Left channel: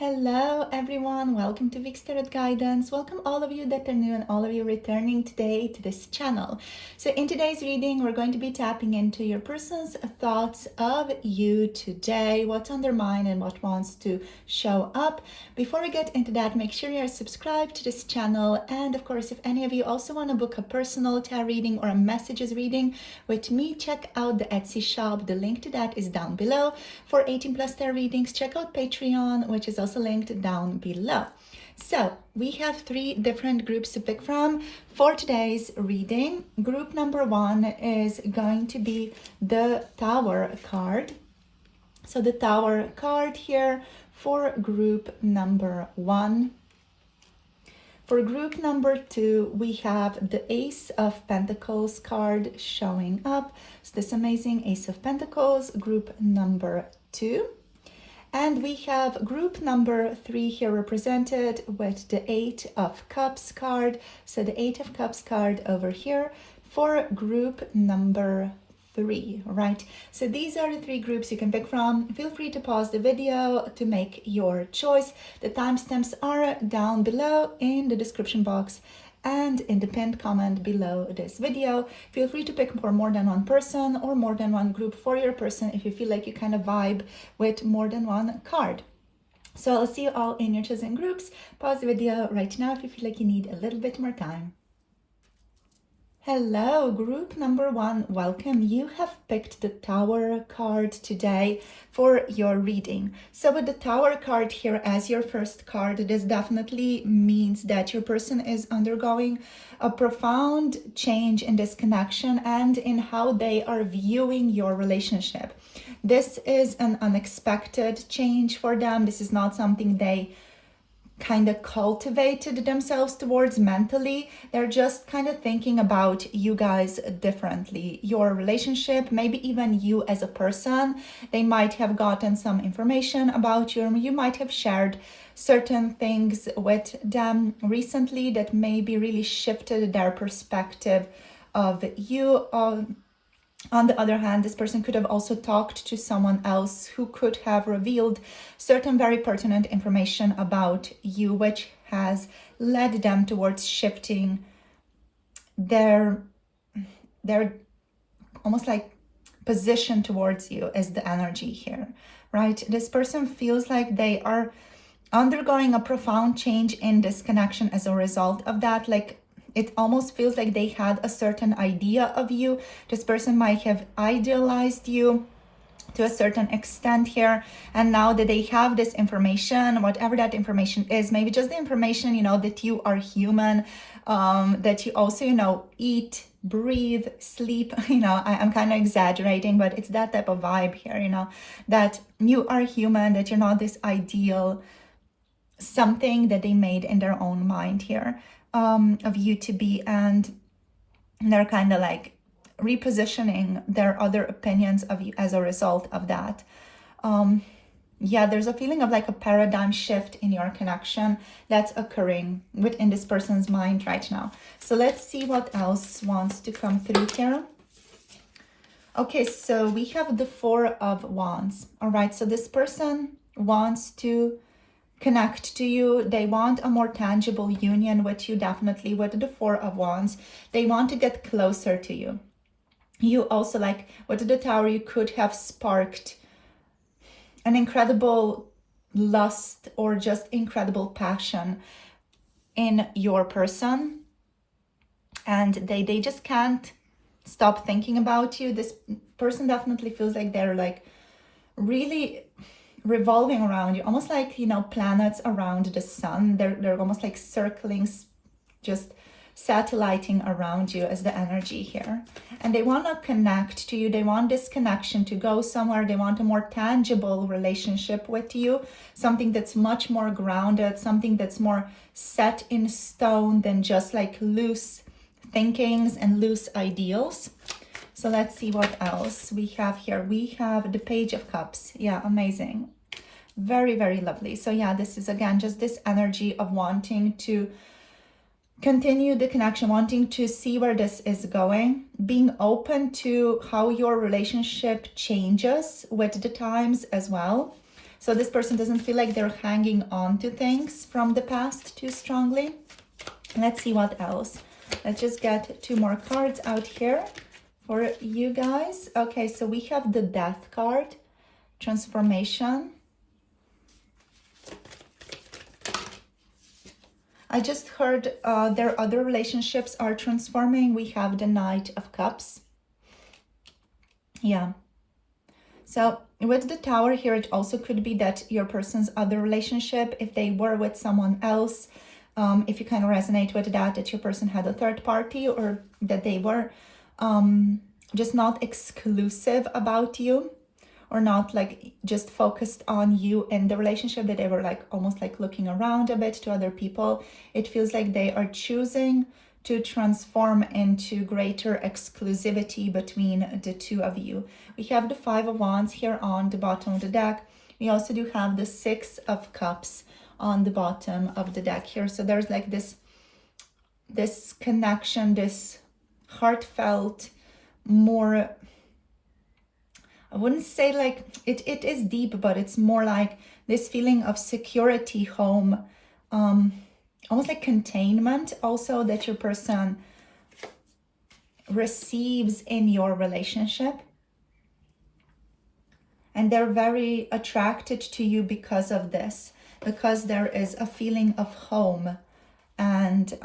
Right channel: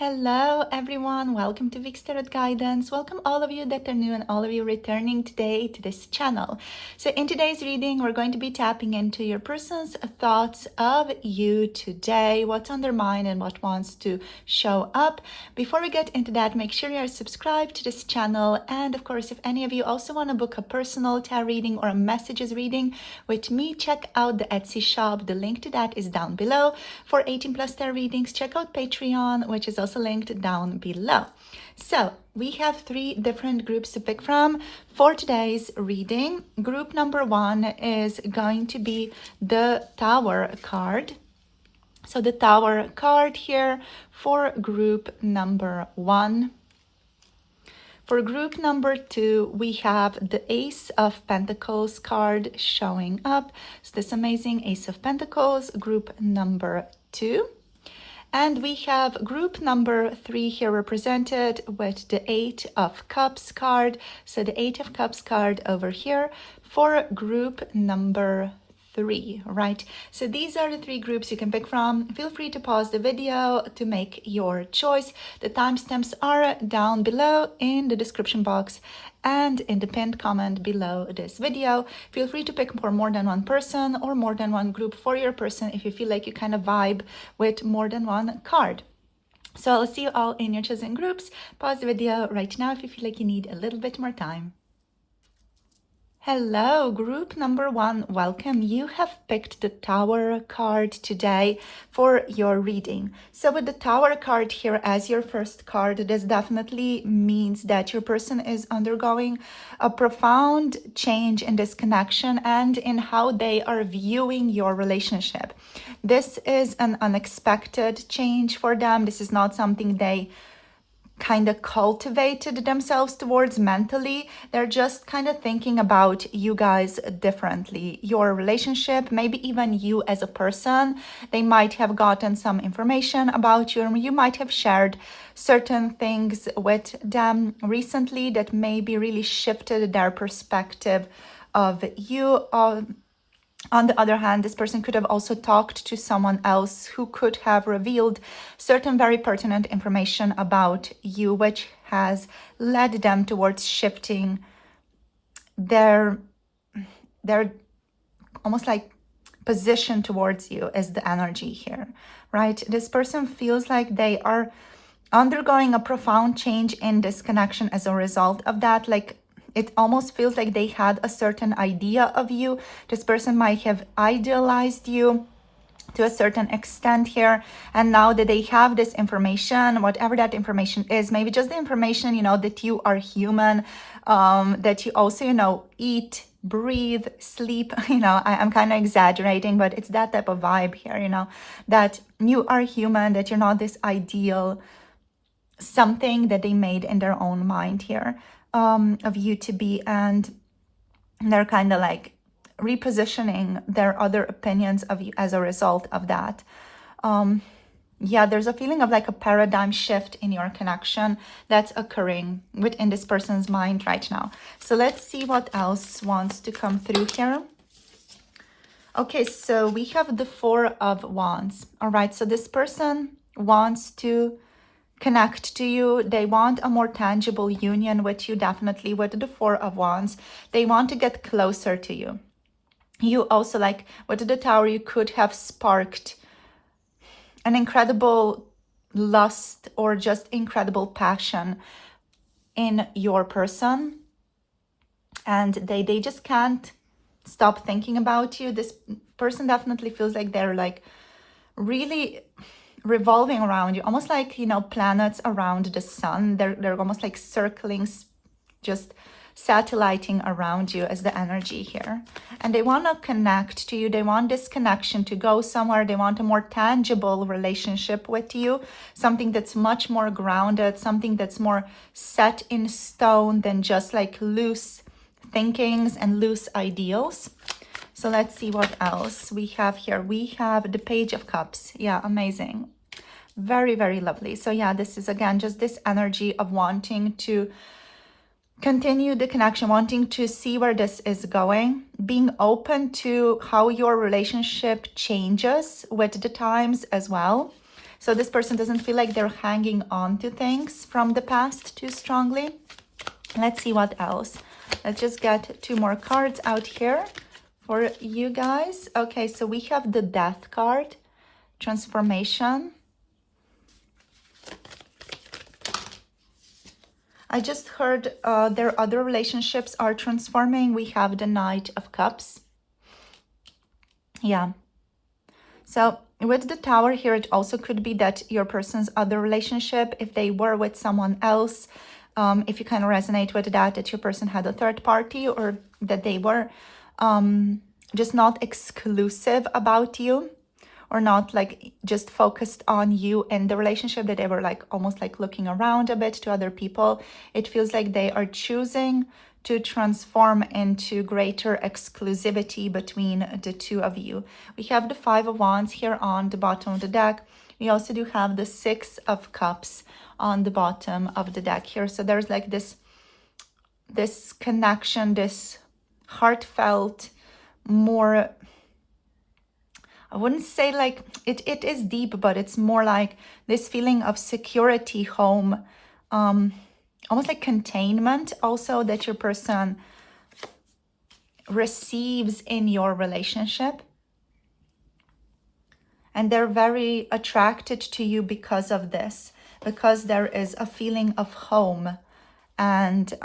Hello everyone, welcome to Vic's Tarot Guidance. Welcome all of you that are new and all of you returning today to this channel. So in today's reading, we're going to be tapping into your person's thoughts of you today, what's on their mind and what wants to show up. Before we get into that, make sure you're subscribed to this channel. And of course, if any of you also want to book a personal tarot reading or a messages reading with me, check out the Etsy shop. The link to that is down below. For 18+ tarot readings, check out Patreon, which is also linked down below. So we have 3 different groups to pick from for today's reading. Group number 1 is going to be the Tower card. So the Tower card here for group number 1. For group number 2, we have the Ace of Pentacles card showing up. So this amazing Ace of Pentacles, group number 2. And we have group number 3 here represented with the 8 of Cups card. So the 8 of Cups card over here for group number 3, right? So these are the 3 groups you can pick from. Feel free to pause the video to make your choice. The timestamps are down below in the description box and in the pinned comment below this video. Feel free to pick for more than one person or more than one group for your person if you feel like you kind of vibe with more than one card. So I'll see you all in your chosen groups. Pause the video right now if you feel like you need a little bit more time. Hello, group number 1, welcome. You have picked the Tower card today for your reading. So with the Tower card here as your first card, this definitely means that your person is undergoing a profound change in this connection and in how they are viewing your relationship. This is an unexpected change for them. This is not something they kind of cultivated themselves towards mentally. They're just kind of thinking about you guys differently, your relationship, maybe even you as a person. They might have gotten some information about you, or you might have shared certain things with them recently that maybe really shifted their perspective of you. On the other hand, this person could have also talked to someone else who could have revealed certain very pertinent information about you, which has led them towards shifting their almost like position towards you is the energy here, right? This person feels like they are undergoing a profound change in this connection as a result of that. Like, it almost feels like they had a certain idea of you. This person might have idealized you to a certain extent here. And now that they have this information, whatever that information is, maybe just the information, you know, that you are human, that you also, you know, eat, breathe, sleep, you know, I'm kind of exaggerating, but it's that type of vibe here, you know, that you are human, that you're not this ideal something that they made in their own mind here. Of you to be, and they're kind of like repositioning their other opinions of you as a result of that. Yeah, there's a feeling of like a paradigm shift in your connection that's occurring within this person's mind right now. So let's see what else wants to come through here. Okay, so we have the 4 of Wands. All right, so this person wants to connect to you. They want a more tangible union with you, definitely with the 4 of Wands. They want to get closer to you. You also, like with the Tower, you could have sparked an incredible lust or just incredible passion in your person, and they just can't stop thinking about you. This person definitely feels like they're like really revolving around you, almost like, you know, planets around the sun. They're almost like circling, just satelliting around you as the energy here. And they want to connect to you. They want this connection to go somewhere. They want a more tangible relationship with you, something that's much more grounded, something that's more set in stone than just like loose thinkings and loose ideals. So let's see what else we have here. We have the Page of Cups. Yeah, amazing. Very, very lovely. So yeah, this is again just this energy of wanting to continue the connection, wanting to see where this is going, being open to how your relationship changes with the times as well. So this person doesn't feel like they're hanging on to things from the past too strongly. Let's see what else. Let's just get 2 more cards out here for you guys. Okay, so we have the Death card, transformation. I just heard their other relationships are transforming. We have the Knight of Cups. Yeah. So with the Tower here, it also could be that your person's other relationship, if they were with someone else, if you kind of resonate with that your person had a third party, or that they were just not exclusive about you, or not like just focused on you and the relationship, that they were like almost like looking around a bit to other people. It feels like they are choosing to transform into greater exclusivity between the two of you. We have the 5 of Wands here on the bottom of the deck. We also do have the 6 of Cups on the bottom of the deck here. So there's like this connection, this heartfelt, more, I wouldn't say like, it is deep, but it's more like this feeling of security, home, almost like containment also, that your person receives in your relationship. And they're very attracted to you because of this, because there is a feeling of home and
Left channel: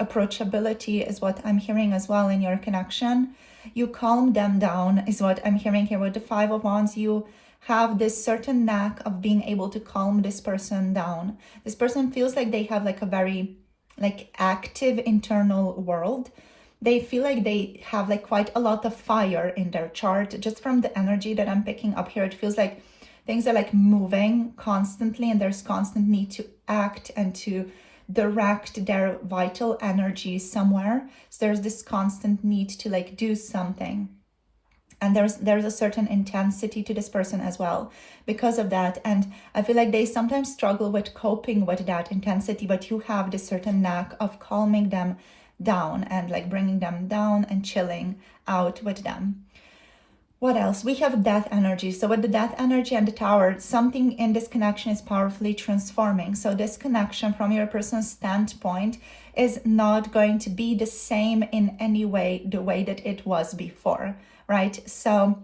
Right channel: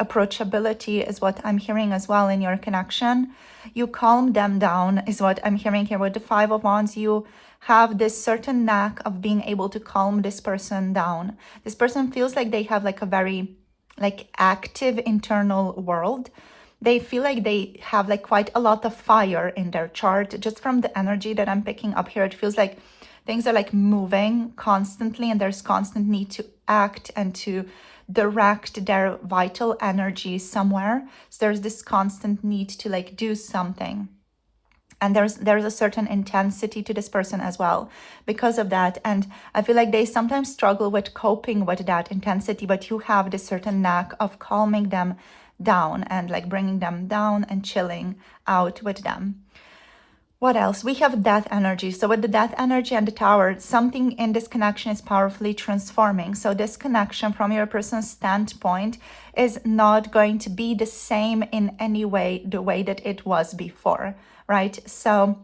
approachability is what I'm hearing as well in your connection. You calm them down is what I'm hearing here with the 5 of Wands. You have this certain knack of being able to calm this person down. This person feels like they have like a very like active internal world. They feel like they have like quite a lot of fire in their chart. Just from the energy that I'm picking up here, it feels like things are like moving constantly, and there's constant need to act and to direct their vital energy somewhere. So there's this constant need to like do something. And there's a certain intensity to this person as well because of that. And I feel like they sometimes struggle with coping with that intensity, but you have this certain knack of calming them down and like bringing them down and chilling out with them. What else? We have Death energy. So with the Death energy and the Tower, something in this connection is powerfully transforming. So this connection from your person's standpoint is not going to be the same in any way, the way that it was before, right? So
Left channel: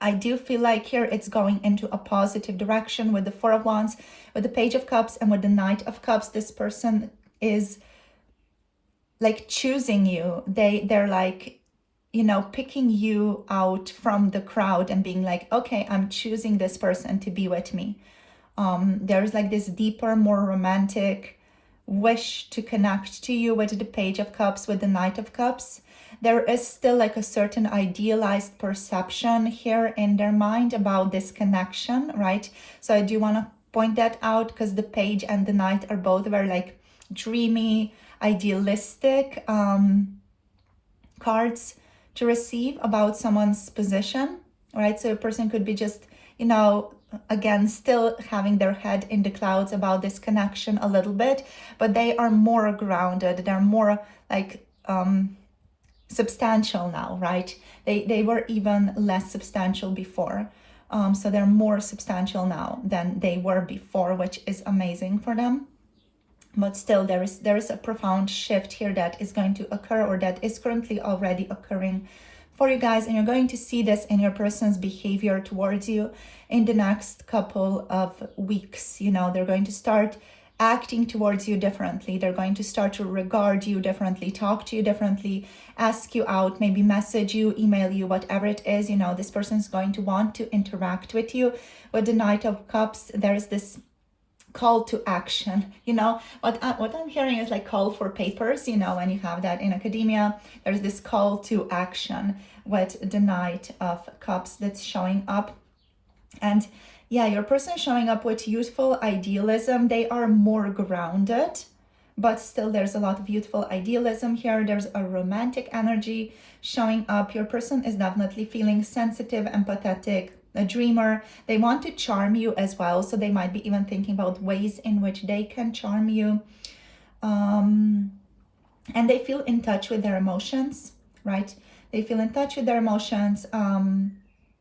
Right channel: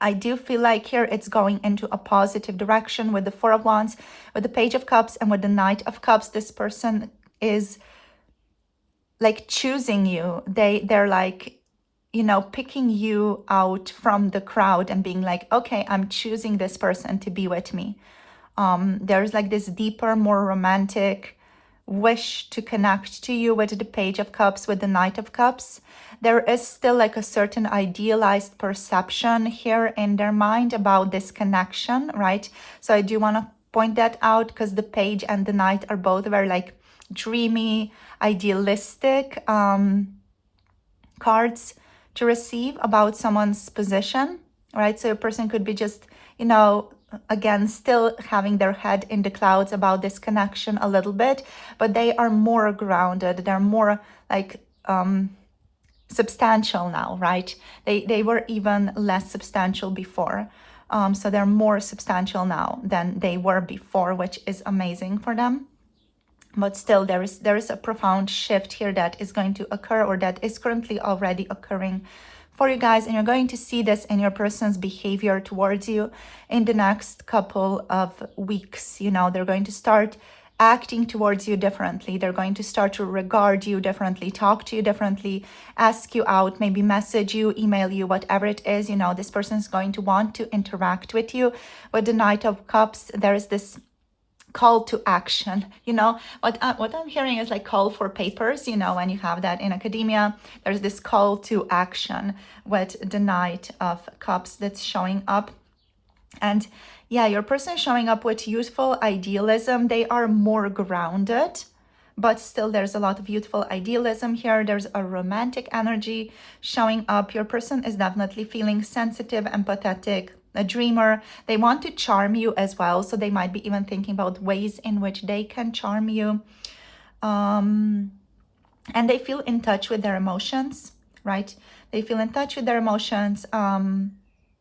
I do feel like here it's going into a positive direction with the 4 of Wands, with the Page of Cups, and with the Knight of Cups. This person is like choosing you. They're like, you know, picking you out from the crowd and being like, okay, I'm choosing this person to be with me. There's like this deeper, more romantic wish to connect to you with the Page of Cups, with the Knight of Cups. There is still like a certain idealized perception here in their mind about this connection, right? So I do want to point that out, because the Page and the Knight are both very like dreamy, idealistic cards to receive about someone's position, right? So a person could be just, you know, again, still having their head in the clouds about this connection a little bit, but they are more grounded. They're more like substantial now, right? They were even less substantial before. So they're more substantial now than they were before, which is amazing for them. But still, there is a profound shift here that is going to occur, or that is currently already occurring for you guys. And you're going to see this in your person's behavior towards you in the next couple of weeks. You know, they're going to start acting towards you differently. They're going to start to regard you differently, talk to you differently, ask you out, maybe message you, email you, whatever it is. You know, this person is going to want to interact with you. With the Knight of Cups, there is this call to action. You know, what I'm hearing is like call for papers. You know, when you have that in academia, there's this call to action with the Knight of Cups that's showing up. And yeah, your person is showing up with youthful idealism. They are more grounded, but still there's a lot of youthful idealism here. There's a romantic energy showing up. Your person is definitely feeling sensitive, empathetic, a dreamer. They want to charm you as well. So they might be even thinking about ways in which they can charm you. And they feel in touch with their emotions, right? They feel in touch with their emotions.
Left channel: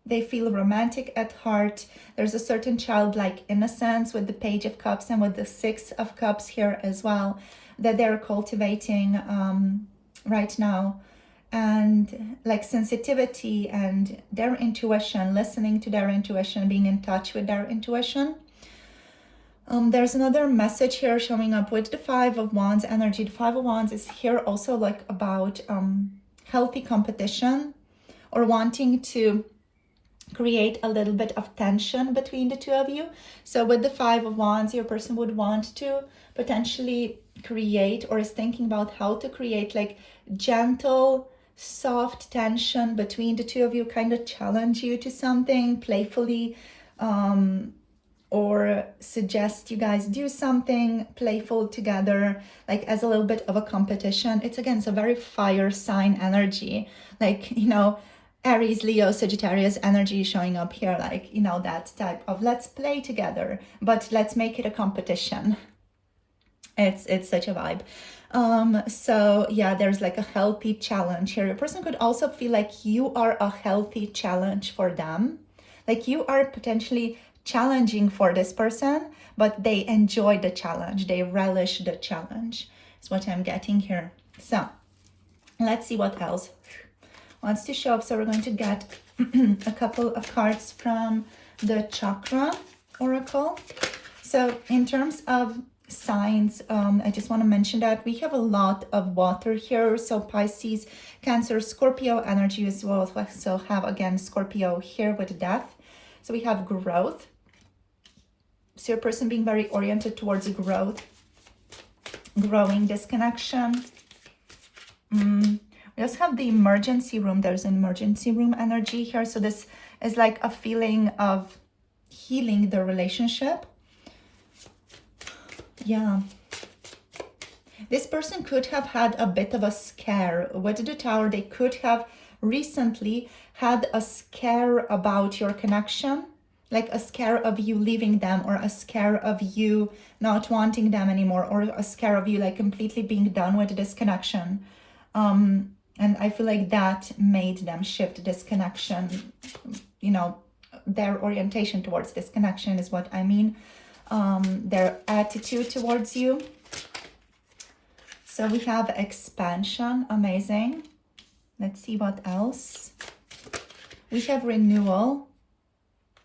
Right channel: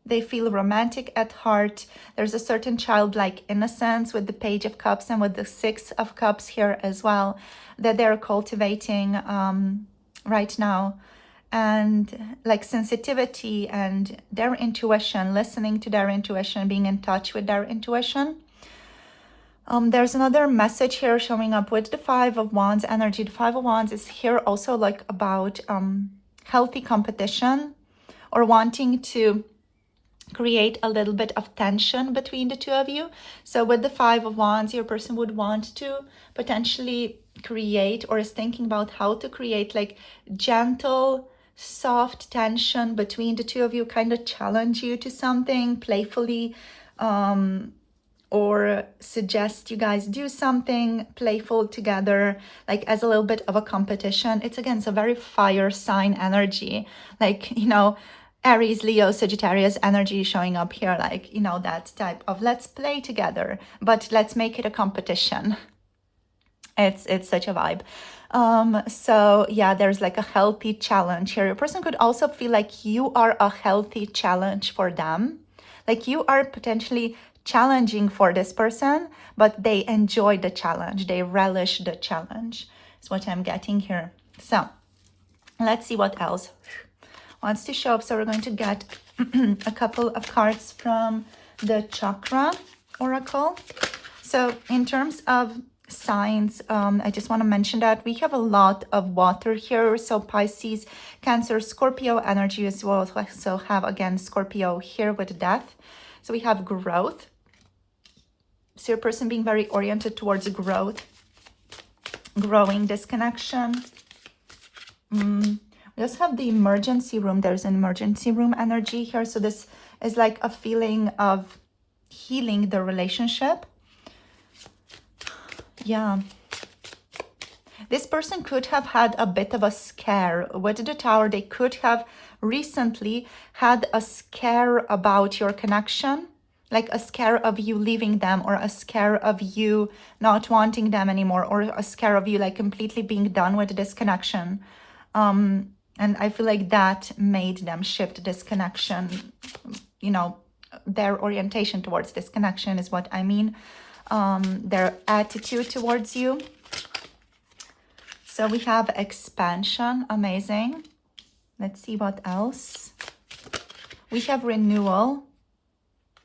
They feel romantic at heart. There's a certain childlike innocence with the Page of Cups and with the Six of Cups here as well that they're cultivating right now. And like sensitivity and their intuition, listening to their intuition, being in touch with their intuition. There's another message here showing up with the Five of Wands energy. The Five of Wands is here also like about healthy competition or wanting to create a little bit of tension between the two of you. So with the Five of Wands, your person would want to potentially create or is thinking about how to create like gentle, soft tension between the two of you, kind of challenge you to something playfully, or suggest you guys do something playful together, like as a little bit of a competition. It's again, it's a very fire sign energy, like, you know, Aries, Leo, Sagittarius energy showing up here, like, you know, that type of let's play together, but let's make it a competition. It's such a vibe. So yeah, there's like a healthy challenge here. Your person could also feel like you are a healthy challenge for them. Like you are potentially challenging for this person, but they enjoy the challenge. They relish the challenge. That's what I'm getting here. So let's see what else wants to show up. So we're going to get a couple of cards from the Chakra Oracle. So in terms of signs, I just want to mention that we have a lot of water here. So Pisces, Cancer, Scorpio energy as well. So have again Scorpio here with death. So we have growth. So your person being very oriented towards growth, growing disconnection. We also have the emergency room. There's an emergency room energy here. So this is like a feeling of healing the relationship. Yeah. This person could have had a bit of a scare. With the Tower, they could have recently had a scare about your connection, like a scare of you leaving them, or a scare of you not wanting them anymore, or a scare of you like completely being done with this connection. And I feel like that made them shift this connection, you know, their orientation towards this connection is what I mean. Their attitude towards you. So we have expansion, amazing. Let's see what else. We have renewal.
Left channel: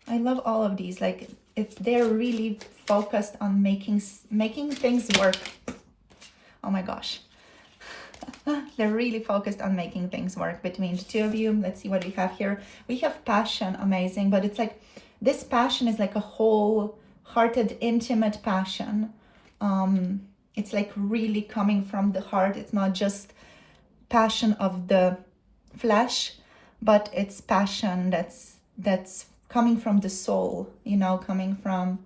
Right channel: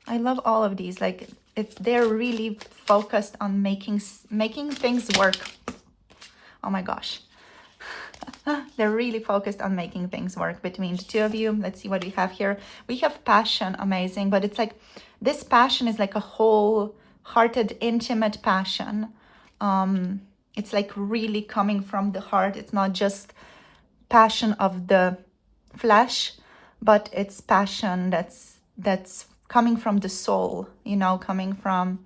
I love all of these. Like they're really focused on making things work. Oh my gosh. They're really focused on making things work between the two of you. Let's see what we have here. We have passion, amazing, but it's like this passion is like a wholehearted, intimate passion. It's like really coming from the heart. It's not just passion of the flesh, but it's passion that's coming from the soul, you know, coming from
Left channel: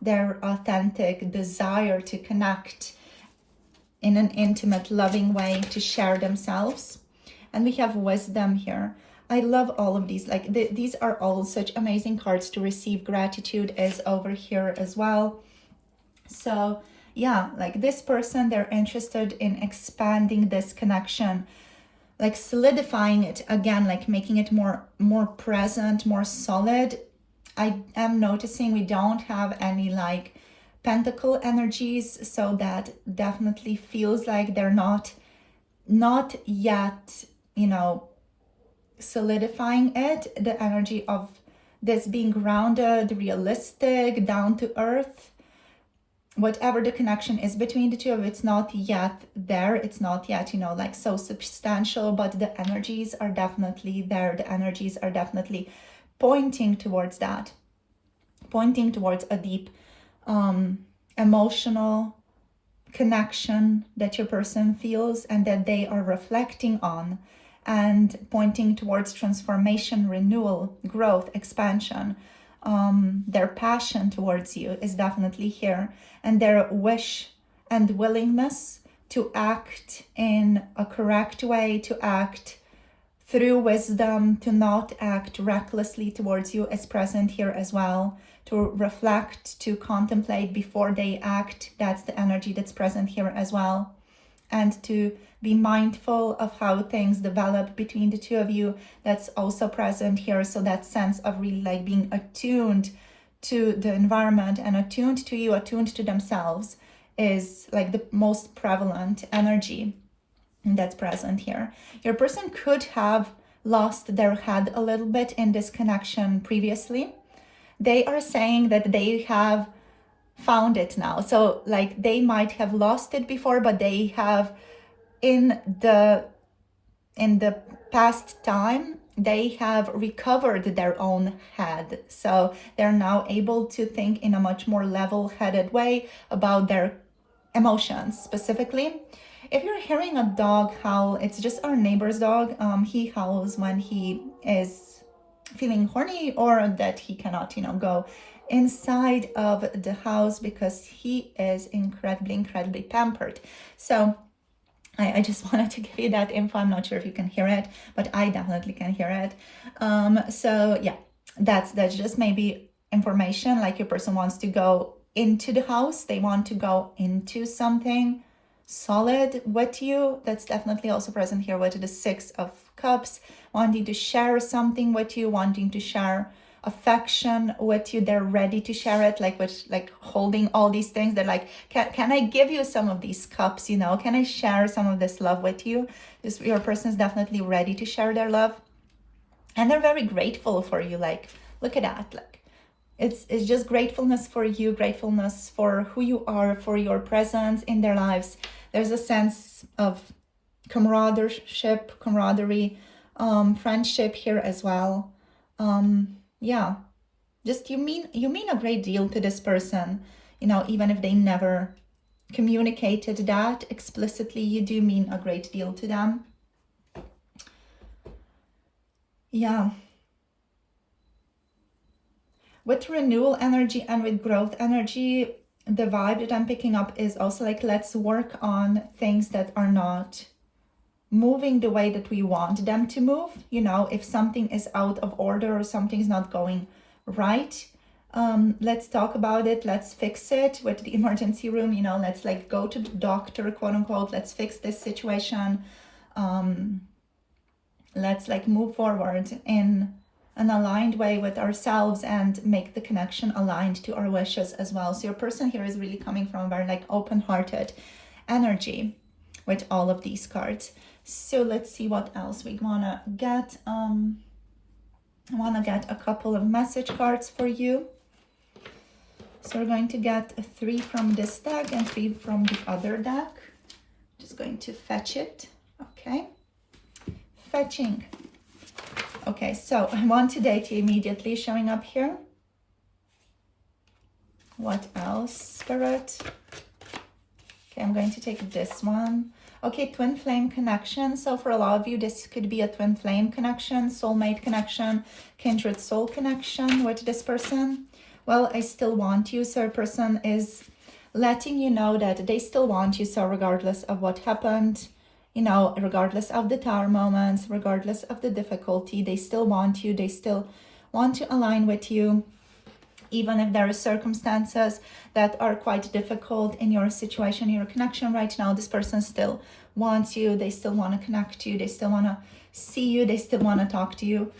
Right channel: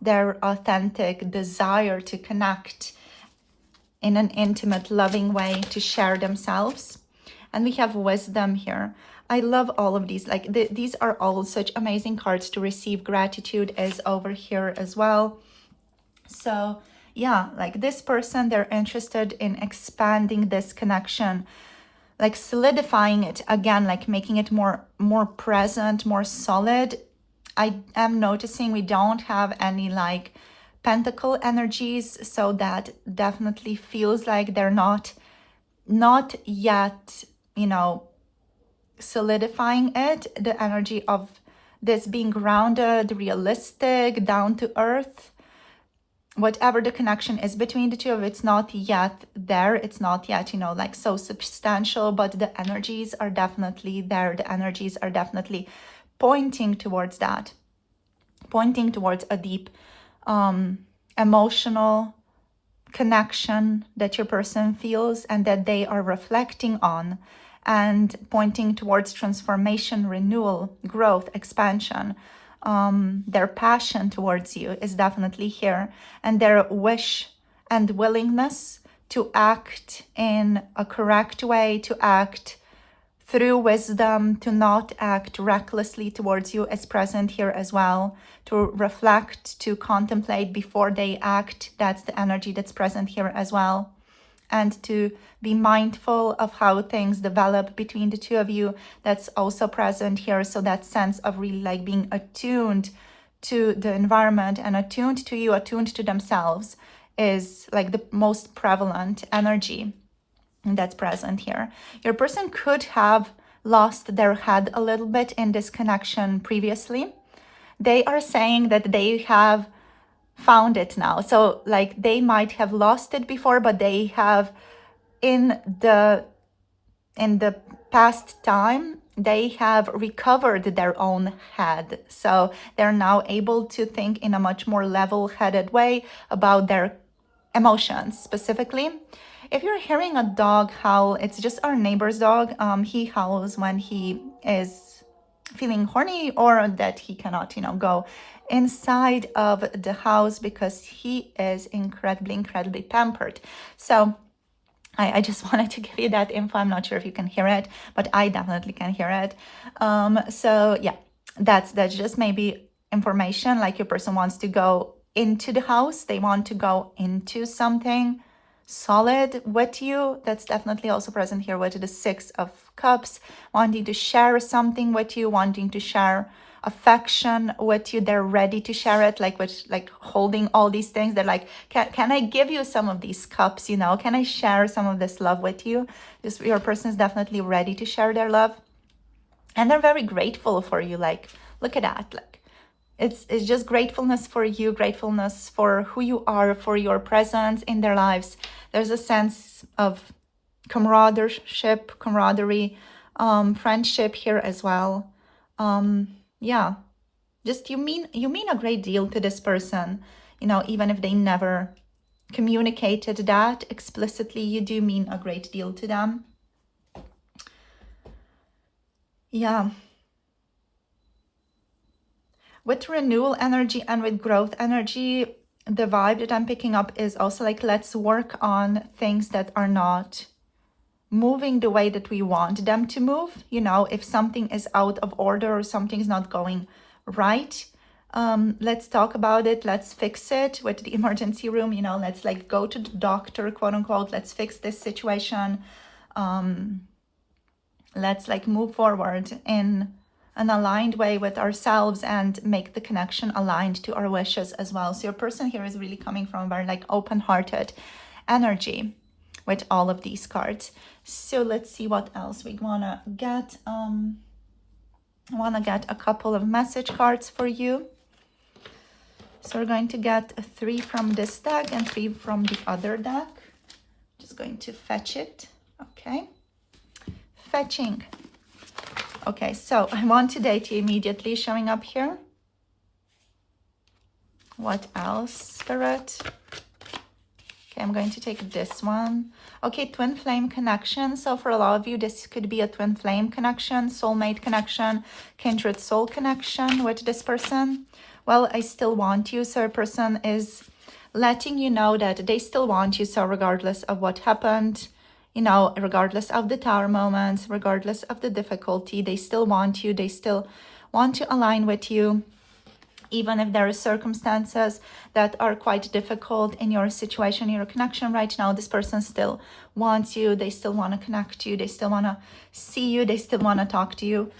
their authentic desire to connect in an intimate, loving way, to share themselves. And we have wisdom here. I love all of these. Like these are all such amazing cards to receive. Gratitude is over here as well. So yeah, like this person, they're interested in expanding this connection, like solidifying it again, like making it more present, more solid. I am noticing we don't have any like Pentacle energies, so that definitely feels like they're not yet, you know, solidifying it. The energy of this being grounded, realistic, down to earth, whatever the connection is between the two of it's not yet there. It's not yet, you know, like so substantial, but the energies are definitely there. The energies are definitely pointing towards that, pointing towards a deep emotional connection that your person feels and that they are reflecting on, and pointing towards transformation, renewal, growth, expansion. Their passion towards you is definitely here, and their wish and willingness to act in a correct way, to act through wisdom, to not act recklessly towards you is present here as well. To reflect, to contemplate before they act, that's the energy that's present here as well. and to be mindful of how things develop between the two of you. That's also present here. So that sense of really like being attuned to the environment and attuned to you, attuned to themselves, is like the most prevalent energy that's present here. Your person could have lost their head a little bit in this connection previously. They are saying that they have found it now. So like they might have lost it before, but they have in the past time, they have recovered their own head. So they're now able to think in a much more level-headed way about their emotions. Specifically, if you're hearing a dog howl, it's just our neighbor's dog. He howls when he is feeling horny or that he cannot, go inside of the house because he is incredibly pampered. So I just wanted to give you that info. I'm not sure if you can hear it, but I definitely can hear it. So yeah, that's just maybe information, like your person wants to go into the house. They want to go into something solid with you. That's definitely also present here with the Six of Cups, wanting to share something with you, wanting to share affection with you. They're ready to share it, like with like holding all these things. They're like, can I give you some of these cups, can I share some of this love with you? Your person is definitely ready to share their love, and they're very grateful for you. Like, look at that. Like, it's just gratefulness for you, gratefulness for who you are, for your presence in their lives. There's a sense of camaraderie, friendship here as well. Yeah, just you mean a great deal to this person, even if they never communicated that explicitly. You do mean a great deal to them. Yeah. With renewal energy and with growth energy, the vibe that I'm picking up is also like, let's work on things that are not moving the way that we want them to move. If something is out of order or something is not going right, let's talk about it. Let's fix it with the emergency room. Let's like go to the doctor, quote unquote. Let's fix this situation. Let's like move forward in an aligned way with ourselves and make the connection aligned to our wishes as well. So your person here is really coming from a very like open-hearted energy with all of these cards. So let's see what else we wanna get. I wanna get a couple of message cards for you. So we're going to get 3 from this deck and 3 from the other deck. Just going to fetch it. Okay. Fetching. Okay, so I want to date you immediately showing up here. What else, Spirit? Okay, I'm going to take this one. Okay, twin flame connection. So for a lot of you, this could be a twin flame connection, soulmate connection, kindred soul connection with this person. Well, I still want you. So a person is letting you know that they still want you. So regardless of what happened, regardless of the tower moments, regardless of the difficulty, they still want you. They still want to align with you. Even if there are circumstances that are quite difficult in your situation, your connection right now, this person still wants you. They still want to connect to you. They still want to see you. They still want to talk to you.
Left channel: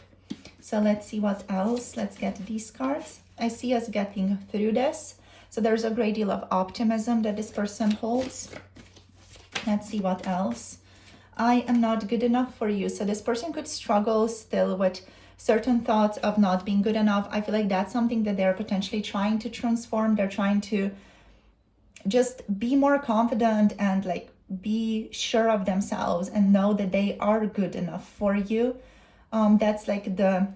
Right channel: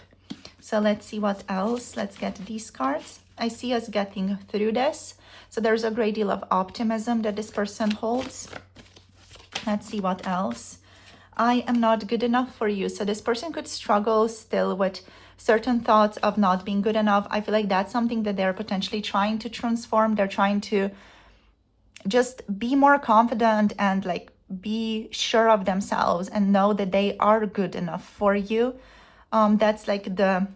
So let's see what else. Let's get these cards. I see us getting through this. So there's a great deal of optimism that this person holds. Let's see what else. I am not good enough for you. So this person could struggle still with certain thoughts of not being good enough. I feel like that's something that they're potentially trying to transform. They're trying to just be more confident and like be sure of themselves and know that they are good enough for you. That's like the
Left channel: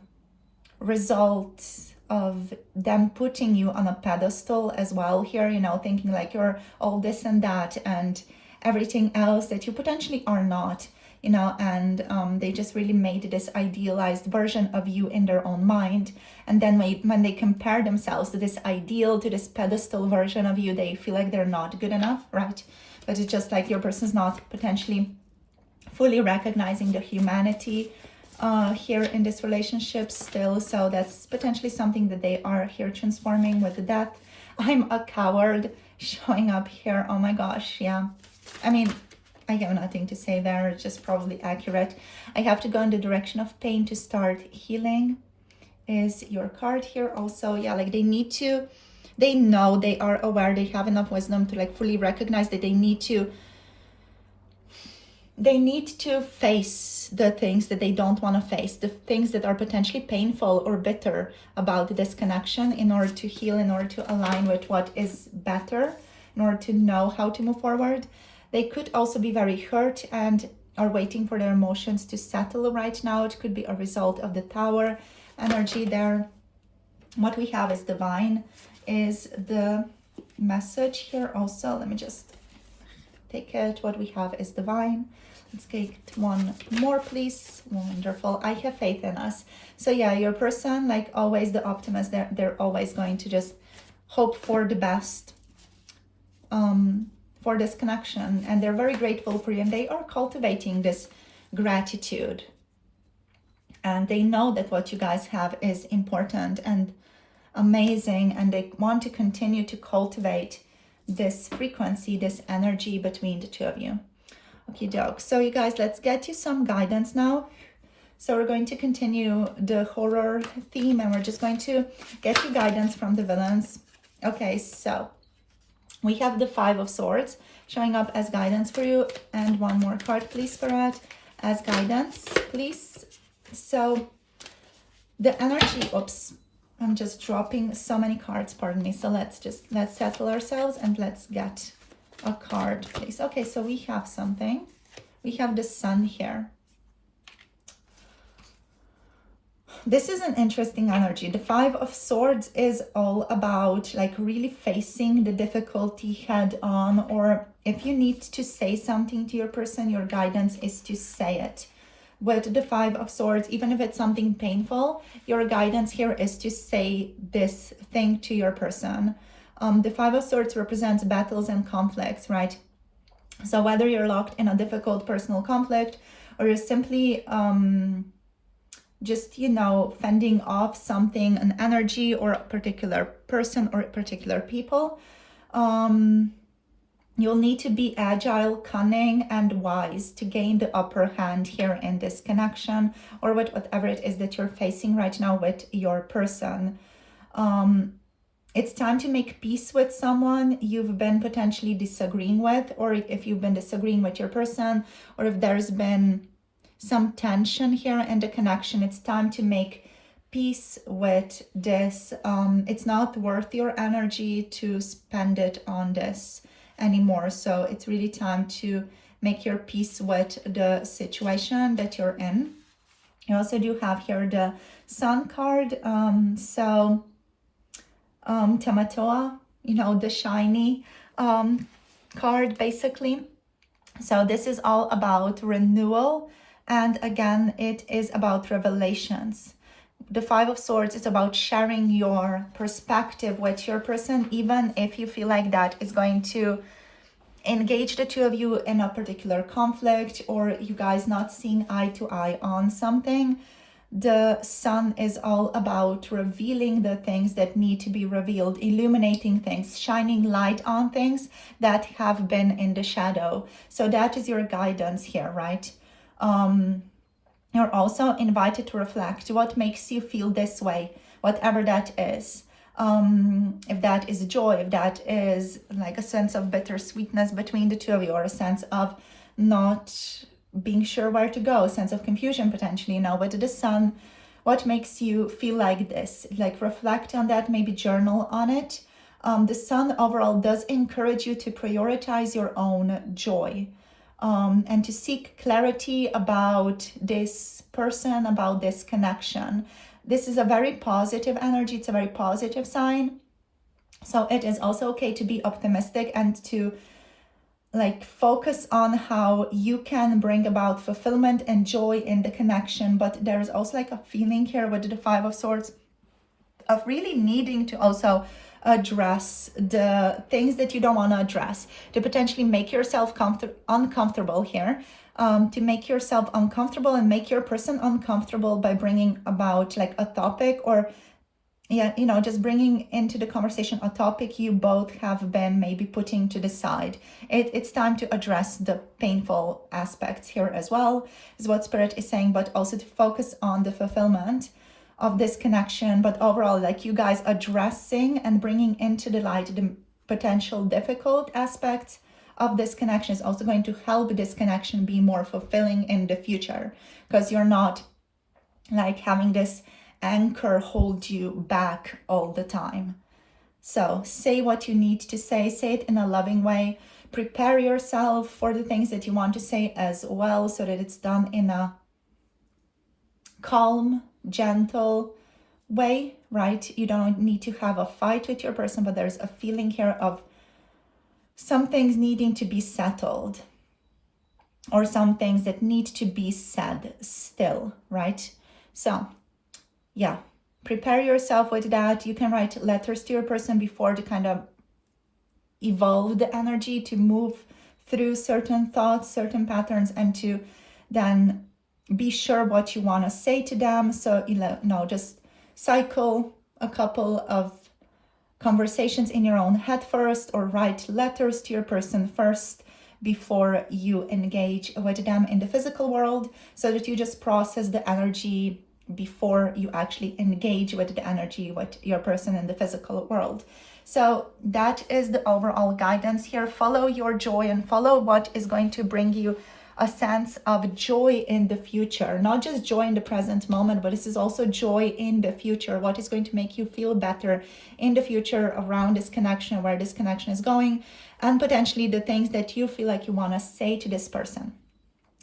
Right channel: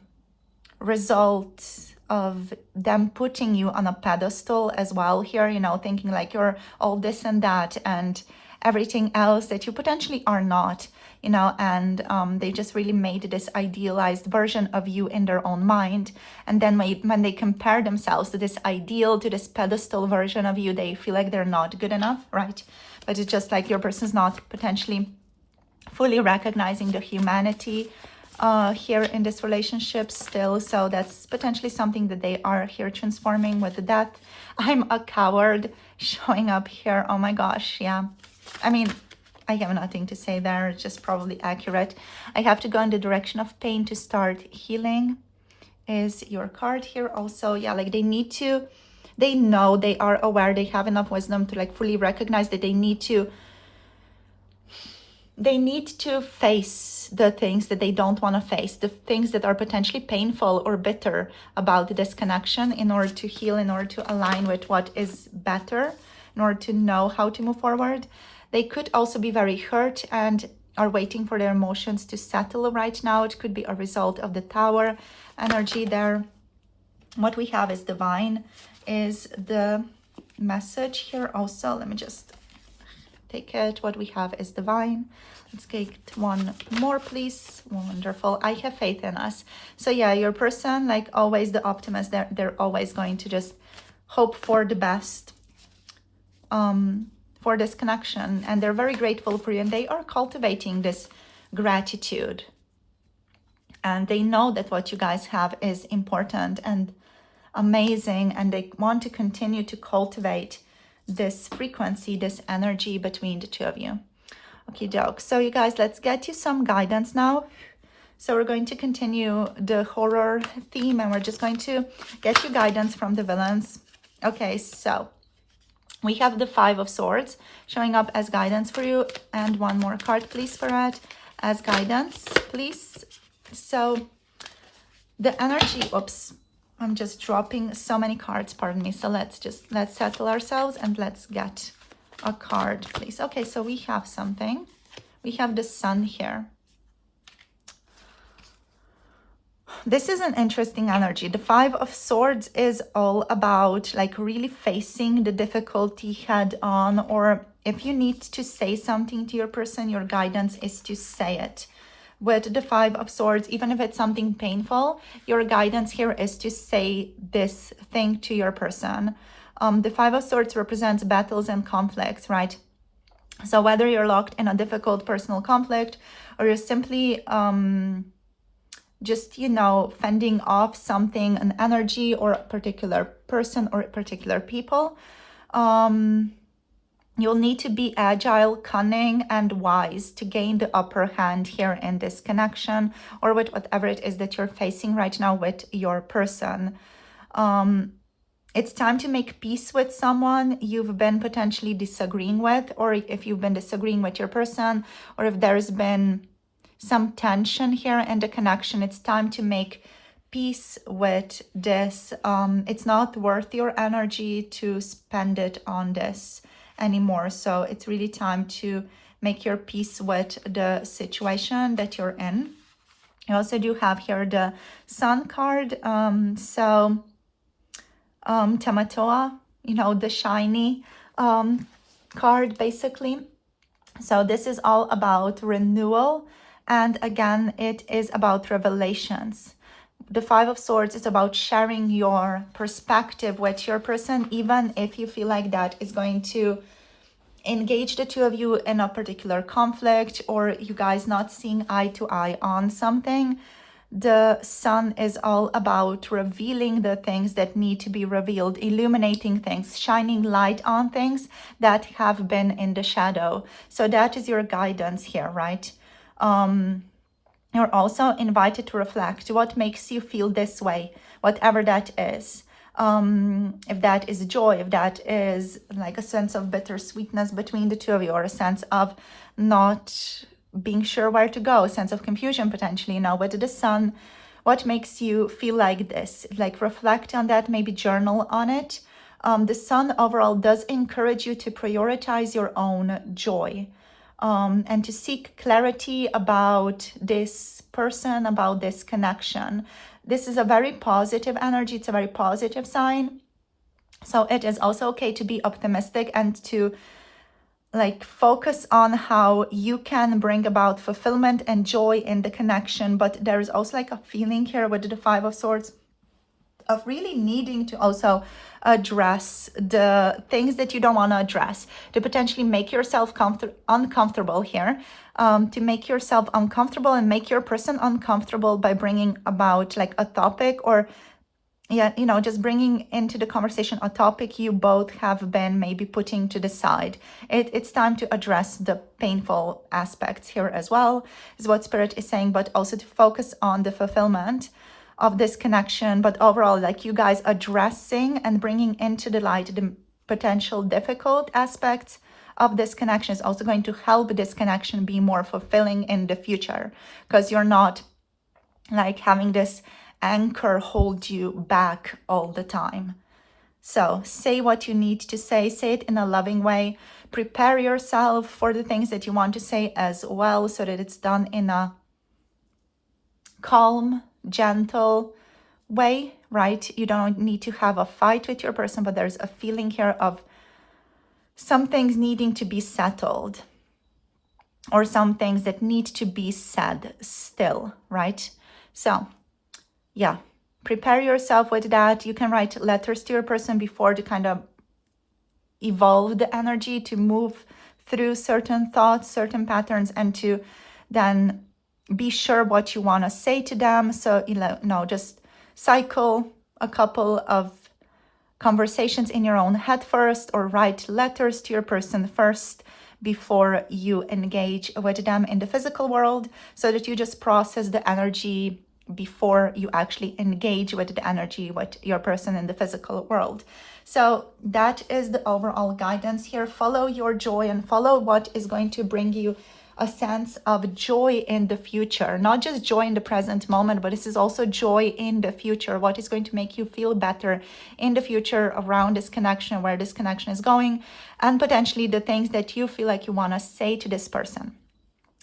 result of them putting you on a pedestal as well here, thinking like you're all this and that and everything else that you potentially are not, and they just really made this idealized version of you in their own mind. And then when they compare themselves to this ideal, to this pedestal version of you, they feel like they're not good enough, right? But it's just like your person's not potentially fully recognizing the humanity here in this relationship still. So that's potentially something that they are here transforming with the death. I'm a coward showing up here. Oh my gosh, yeah. I mean, I have nothing to say there. It's just probably accurate. I have to go in the direction of pain to start healing is your card here also. Yeah, like they need to, they know, they are aware, they have enough wisdom to like fully recognize that they need to face the things that they don't want to face, the things that are potentially painful or bitter about this connection, in order to heal, in order to align with what is better, in order to know how to move forward. They could also be very hurt and are waiting for their emotions to settle right now. It could be a result of the Tower energy there. What we have is divine, is the message here also. Let me just take it. What we have is divine. Let's get one more, please. Wonderful. I have faith in us. So yeah, your person, like always the optimist, they're always going to just hope for the best for this connection, and they're very grateful for you, and they are cultivating this gratitude, and they know that what you guys have is important and amazing, and they want to continue to cultivate this frequency, this energy between the two of you. Okay, doke. So you guys, let's get you some guidance now. So we're going to continue the horror theme, and we're just going to get you guidance from the villains. Okay, so we have the Five of Swords showing up as guidance for you, and one more card, please, for that as guidance, please. So the energy, oops, I'm just dropping so many cards, pardon me. So let's settle ourselves and let's get a card, please. Okay, so we have something. We have the Sun here. This is an interesting energy. The Five of Swords is all about like really facing the difficulty head on, or if you need to say something to your person, your guidance is to say it. With the Five of Swords, even if it's something painful, your guidance here is to say this thing to your person. The Five of Swords represents battles and conflicts, right? So whether you're locked in a difficult personal conflict, or you're simply just, you know, fending off something, an energy, or a particular person or particular people, you'll need to be agile, cunning, and wise to gain the upper hand here in this connection, or with whatever it is that you're facing right now with your person. It's time to make peace with someone you've been potentially disagreeing with, or if you've been disagreeing with your person, or if there's been some tension here in the connection. It's time to make peace with this. It's not worth your energy to spend it on this anymore. So it's really time to make your peace with the situation that you're in. You also do have here the Sun card. Tamatoa, you know, the shiny card basically. So this is all about renewal. And again, it is about revelations. The Five of Swords is about sharing your perspective with your person, even if you feel like that is going to engage the two of you in a particular conflict, or you guys not seeing eye to eye on something. The Sun is all about revealing the things that need to be revealed, illuminating things, shining light on things that have been in the shadow. So that is your guidance here, right? You're also invited to reflect what makes you feel this way, whatever that is. If that is joy, if that is like a sense of bittersweetness between the two of you, or a sense of not being sure where to go, a sense of confusion potentially, you know, with the Sun, what makes you feel like this? Like reflect on that, maybe journal on it. The Sun overall does encourage you to prioritize your own joy. And to seek clarity about this person, about this connection. This is a very positive energy. It's a very positive sign. So it is also okay to be optimistic and to like focus on how you can bring about fulfillment and joy in the connection. But there is also like a feeling here with the Five of Swords of really needing to also address the things that you don't want to address, to potentially make yourself uncomfortable here, to make yourself uncomfortable and make your person uncomfortable by bringing about like a topic or yeah, you know, just bringing into the conversation a topic you both have been maybe putting to the side. It's time to address the painful aspects here as well, is what Spirit is saying, but also to focus on the fulfillment of this connection. But overall, like you guys addressing and bringing into the light the potential difficult aspects of this connection is also going to help this connection be more fulfilling in the future, because you're not like having this anchor hold you back all the time. So say what you need to say it in a loving way. Prepare yourself for the things that you want to say as well, so that it's done in a calm, gentle way, right? You don't need to have a fight with your person, but there's a feeling here of some things needing to be settled, or some things that need to be said still, right? So yeah, prepare yourself with that. You can write letters to your person before to kind of evolve the energy, to move through certain thoughts, certain patterns, and to then be sure what you want to say to them. So, you know, just cycle a couple of conversations in your own head first, or write letters to your person first before you engage with them in the physical world, so that you just process the energy before you actually engage with the energy with your person in the physical world. So that is the overall guidance here. Follow your joy and follow what is going to bring you a sense of joy in the future. Not just joy in the present moment, but this is also joy in the future. What is going to make you feel better in the future around this connection, where this connection is going, and potentially the things that you feel like you want to say to this person,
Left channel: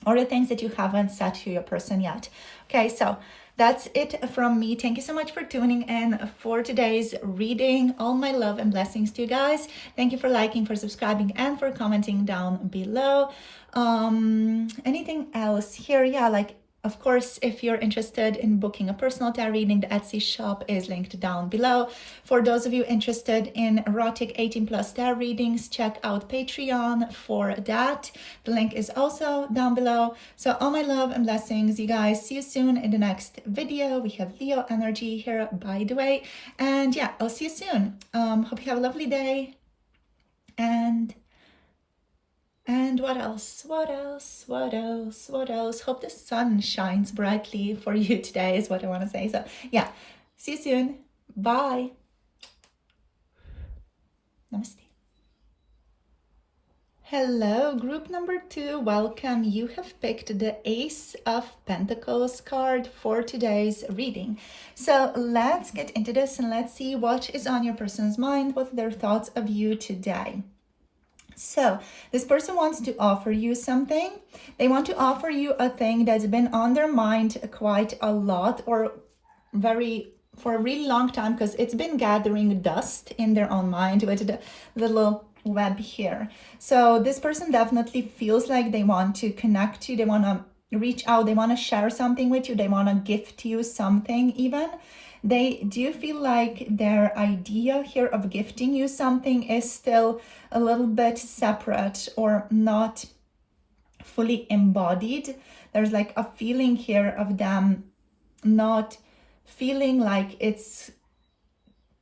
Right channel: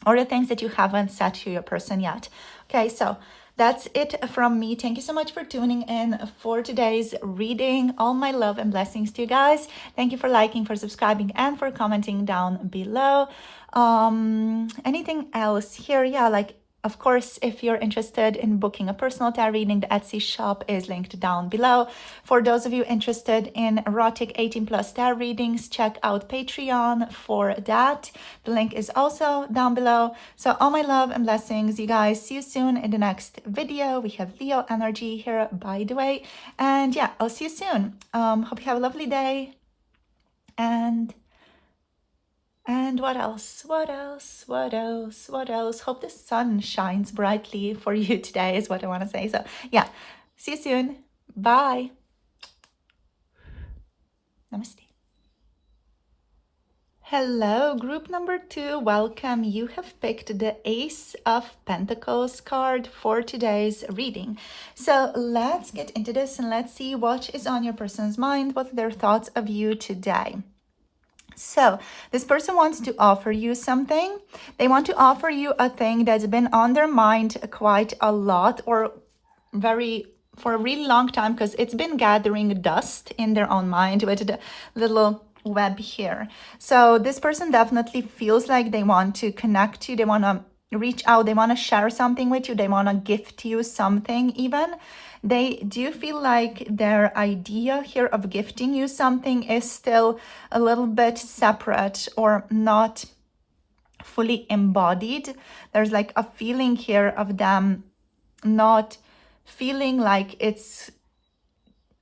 or the things that you haven't said to your person yet. Okay, so that's it from me. Thank you so much for tuning in for today's reading. All my love and blessings to you guys. Thank you for liking, for subscribing, and for commenting down below. Anything else here? Yeah, like, of course, if you're interested in booking a personal tarot reading, the Etsy shop is linked down below. For those of you interested in erotic 18+ tarot readings, check out Patreon for that. The link is also down below. So all my love and blessings, you guys. See you soon in the next video. We have Leo energy here, by the way. And yeah, I'll see you soon. Hope you have a lovely day. And what else? Hope the sun shines brightly for you today is what I want to say. So yeah, see you soon. Bye. Namaste. Hello, group number 2. Welcome. You have picked the Ace of Pentacles card for today's reading. So let's get into this and let's see what is on your person's mind, what are their thoughts of you today. So this person wants to offer you something. They want to offer you a thing that's been on their mind quite a lot, or for a really long time, because it's been gathering dust in their own mind with the little web here. So this person definitely feels like they want to connect you. They want to reach out. They want to share something with you. They want to gift you something even. They do feel like their idea here of gifting you something is still a little bit separate or not fully embodied. There's like a feeling here of them not feeling like it's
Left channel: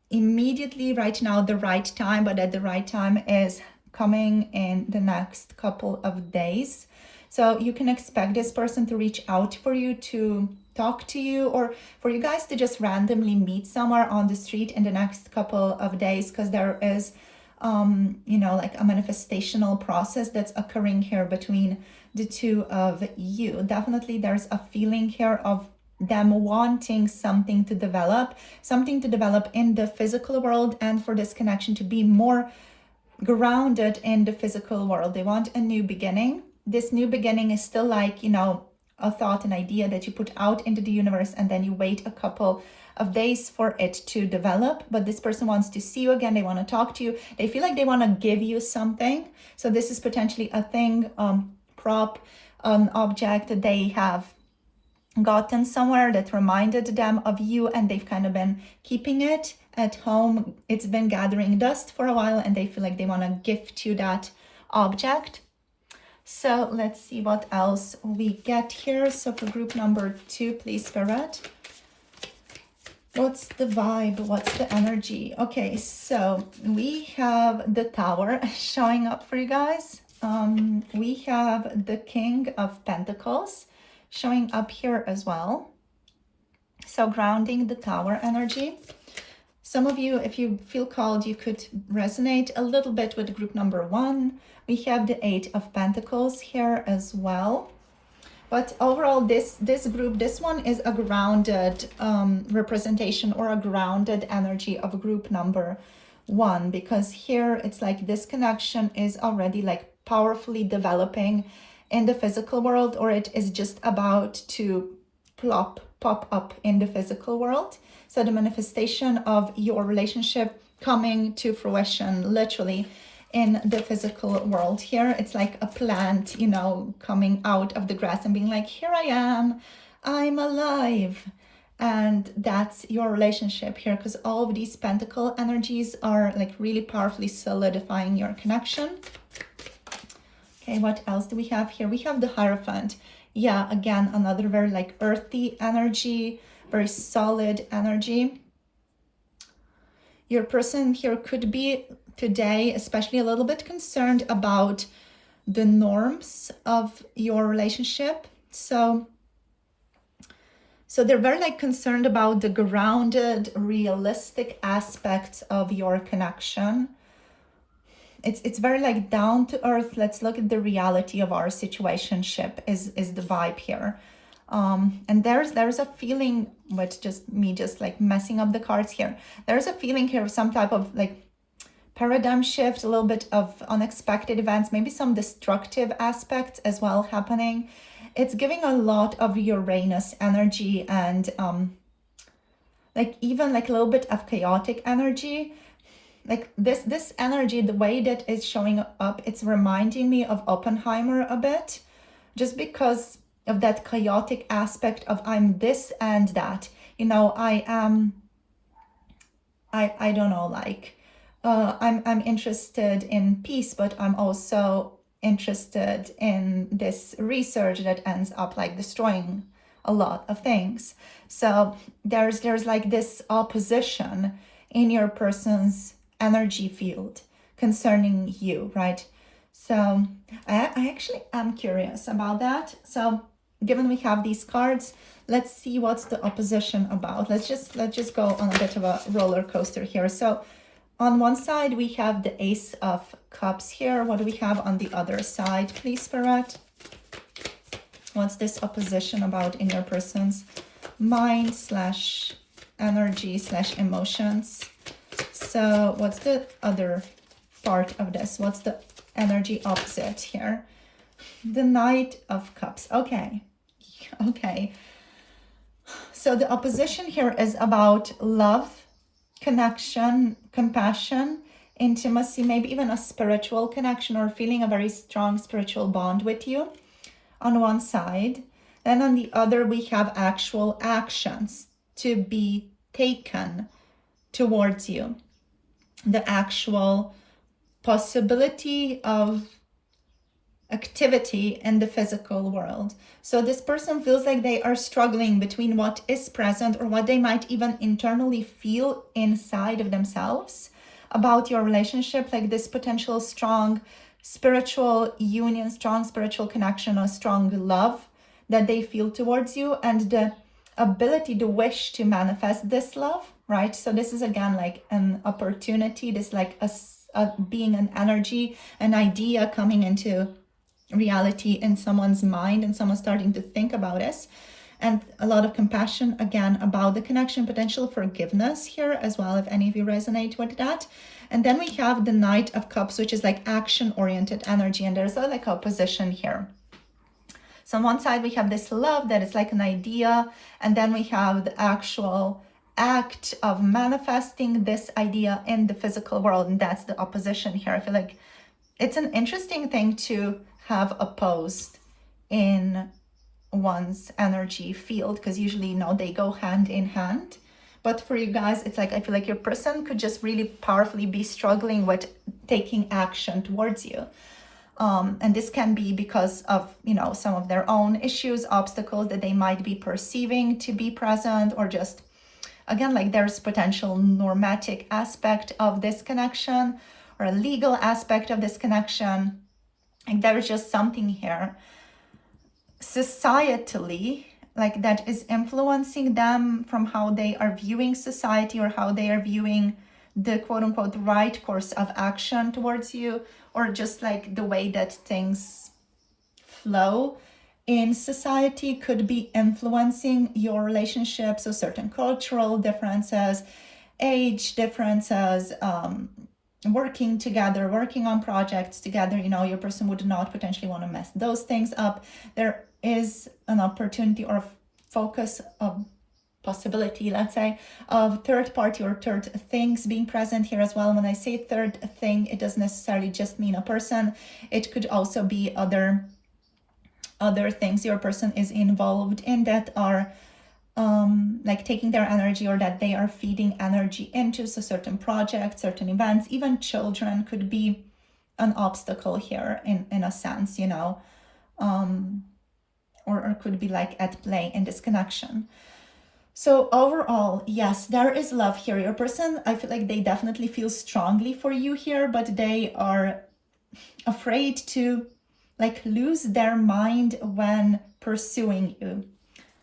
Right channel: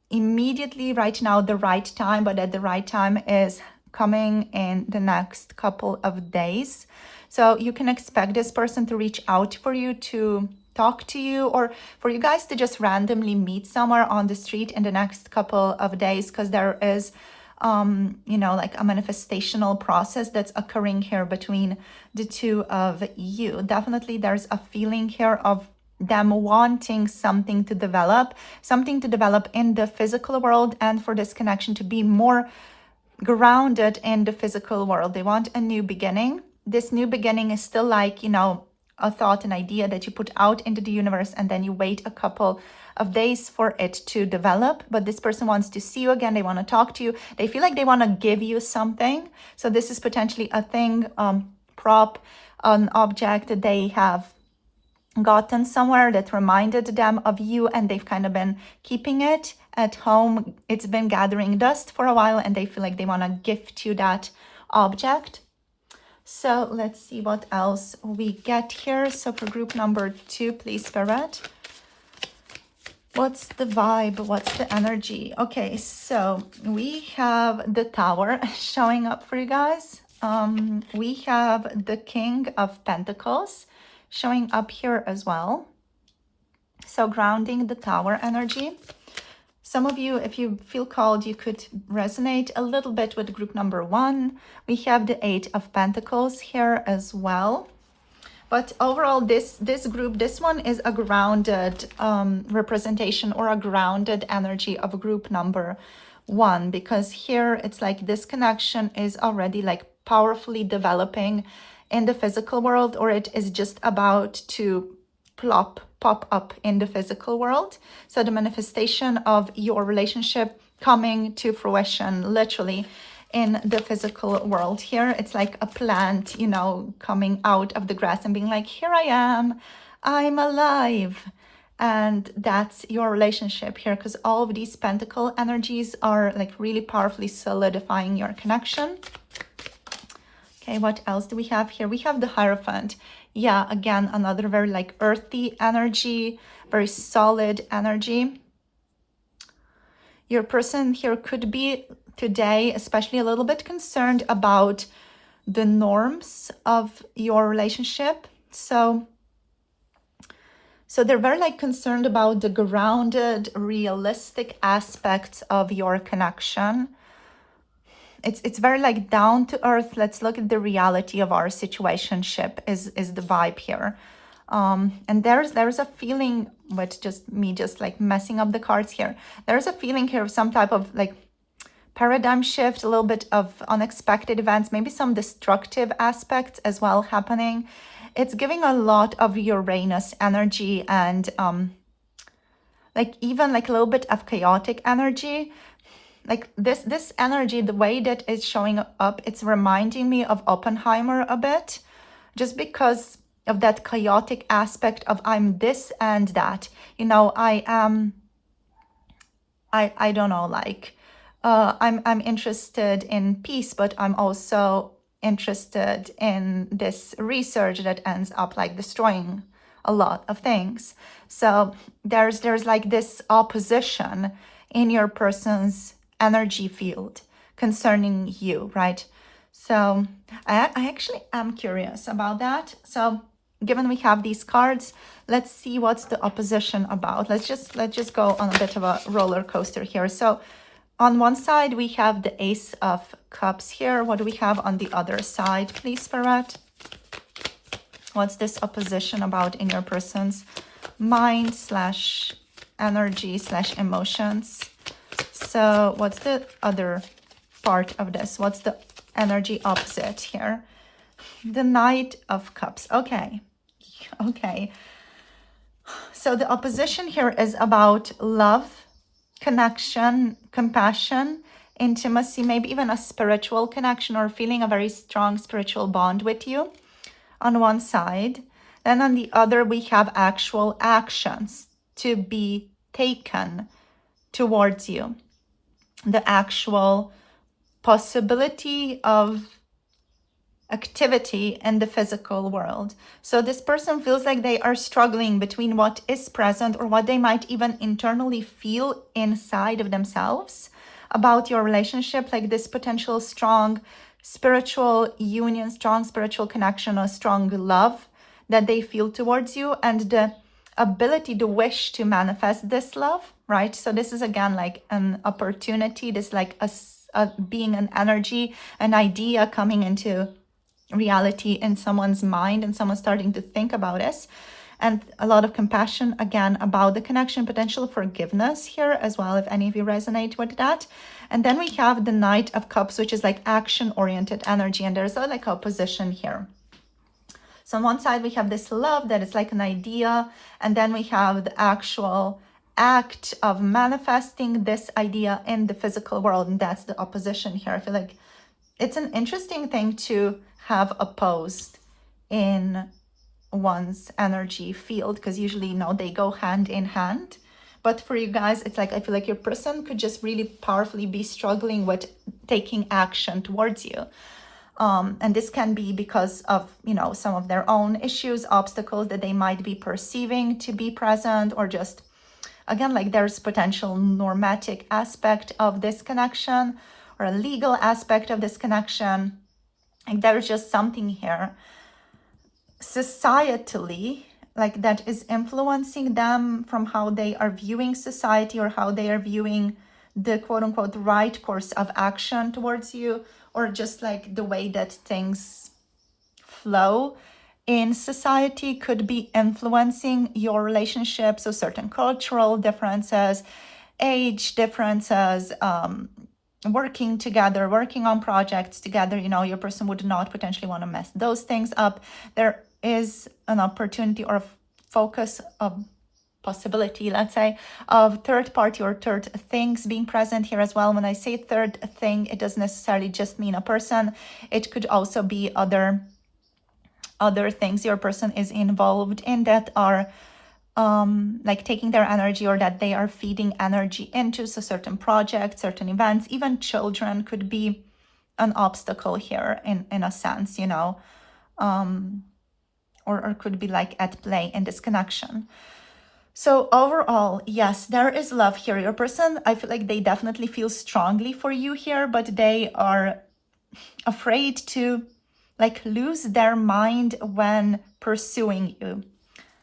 immediately right now the right time, but that the right time is coming in the next couple of days. So you can expect this person to reach out for you, to talk to you, or for you guys to just randomly meet somewhere on the street in the next couple of days, because there is you know, like a manifestational process that's occurring here between the two of you. Definitely there's a feeling here of them wanting something to develop in the physical world, and for this connection to be more grounded in the physical world. They want a new beginning. This new beginning is still like, you know, a thought, an idea that you put out into the universe, and then you wait a couple of days for it to develop. But this person wants to see you again. They want to talk to you. They feel like they want to give you something. So this is potentially a thing, prop, an object that they have gotten somewhere that reminded them of you, and they've kind of been keeping it at home. It's been gathering dust for a while, and they feel like they want to gift you that object. So let's see what else we get here. So for group number 2, please, Spirit. What's the vibe? What's the energy? Okay, so we have the Tower showing up for you guys. We have the King of Pentacles showing up here as well. So grounding the Tower energy. Some of you, if you feel called, you could resonate a little bit with group number 1. We have the Eight of Pentacles here as well. But overall, this group, this one is a grounded representation or a grounded energy of group number 1, because here it's like this connection is already like powerfully developing in the physical world, or it is just about to pop up in the physical world. So the manifestation of your relationship coming to fruition literally in the physical world. Here it's like a plant, you know, coming out of the grass and being like, here I am, I'm alive. And that's your relationship here, because all of these pentacle energies are like really powerfully solidifying your connection. Okay, what else do we have here? We have the Hierophant. Yeah, again, another very like earthy energy, very solid energy. Your person here could be today especially a little bit concerned about the norms of your relationship. So they're very like concerned about the grounded, realistic aspects of your connection. It's very like down to earth. Let's look at the reality of our situationship is the vibe here. And there's a feeling with just me just like messing up the cards here. There's a feeling here of some type of like paradigm shift, a little bit of unexpected events, maybe some destructive aspects as well happening. It's giving a lot of Uranus energy and like even like a little bit of chaotic energy. Like this energy, the way that it's showing up, it's reminding me of Oppenheimer a bit, just because of that chaotic aspect of I'm this and that, you know, I don't know, like I'm interested in peace, but I'm also interested in this research that ends up like destroying a lot of things. So there's like this opposition in your person's energy field concerning you, right? So I actually am curious about that. So given we have these cards, let's see what's the opposition about. Let's just go on a bit of a roller coaster here. So on one side we have the Ace of Cups here. What do we have on the other side, please, Spirit? What's this opposition about in your person's mind slash energy slash emotions? So what's the other part of this? What's the energy opposite here? The Knight of Cups. Okay. So the opposition here is about love, connection, compassion, intimacy, maybe even a spiritual connection or feeling a very strong spiritual bond with you on one side. Then on the other, we have actual actions to be taken towards you. The actual possibility of activity in the physical world. So this person feels like they are struggling between what is present or what they might even internally feel inside of themselves about your relationship, like this potential strong spiritual union, strong spiritual connection, or strong love that they feel towards you, and the ability, the wish to manifest this love, right? So this is again like an opportunity, this like a being an energy, an idea coming into reality in someone's mind and someone starting to think about this, and a lot of compassion again about the connection, potential forgiveness here as well, if any of you resonate with that. And then we have the Knight of Cups, which is like action oriented energy, and there's a like opposition here. So on one side we have this love that is like an idea, and then we have the actual act of manifesting this idea in the physical world, and that's the opposition here. I feel like it's an interesting thing to have opposed in one's energy field, because usually, you know, they go hand in hand. But for you guys, it's like I feel like your person could just really powerfully be struggling with taking action towards you. And this can be because of, you know, some of their own issues, obstacles that they might be perceiving to be present, or just Again, like there's potential normatic aspect of this connection or a legal aspect of this connection. Like there's just something here societally, like that is influencing them from how they are viewing society or how they are viewing the quote unquote right course of action towards you, or just like the way that things flow in society could be influencing your relationship. So certain cultural differences, age differences, working together, working on projects together, you know, your person would not potentially want to mess those things up. There is an opportunity or focus of possibility, let's say, of third party or third things being present here as well. When I say third thing, it doesn't necessarily just mean a person. It could also be other things your person is involved in that are like taking their energy, or that they are feeding energy into. So certain projects, certain events, even children could be an obstacle here in a sense, you know, or could be like at play in this connection. So overall, yes, there is love here. Your person, I feel like they definitely feel strongly for you here, but they are afraid to like lose their mind when pursuing you.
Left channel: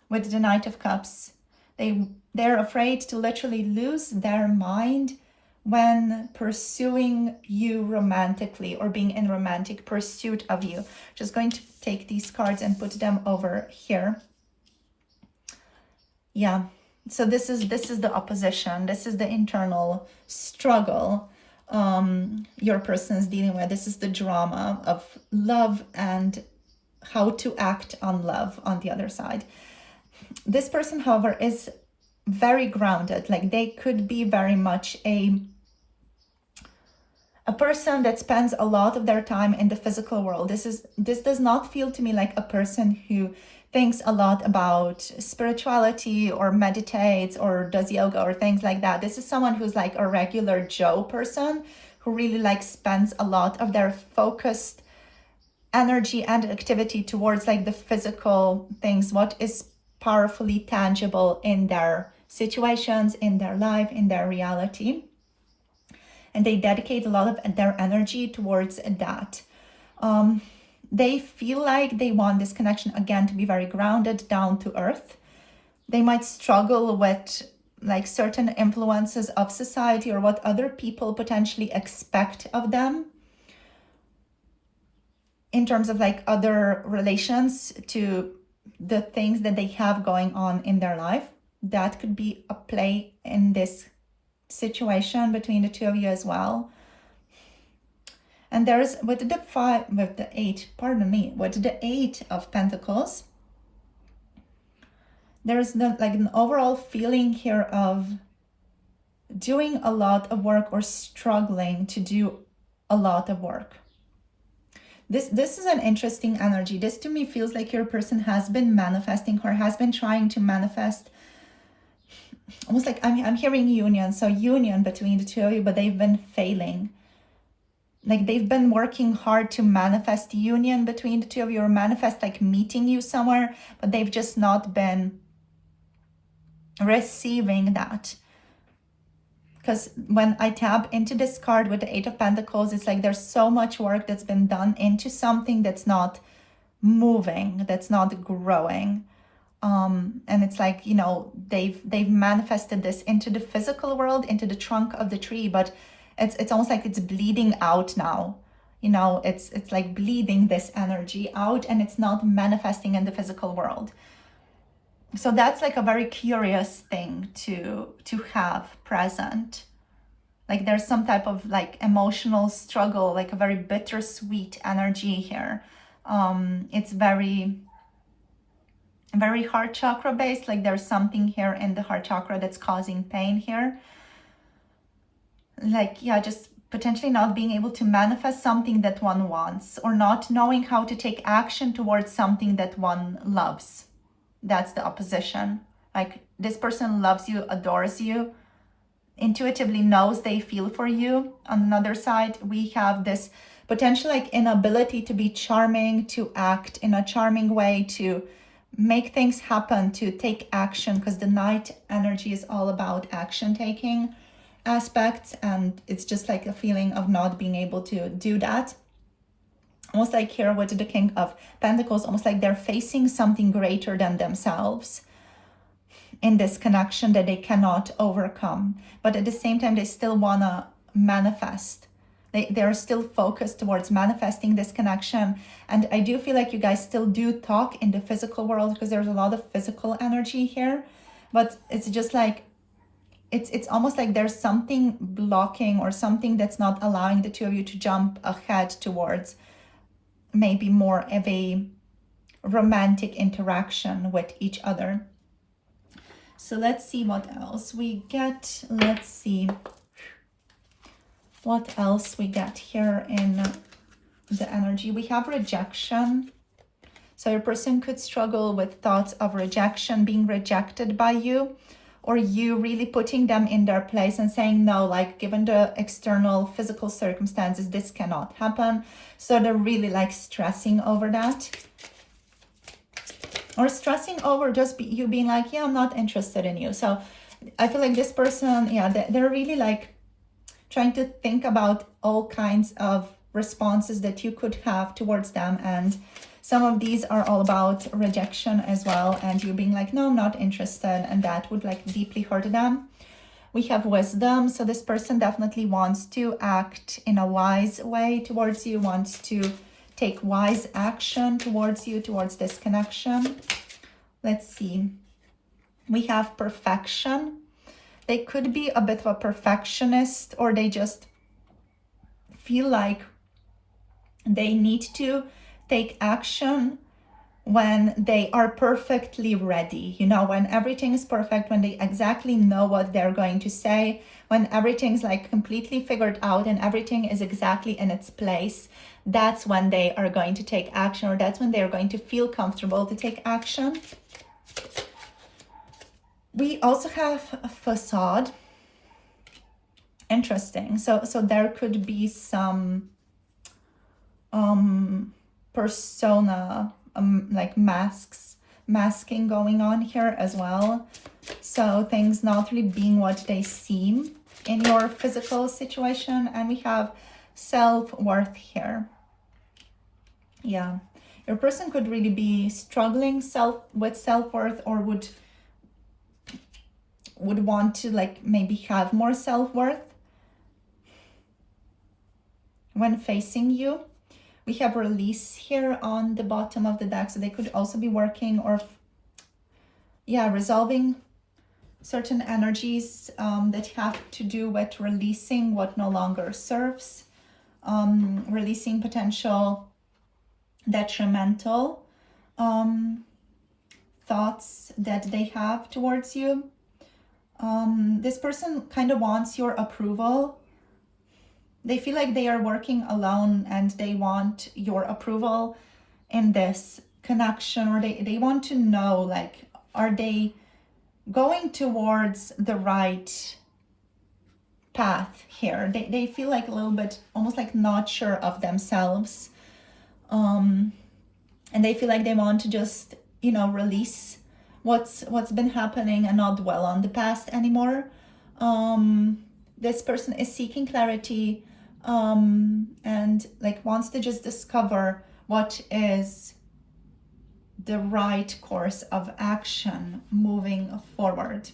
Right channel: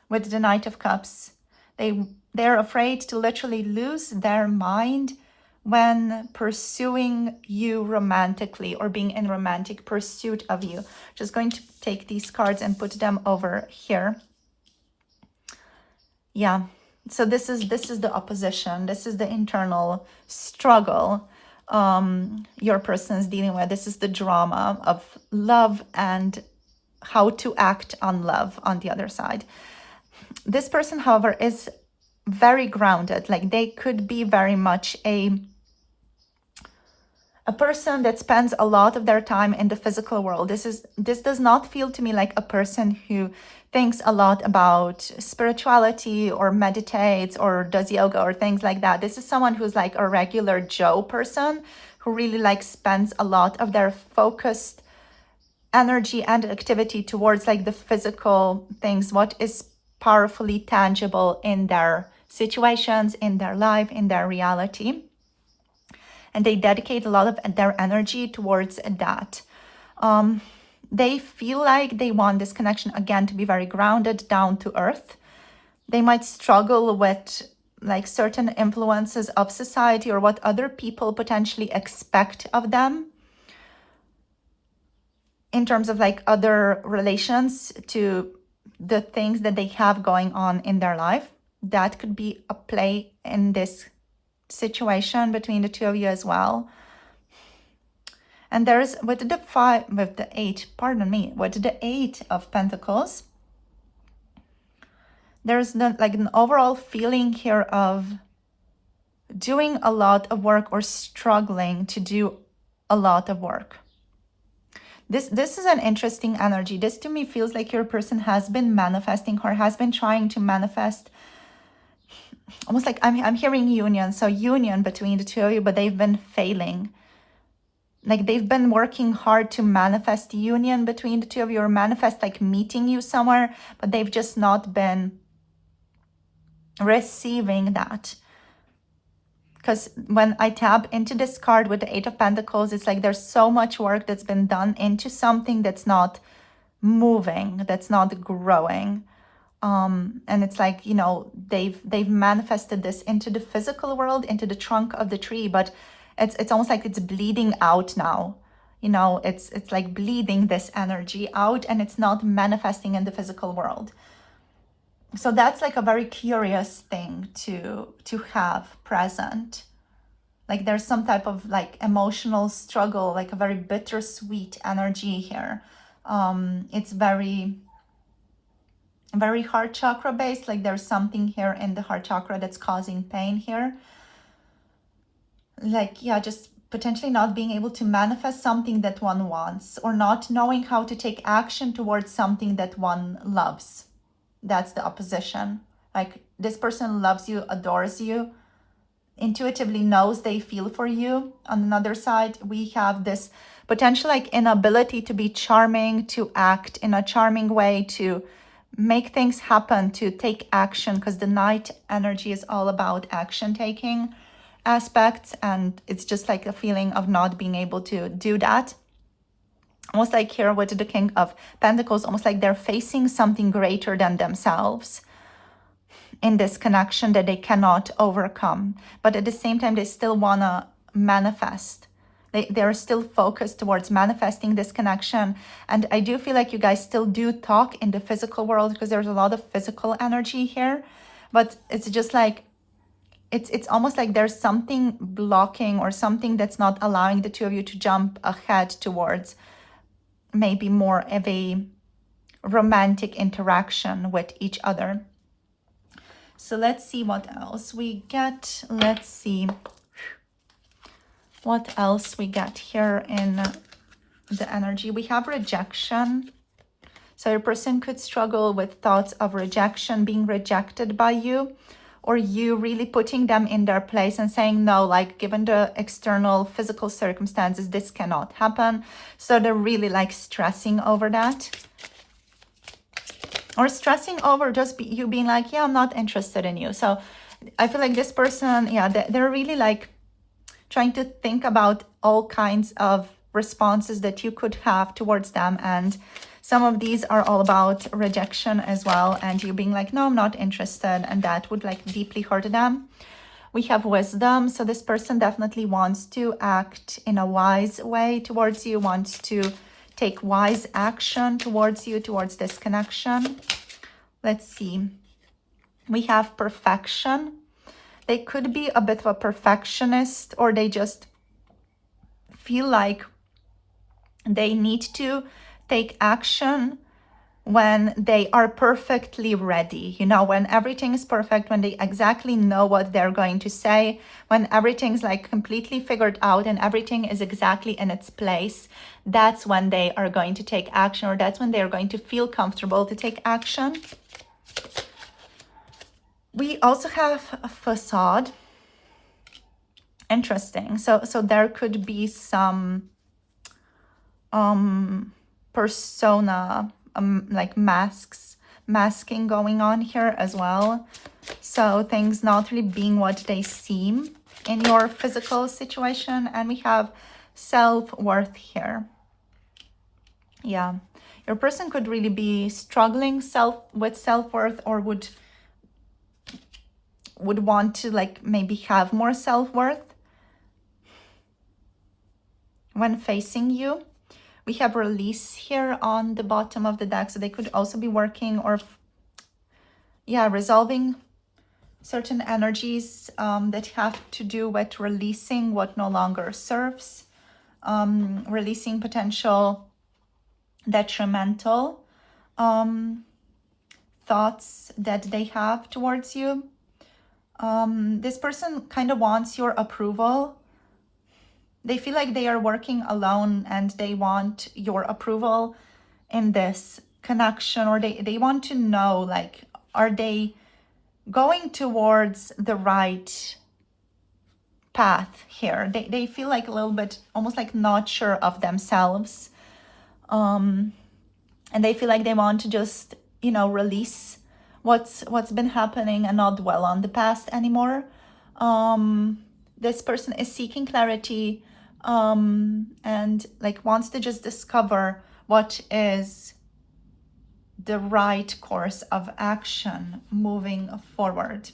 With the Knight of Cups, they're afraid to literally lose their mind when pursuing you romantically or being in romantic pursuit of you. Just going to take these cards and put them over here. Yeah, so this is the opposition. This is the internal struggle your person is dealing with. This is the drama of love and how to act on love on the other side. This person, however, is very grounded. Like they could be very much a person that spends a lot of their time in the physical world. This does not feel to me like a person who thinks a lot about spirituality or meditates or does yoga or things like that. This is someone who's like a regular Joe person who really like spends a lot of their focused energy and activity towards like the physical things, what is powerfully tangible in their situations, in their life, in their reality. And they dedicate a lot of their energy towards that. They feel like they want this connection, again, to be very grounded, down to earth. They might struggle with like certain influences of society or what other people potentially expect of them in terms of like other relations to the things that they have going on in their life. That could be a play in this situation between the two of you as well. And there's with the Eight of Pentacles, there's like an overall feeling here of doing a lot of work or struggling to do a lot of work. This is an interesting energy. This to me feels like your person has been manifesting or has been trying to manifest, almost like I'm hearing union. So union between the two of you, but they've been failing. Like they've been working hard to manifest union between the two of you, or manifest like meeting you somewhere, but they've just not been receiving that. Because when I tap into this card with the Eight of Pentacles, it's like there's so much work that's been done into something that's not moving, that's not growing. And it's like, you know, they've manifested this into the physical world, into the trunk of the tree, but it's almost like it's bleeding out now. You know, it's like bleeding this energy out, and it's not manifesting in the physical world. So that's like a very curious thing to have present. Like there's some type of like emotional struggle, like a very bittersweet energy here. It's very heart chakra based. Like there's something here in the heart chakra that's causing pain here. Like, yeah, just potentially not being able to manifest something that one wants, or not knowing how to take action towards something that one loves. That's the opposition. Like this person loves you, adores you, intuitively knows they feel for you. On another side, we have this potential like inability to be charming, to act in a charming way, to make things happen, to take action, because the Knight energy is all about action taking aspects, and it's just like a feeling of not being able to do that. Almost like here with the King of Pentacles, almost like they're facing something greater than themselves in this connection that they cannot overcome. But at the same time, they still want to manifest. They're still focused towards manifesting this connection. And I do feel like you guys still do talk in the physical world, because there's a lot of physical energy here. But it's just like, it's almost like there's something blocking or something that's not allowing the two of you to jump ahead towards maybe more of a romantic interaction with each other. So let's see what else we get. Let's see what else we get here in the energy. We have rejection. So your person could struggle with thoughts of rejection, being rejected by you, or you really putting them in their place and saying no, like given the external physical circumstances, this cannot happen. So they're really like stressing over that. Or stressing over just you being like, yeah, I'm not interested in you. So I feel like this person, yeah, they're really like trying to think about all kinds of responses that you could have towards them. And some of these are all about rejection as well. And you being like, no, I'm not interested. And that would like deeply hurt them. We have wisdom. So this person definitely wants to act in a wise way towards you, wants to take wise action towards you, towards this connection. Let's see. We have perfection. They could be a bit of a perfectionist, or they just feel like they need to take action when they are perfectly ready. You know, when everything is perfect, when they exactly know what they're going to say, when everything's like completely figured out and everything is exactly in its place, that's when they are going to take action, or that's when they're going to feel comfortable to take action. We also have a facade. Interesting. So there could be some persona, like masking going on here as well. So things not really being what they seem in your physical situation. And we have self-worth here. Yeah, your person could really be struggling with self-worth, or would want to like maybe have more self-worth when facing you. We have release here on the bottom of the deck. So they could also be working or resolving certain energies that have to do with releasing what no longer serves, releasing potential detrimental thoughts that they have towards you. This person kind of wants your approval. They feel like they are working alone and they want your approval in this connection, or they want to know, like, are they going towards the right path here? They feel like a little bit almost like not sure of themselves. And they feel like they want to just, you know, release what's been happening and not dwell on the past anymore. This person is seeking clarity and like wants to just discover what is the right course of action moving forward.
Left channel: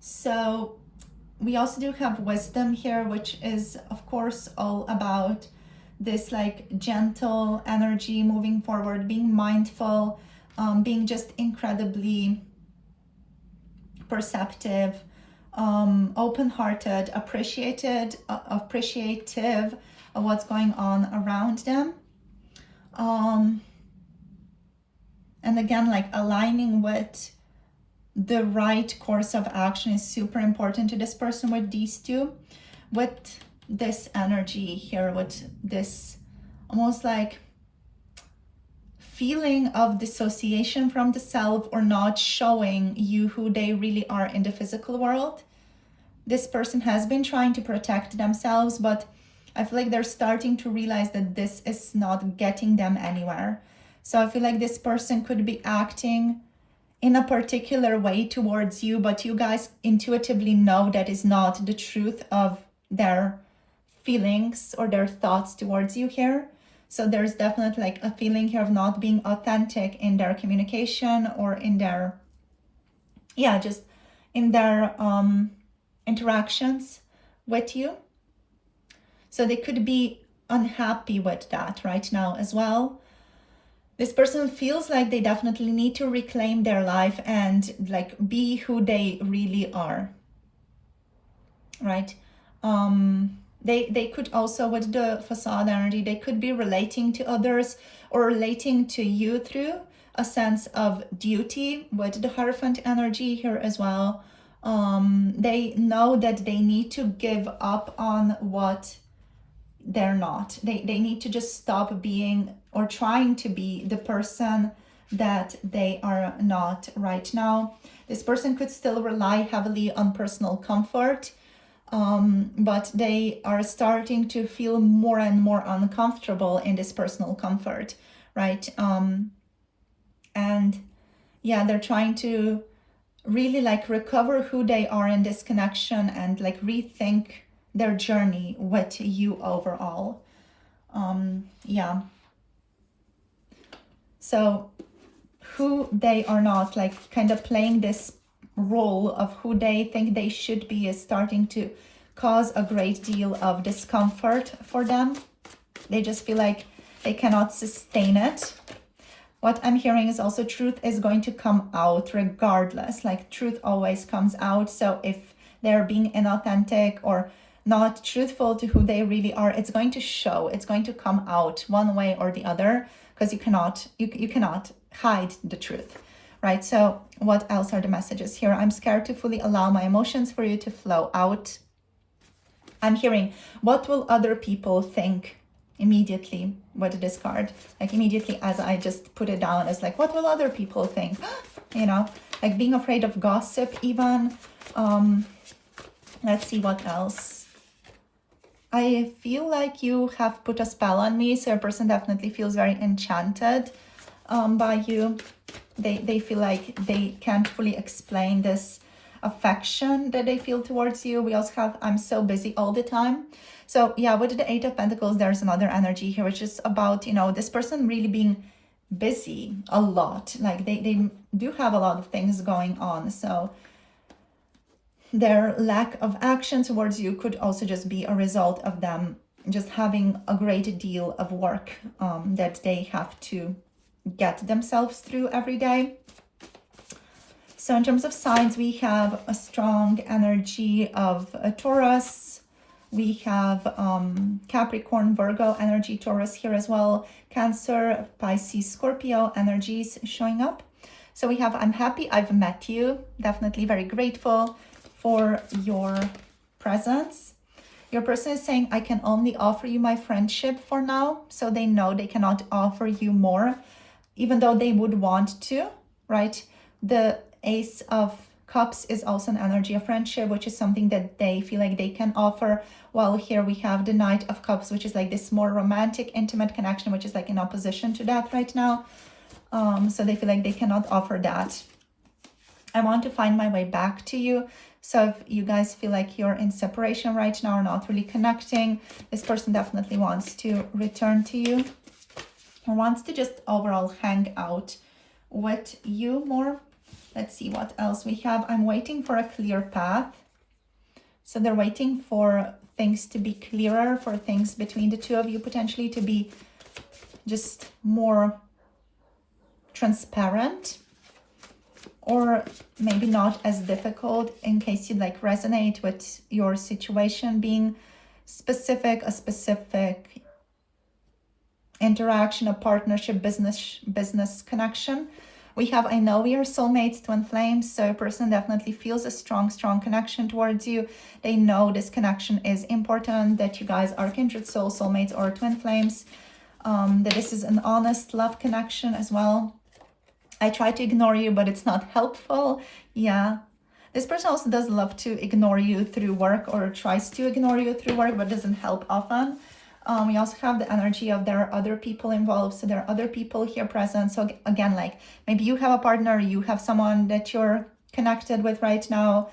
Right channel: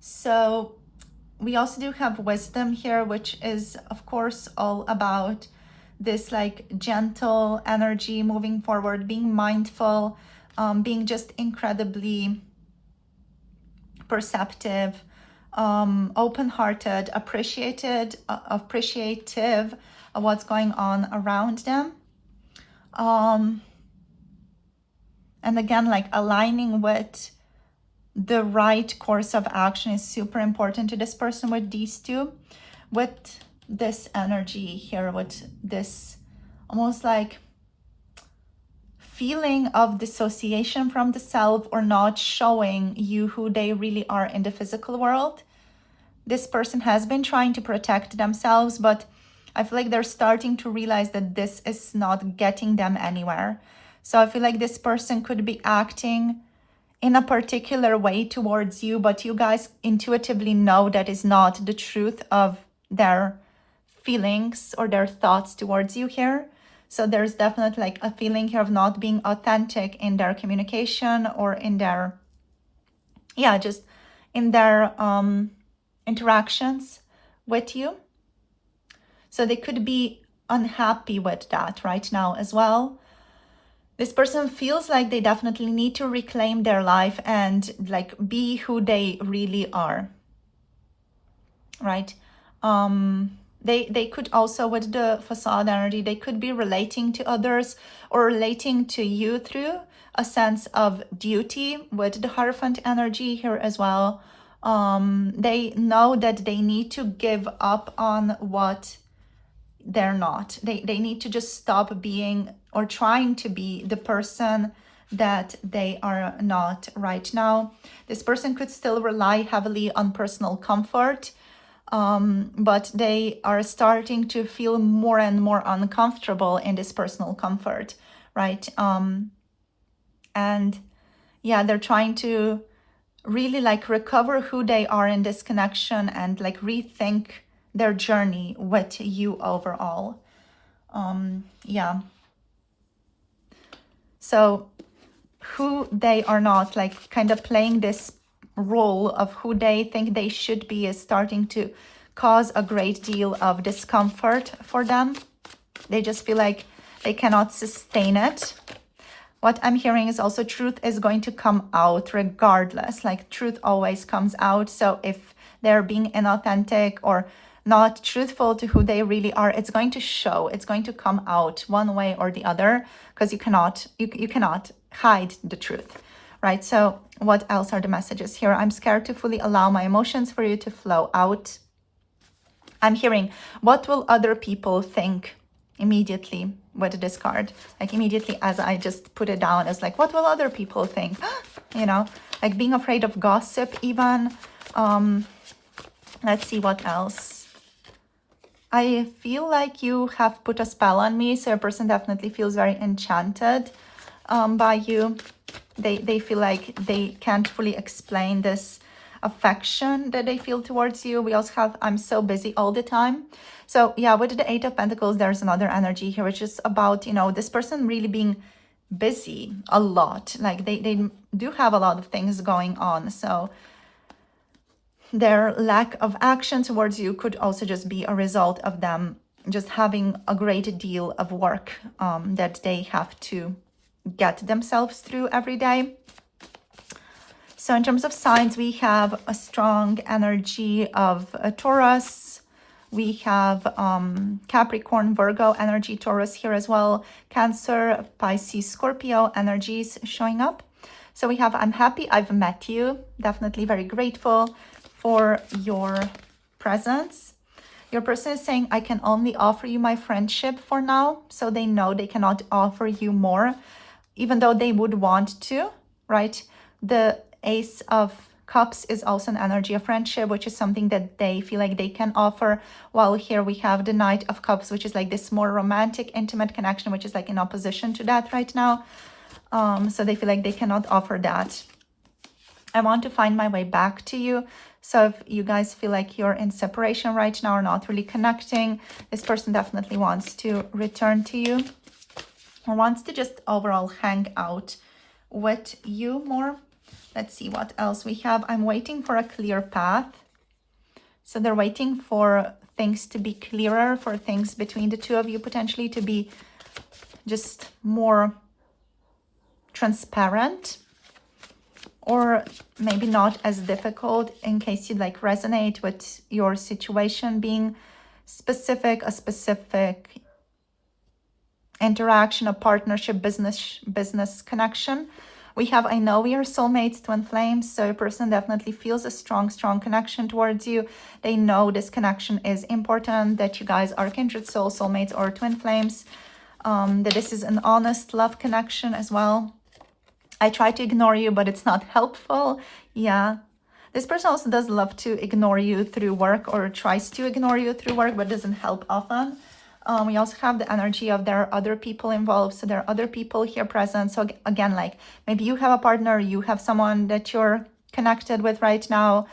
So we also do have wisdom here, which is of course all about this like gentle energy moving forward, being mindful, being just incredibly perceptive, open-hearted, appreciative of what's going on around them. And again, like aligning with the right course of action is super important to this person with these two. With this energy here, with this almost like feeling of dissociation from the self, or not showing you who they really are in the physical world. This person has been trying to protect themselves, but I feel like they're starting to realize that this is not getting them anywhere. So I feel like this person could be acting in a particular way towards you, but you guys intuitively know that is not the truth of their feelings or their thoughts towards you here. So there's definitely like a feeling here of not being authentic in their communication or in their, yeah, just in their interactions with you. So they could be unhappy with that right now as well. This person feels like they definitely need to reclaim their life and like be who they really are, right? They could also, with the facade energy, they could be relating to others or relating to you through a sense of duty with the Hierophant energy here as well. They know that they need to give up on what they're not. They need to just stop being or trying to be the person that they are not right now. This person could still rely heavily on personal comfort, but they are starting to feel more and more uncomfortable in this personal comfort, right? And yeah, they're trying to really like recover who they are in this connection and like rethink their journey with you overall. Yeah. So who they are not, like kind of playing this role of who they think they should be, is starting to cause a great deal of discomfort for them. They just feel like they cannot sustain it. What I'm hearing is also truth is going to come out regardless. Like truth always comes out. So if they're being inauthentic or not truthful to who they really are, it's going to show. It's going to come out one way or the other, because you cannot hide the truth, right? So what else are the messages here? I'm scared to fully allow my emotions for you to flow out. I'm hearing, what will other people think? Immediately with this card, like immediately as I just put it down, as like, what will other people think? You know, like being afraid of gossip even. Let's see what else. I feel like you have put a spell on me, so your person definitely feels very enchanted by you. They feel like they can't fully explain this affection that they feel towards you. We also have, I'm so busy all the time. So yeah, with the Eight of Pentacles, there's another energy here, which is about, you know, this person really being busy a lot. Like they do have a lot of things going on. So their lack of action towards you could also just be a result of them just having a great deal of work that they have to get themselves through every day. So in terms of signs, we have a strong energy of a Taurus. We have Capricorn, Virgo energy, Taurus here as well. Cancer, Pisces, Scorpio energies showing up. So we have, I'm happy I've met you. Definitely very grateful for your presence. Your person is saying, I can only offer you my friendship for now. So they know they cannot offer you more, even though they would want to, right? The Ace of Cups is also an energy of friendship, which is something that they feel like they can offer. While here we have the Knight of Cups, which is like this more romantic, intimate connection, which is like in opposition to that right now. So they feel like they cannot offer that. I want to find my way back to you. So if you guys feel like you're in separation right now or not really connecting, this person definitely wants to return to you or wants to just overall hang out with you more. Let's see what else we have. I'm waiting for a clear path. So they're waiting for things to be clearer, for things between the two of you potentially to be just more transparent, or maybe not as difficult, in case you like resonate with your situation being specific, a specific interaction, a partnership, business connection. We have, I know we are soulmates, twin flames, so a person definitely feels a strong connection towards you. They know this connection is important, that you guys are kindred souls, soulmates, or twin flames, that this is an honest love connection as well. I try to ignore you, but it's not helpful. Yeah. This person also does love to ignore you through work, or tries to ignore you through work, but doesn't help often. We also have the energy of there are other people involved. So there are other people here present. So again, like maybe you have a partner, you have someone that you're connected with right now.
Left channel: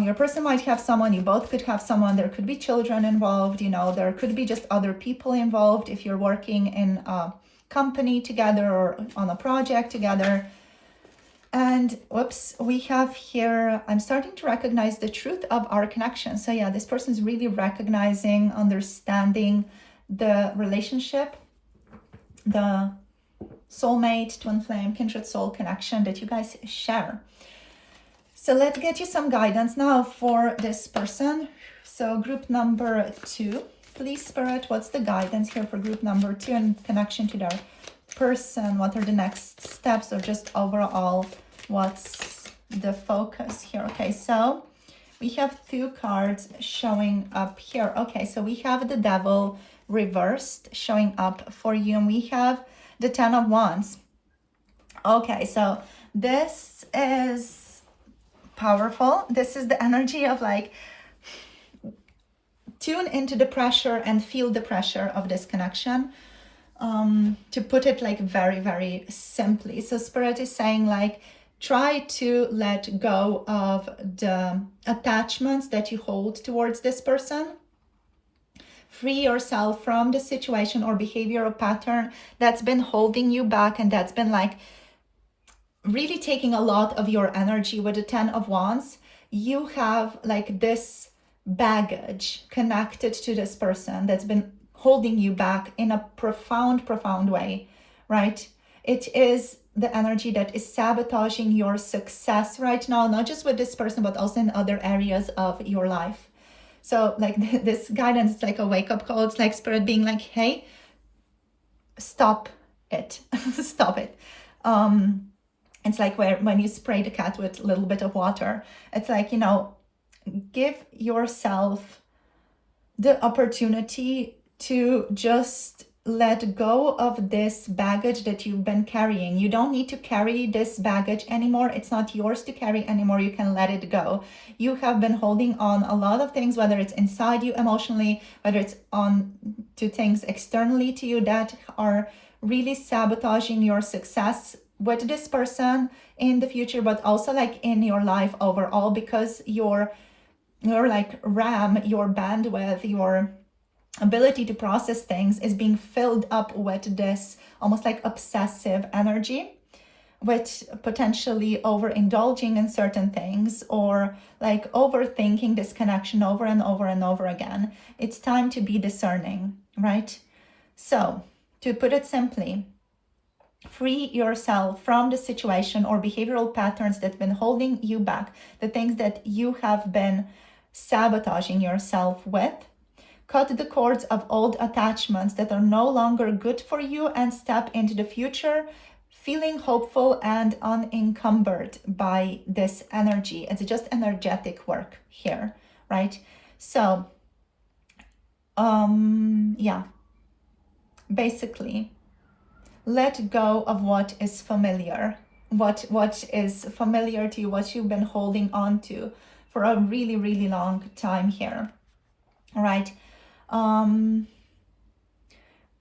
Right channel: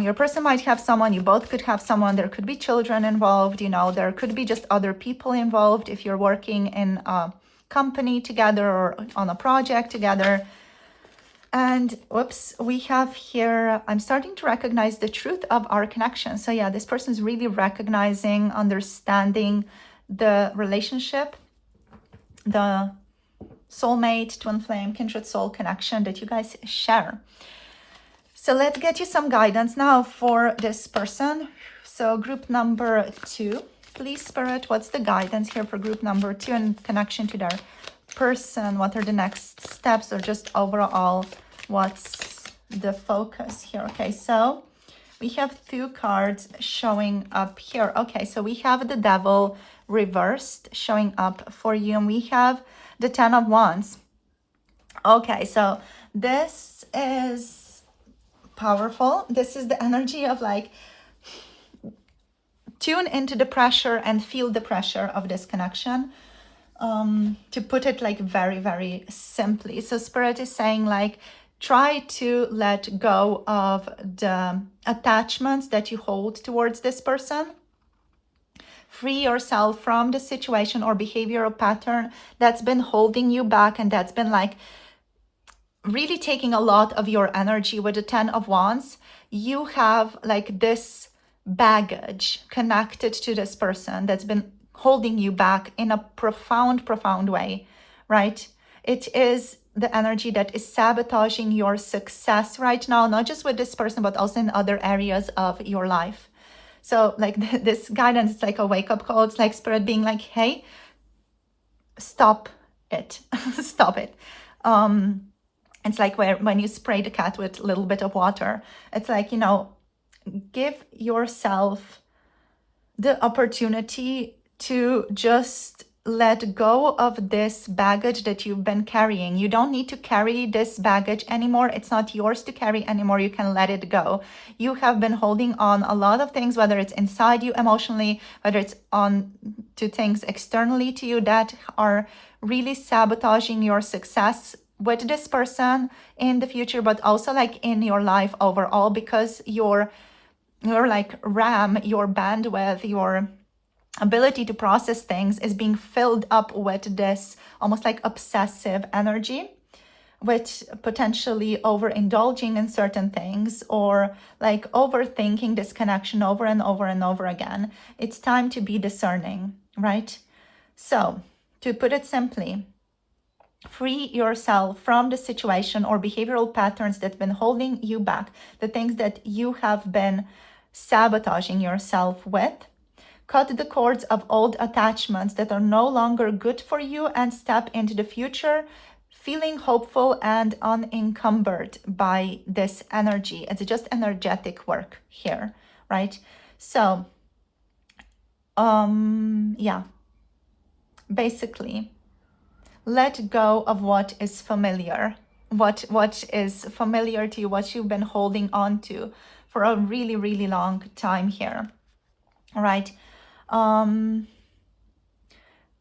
Your person might have someone, you both could have someone, there could be children involved, you know, there could be just other people involved if you're working in a company together or on a project together. And whoops, we have here, I'm starting to recognize the truth of our connection. So yeah, this person is really recognizing, understanding the relationship, the soulmate, twin flame, kindred soul connection that you guys share. So let's get you some guidance now for this person. So group number 2, please Spirit, what's the guidance here for group number 2 in connection to their person? What are the next steps, or just overall, what's the focus here? Okay, so we have 2 cards showing up here. Okay, so we have the Devil reversed showing up for you, and we have the 10 of Wands. Okay, so this is powerful. This is the energy of like, tune into the pressure and feel the pressure of this connection. To put it like very, very simply. So Spirit is saying like, try to let go of the attachments that you hold towards this person. Free yourself from the situation or behavioral pattern that's been holding you back, and that's been like really taking a lot of your energy. With the 10 of Wands, you have like this baggage connected to this person that's been holding you back in a profound way, right? It is the energy that is sabotaging your success right now, not just with this person, but also in other areas of your life. So like this guidance, it's like a wake-up call. It's like Spirit being like, hey, stop it. Stop it. It's like when you spray the cat with a little bit of water. It's like, you know, give yourself the opportunity to just let go of this baggage that you've been carrying. You don't need to carry this baggage anymore. It's not yours to carry anymore. You can let it go. You have been holding on a lot of things, whether it's inside you emotionally, whether it's on to things externally to you that are really sabotaging your success with this person in the future, but also like in your life overall, because your like RAM, your bandwidth, your ability to process things is being filled up with this almost like obsessive energy, with potentially overindulging in certain things or like overthinking this connection over and over and over again. It's time to be discerning, right? So to put it simply, free yourself from the situation or behavioral patterns that's been holding you back, the things that you have been sabotaging yourself with. Cut the cords of old attachments that are no longer good for you and step into the future feeling hopeful and unencumbered by this energy. It's just energetic work here, right? So, yeah, basically, let go of what is familiar, what is familiar to you, what you've been holding on to for a really, really long time here, all right?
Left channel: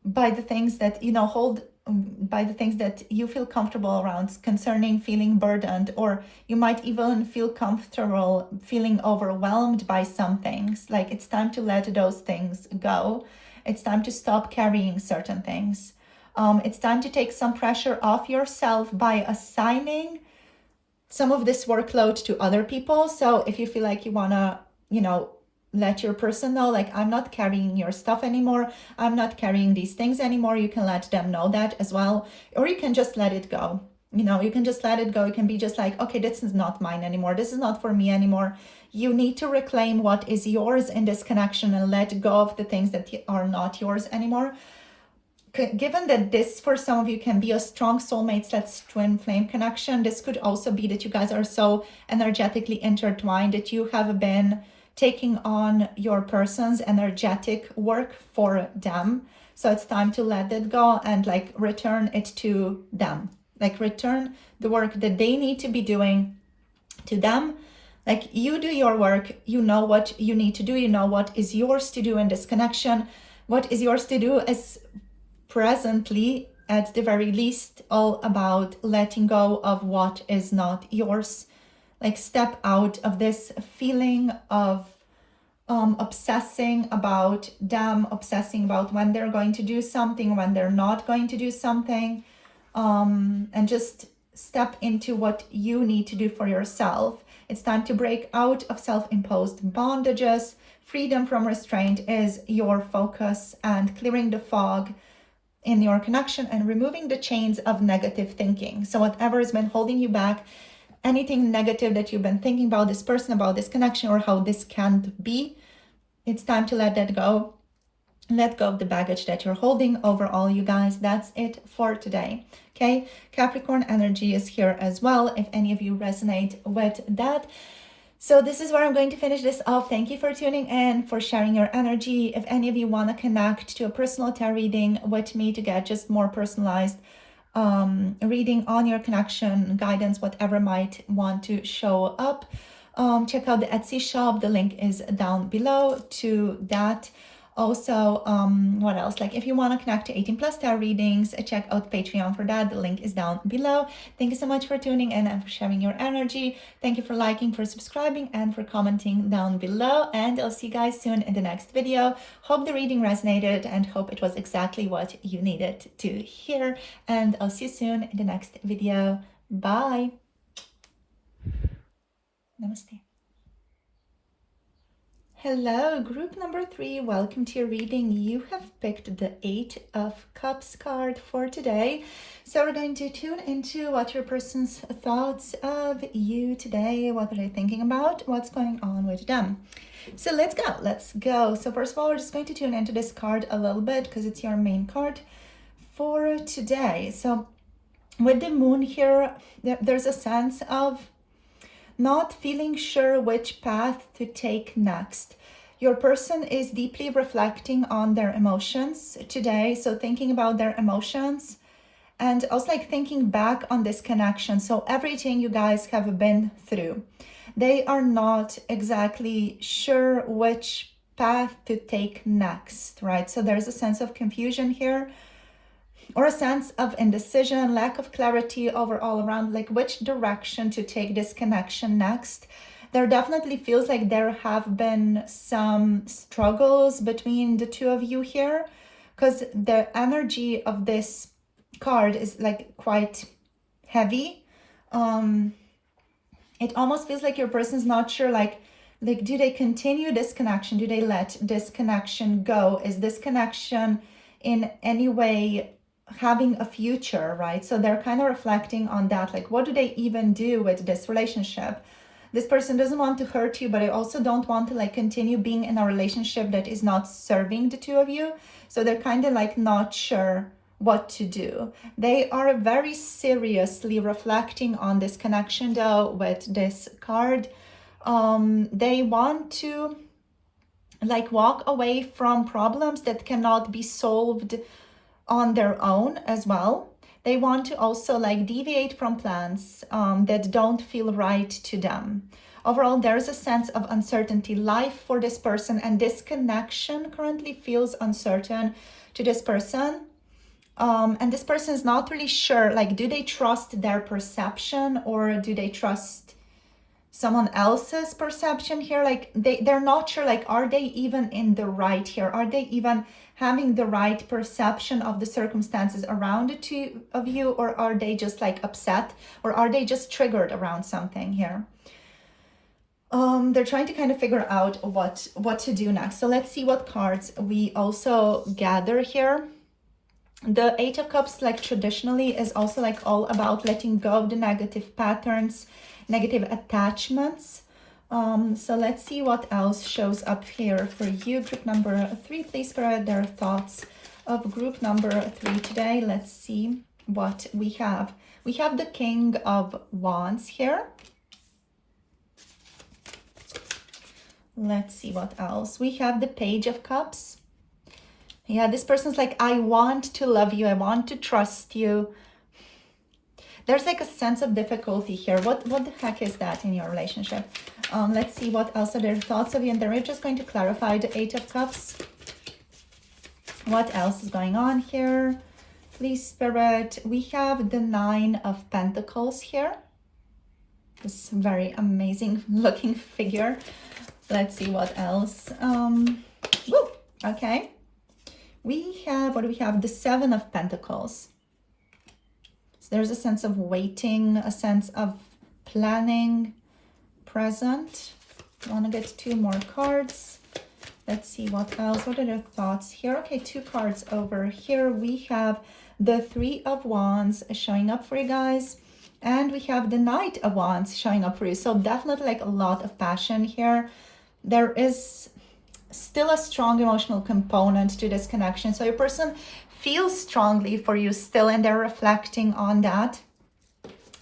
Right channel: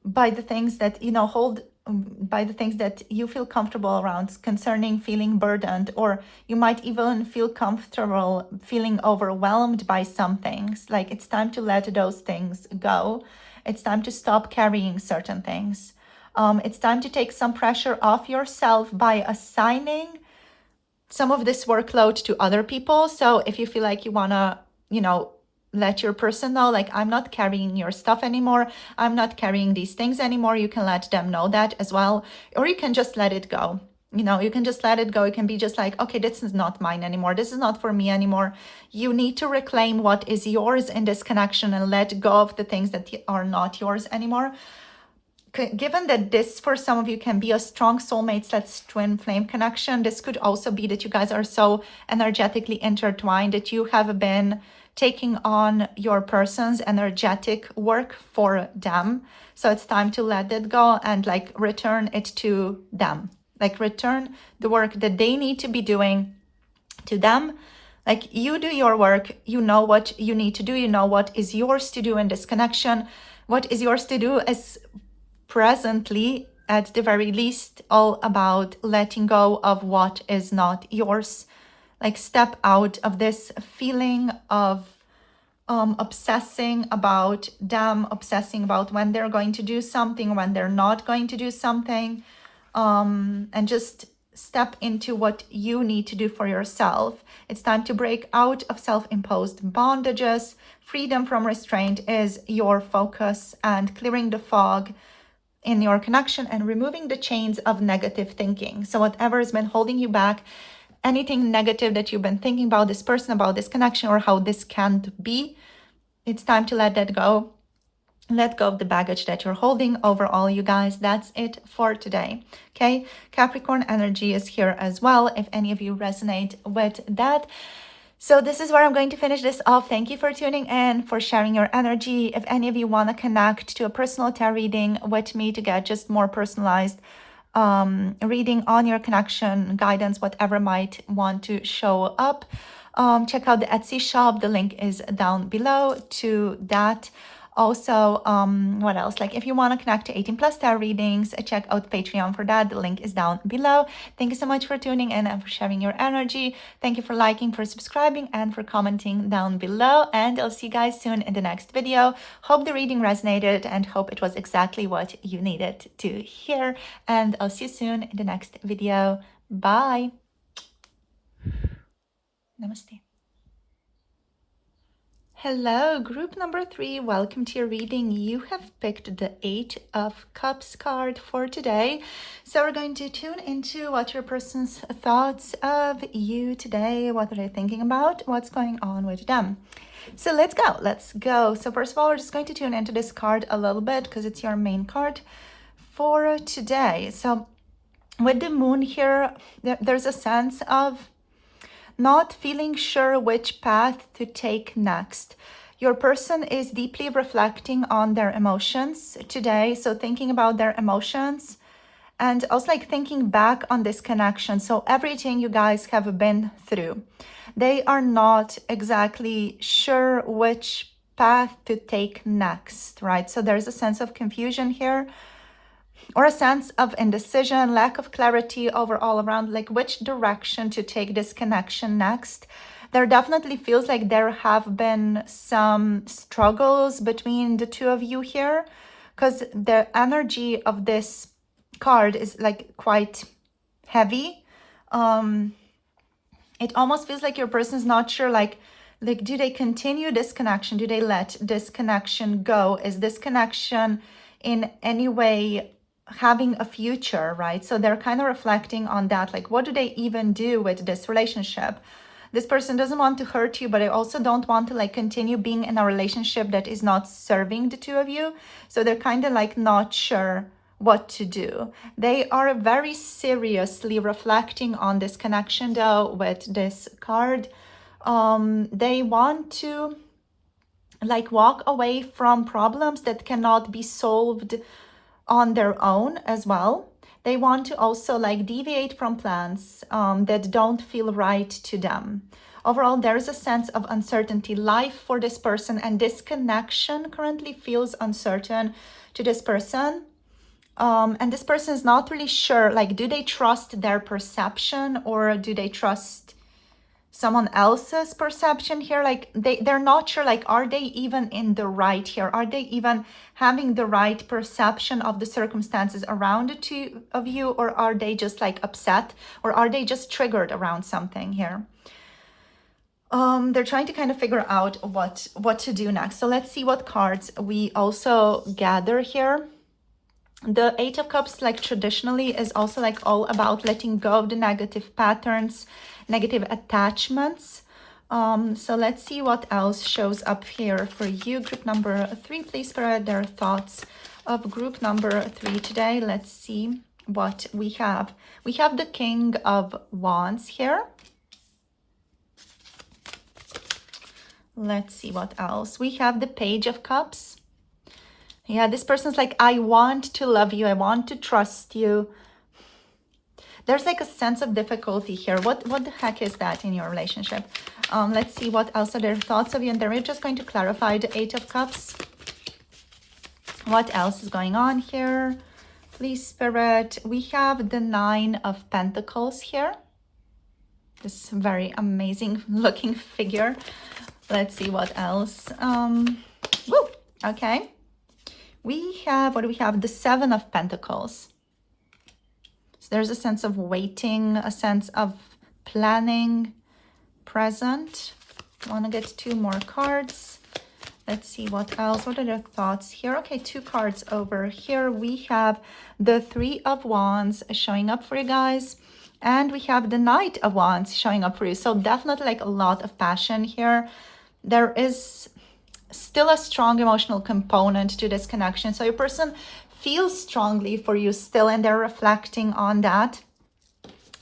By the things that, you know, by the things that you feel comfortable around concerning feeling burdened, or you might even feel comfortable feeling overwhelmed by some things. Like it's time to let those things go. It's time to stop carrying certain things. It's time to take some pressure off yourself by assigning some of this workload to other people. So if you feel like you want to, you know, let your person know, like, I'm not carrying your stuff anymore, I'm not carrying these things anymore, you can let them know that as well. Or you can just let it go. You know, you can just let it go. You can be just like, okay, this is not mine anymore. This is not for me anymore. You need to reclaim what is yours in this connection and let go of the things that are not yours anymore. Given that this, for some of you, can be a strong soulmate/twin flame connection, this could also be that you guys are so energetically intertwined that you have been taking on your person's energetic work for them. So it's time to let it go and like return it to them. Like return the work that they need to be doing to them. Like you do your work, you know what you need to do, you know what is yours to do in this connection. what is yours to do is presently, at the very least, all about letting go of what is not yours. Like step out of this feeling of obsessing about them, obsessing about when they're going to do something, when they're not going to do something, and just step into what you need to do for yourself. It's time to break out of self-imposed bondages. Freedom from restraint is your focus, and clearing the fog in your connection and removing the chains of negative thinking. So whatever has been holding you back, anything negative that you've been thinking about this person, about this connection, or how this can't be, it's time to let that go. Let go of the baggage that you're holding. Overall, you guys, that's it for today. Okay, Capricorn energy is here as well, if any of you resonate with that. So this is where I'm going to finish this off. Thank you for tuning in, for sharing your energy. If any of you want to connect to a personal tarot reading with me to get just more personalized reading on your connection, guidance, whatever might want to show up, check out the Etsy shop. The link is down below to that. Also, what else? Like if you want to connect to 18 plus tarot readings, check out Patreon for that. The link is down below. Thank you so much for tuning in and for sharing your energy. Thank you for liking, for subscribing, and for commenting down below. And I'll see you guys soon in the next video. Hope the reading resonated and hope it was exactly what you needed to hear. And I'll see you soon in the next video. Bye. Namaste. Hello, group number 3. Welcome to your reading. You have picked the 8 of Cups card for today. So we're going to tune into what your person's thoughts of you today. What are they thinking about? What's going on with them? So let's go. Let's go. So first of all, we're just going to tune into this card a little bit because it's your main card for today. So with the moon here, there's a sense of not feeling sure which path to take next. Your person is deeply reflecting on their emotions today. So thinking about their emotions and also like thinking back on this connection. So everything you guys have been through. They are not exactly sure which path to take next, right? So there's a sense of confusion here, or a sense of indecision, lack of clarity overall around like which direction to take this connection next. There definitely feels like there have been some struggles between the two of you here, because the energy of this card is like quite heavy. It almost feels like your person's not sure, like do they continue this connection? Do they let this connection go? Is this connection in any way having a future, right? So they're kind of reflecting on that, like what do they even do with this relationship? This person doesn't want to hurt you, but I also don't want to like continue being in a relationship that is not serving the two of you. So they're kind of like not sure what to do. They are very seriously reflecting on this connection though with this card. They want to like walk away from problems that cannot be solved on their own as well. They want to also like deviate from plans that don't feel right to them. Overall, there's a sense of uncertainty. Life for this person and this connection currently feels uncertain to this person. And this person is not really sure, like, do they trust their perception or do they trust someone else's perception here? Like they're not sure, like, are they even in the right here? Are they even having the right perception of the circumstances around the two of you, or are they just like upset, or are they just triggered around something here? They're trying to kind of figure out what to do next. So let's see what cards we also gather here. The 8 of Cups, like traditionally, is also like all about letting go of the negative patterns, negative attachments. So let's see what else shows up here for you. Group number 3, please spread their thoughts of group number 3 today. Let's see what we have. We have the King of Wands here. Let's see what else. We have the Page of Cups. Yeah, this person's like, I want to love you. I want to trust you. There's like a sense of difficulty here. What the heck is that in your relationship? Let's see what else are their thoughts of you. And then we're just going to clarify the 8 of Cups. What else is going on here? Please, Spirit. We have the Nine of Pentacles here. This very amazing looking figure. Let's see what else. Woo, okay. We have, what do we have? The Seven of Pentacles. So there's a sense of waiting, a sense of planning, present. I want to get 2 more cards. Let's see what else. What are their thoughts here? Okay, 2 cards over here. We have the Three of Wands showing up for you guys. And we have the Knight of Wands showing up for you. So definitely like a lot of passion here. There is still a strong emotional component to this connection. So your person feels strongly for you still, and they're reflecting on that.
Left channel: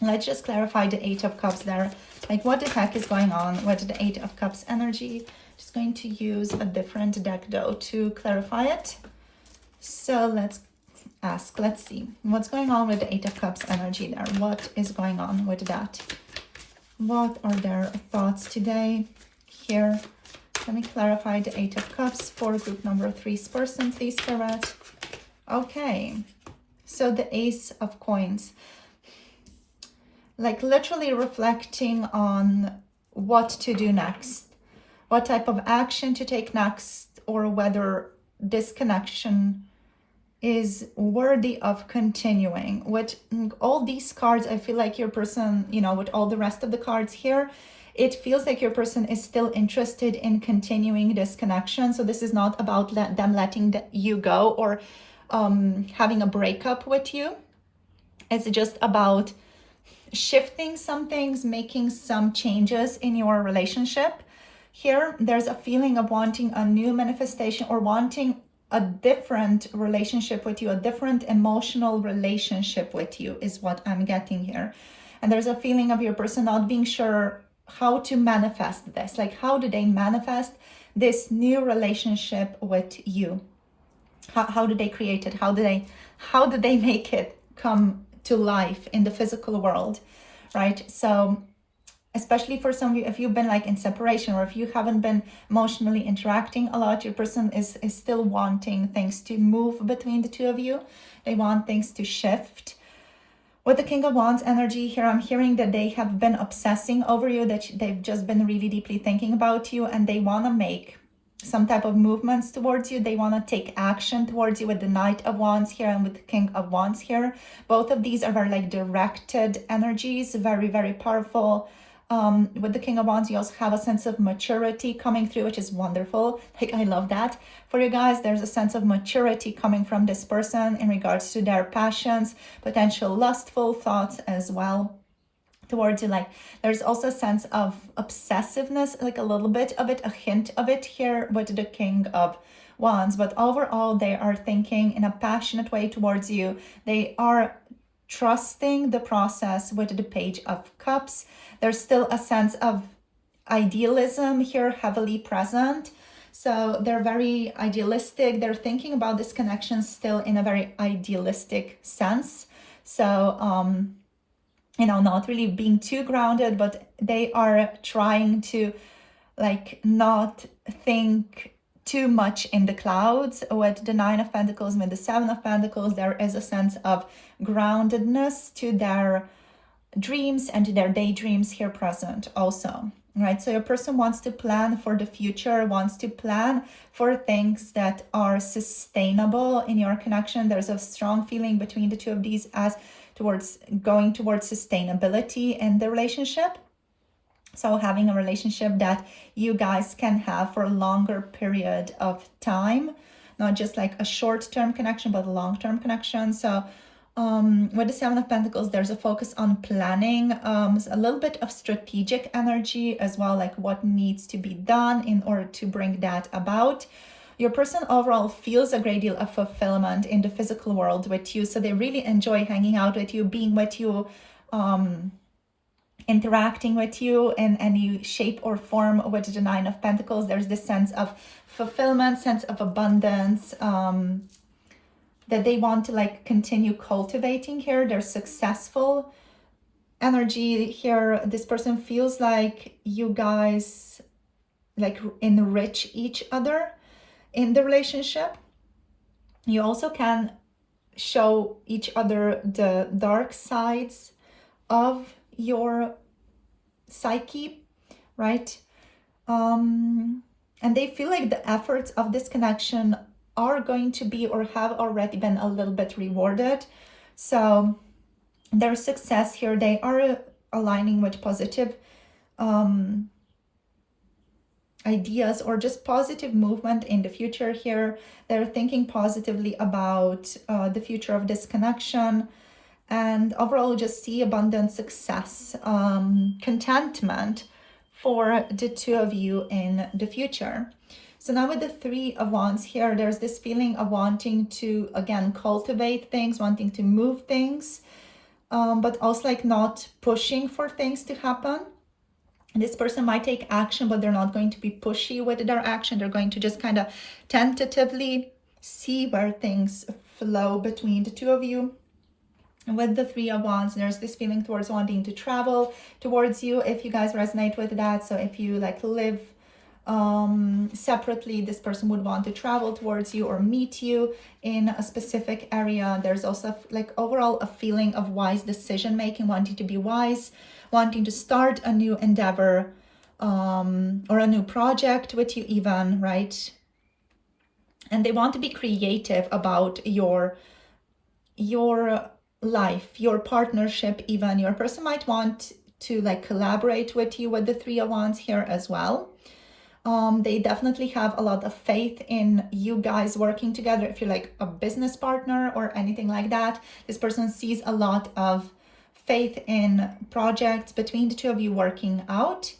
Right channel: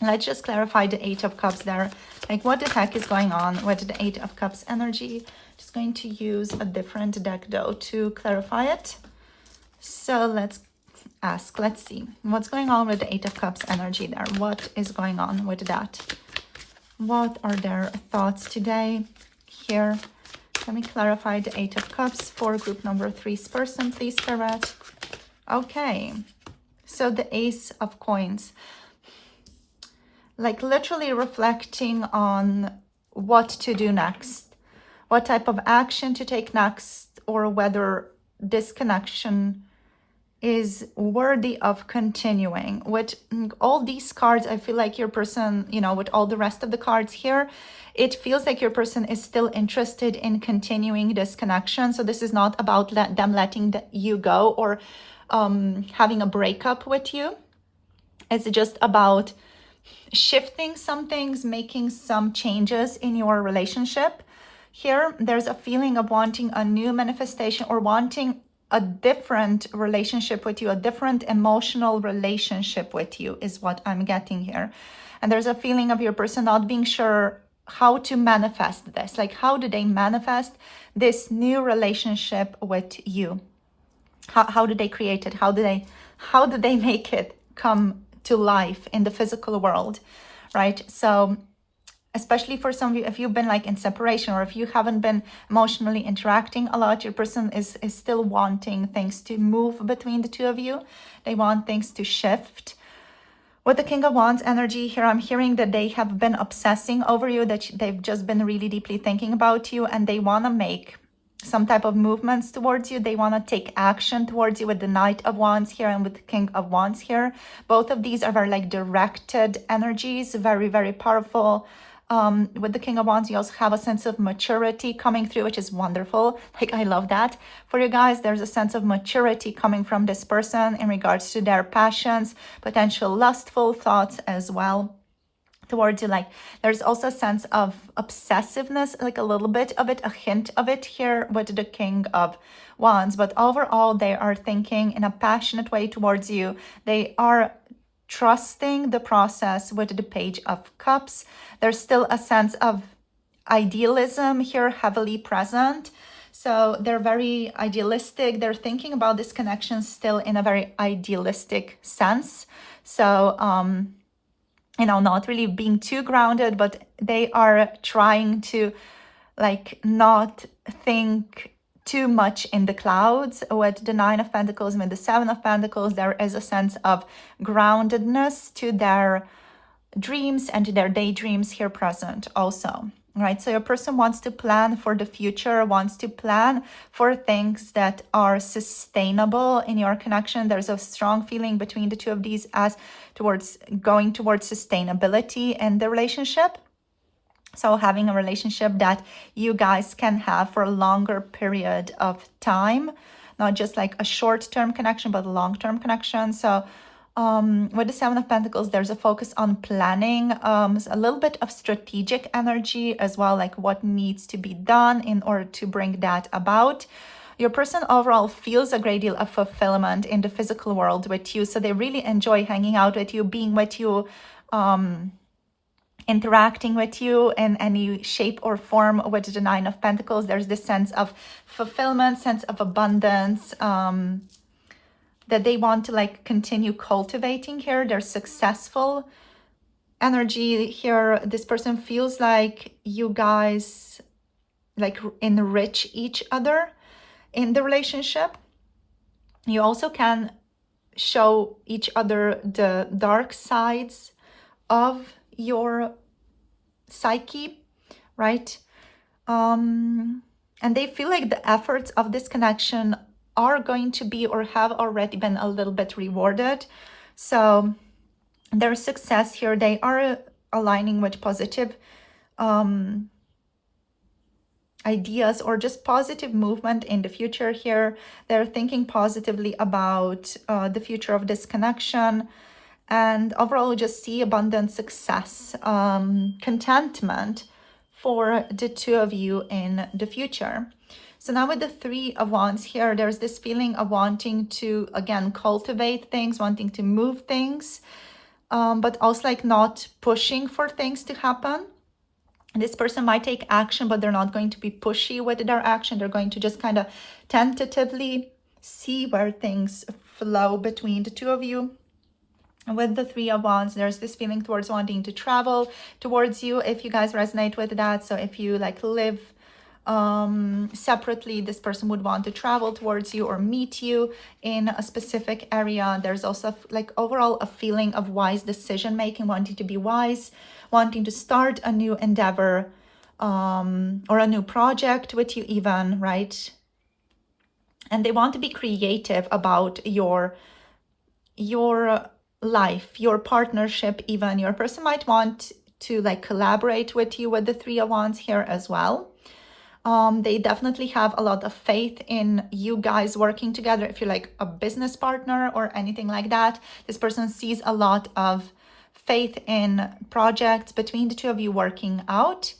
Let's just clarify the Eight of Cups there. Like, what the heck is going on with the Eight of Cups energy? Just going to use a different deck though to clarify it. So let's ask, let's see what's going on with the Eight of Cups energy there. What is going on with that? What are their thoughts today here? Let me clarify the Eight of Cups for group number 3's person, please, Spirit. Okay, so the Ace of Coins. Like literally reflecting on what to do next, what type of action to take next, or whether this connection is worthy of continuing. With all these cards, I feel like your person, you know, with all the rest of the cards here, it feels like your person is still interested in continuing this connection. So this is not about them letting you go or having a breakup with you. It's just about shifting some things, making some changes in your relationship. Here, there's a feeling of wanting a new manifestation or wanting a different relationship with you, a different emotional relationship with you is what I'm getting here. And there's a feeling of your person not being sure how to manifest this. Like, how do they manifest this new relationship with you? How do they create it? How do they make it come to life in the physical world, right? So especially for some of you, if you've been like in separation, or if you haven't been emotionally interacting a lot, your person is still wanting things to move between the two of you. They want things to shift. With the King of Wands energy here, I'm hearing that they have been obsessing over you, that they've just been really deeply thinking about you, and they want to make some type of movements towards you. They want to take action towards you with the Knight of Wands here and with the King of Wands here. Both of these are very like directed energies, very, very powerful. With the King of Wands, you also have a sense of maturity coming through, which is wonderful. Like, I love that. For you guys, there's a sense of maturity coming from this person in regards to their passions, potential lustful thoughts as well towards you. Like, there's also a sense of obsessiveness, like a little bit of it, a hint of it here with the King of Wands. But overall, they are thinking in a passionate way towards you. They are trusting the process with the Page of Cups. There's still a sense of idealism here heavily present. So they're very idealistic. They're thinking about this connection still in a very idealistic sense. So, you know, not really being too grounded, but they are trying to like not think too much in the clouds. With the Nine of Pentacles and with the Seven of Pentacles, there is a sense of groundedness to their dreams and to their daydreams here present also, right? So your person wants to plan for the future, wants to plan for things that are sustainable in your connection. There's a strong feeling between the two of these as towards going towards sustainability in the relationship. So having a relationship that you guys can have for a longer period of time, not just like a short-term connection, but a long-term connection. So with the Seven of Pentacles, there's a focus on planning, a little bit of strategic energy as well, like what needs to be done in order to bring that about. Your person overall feels a great deal of fulfillment in the physical world with you. So they really enjoy hanging out with you, being with you, interacting with you in any shape or form. With the Nine of Pentacles, there's this sense of fulfillment, sense of abundance, that they want to like continue cultivating here. They're successful energy here. This person feels like you guys like enrich each other in the relationship. You also can show each other the dark sides of your psyche, right? And they feel like the efforts of this connection are going to be or have already been a little bit rewarded. So their success here, they are aligning with positive ideas or just positive movement in the future here. They're thinking positively about the future of this connection, and overall just see abundant success, contentment for the two of you in the future. So now with the Three of Wands here, there's this feeling of wanting to, again, cultivate things, wanting to move things, but also like not pushing for things to happen. This person might take action, but they're not going to be pushy with their action. They're going to just kind of tentatively see where things flow between the two of you. And with the Three of Wands, there's this feeling towards wanting to travel towards you, if you guys resonate with that. So if you like live separately, this person would want to travel towards you or meet you in a specific area. There's also like overall a feeling of wise decision making, wanting to be wise, wanting to start a new endeavor or a new project with you even, right? And they want to be creative about your life, your partnership even. Your person might want to like collaborate with you with the Three of Wands here as well. They definitely have a lot of faith in you guys working together. If you're like a business partner or anything like that, this person sees a lot of faith in projects between the two of you working out,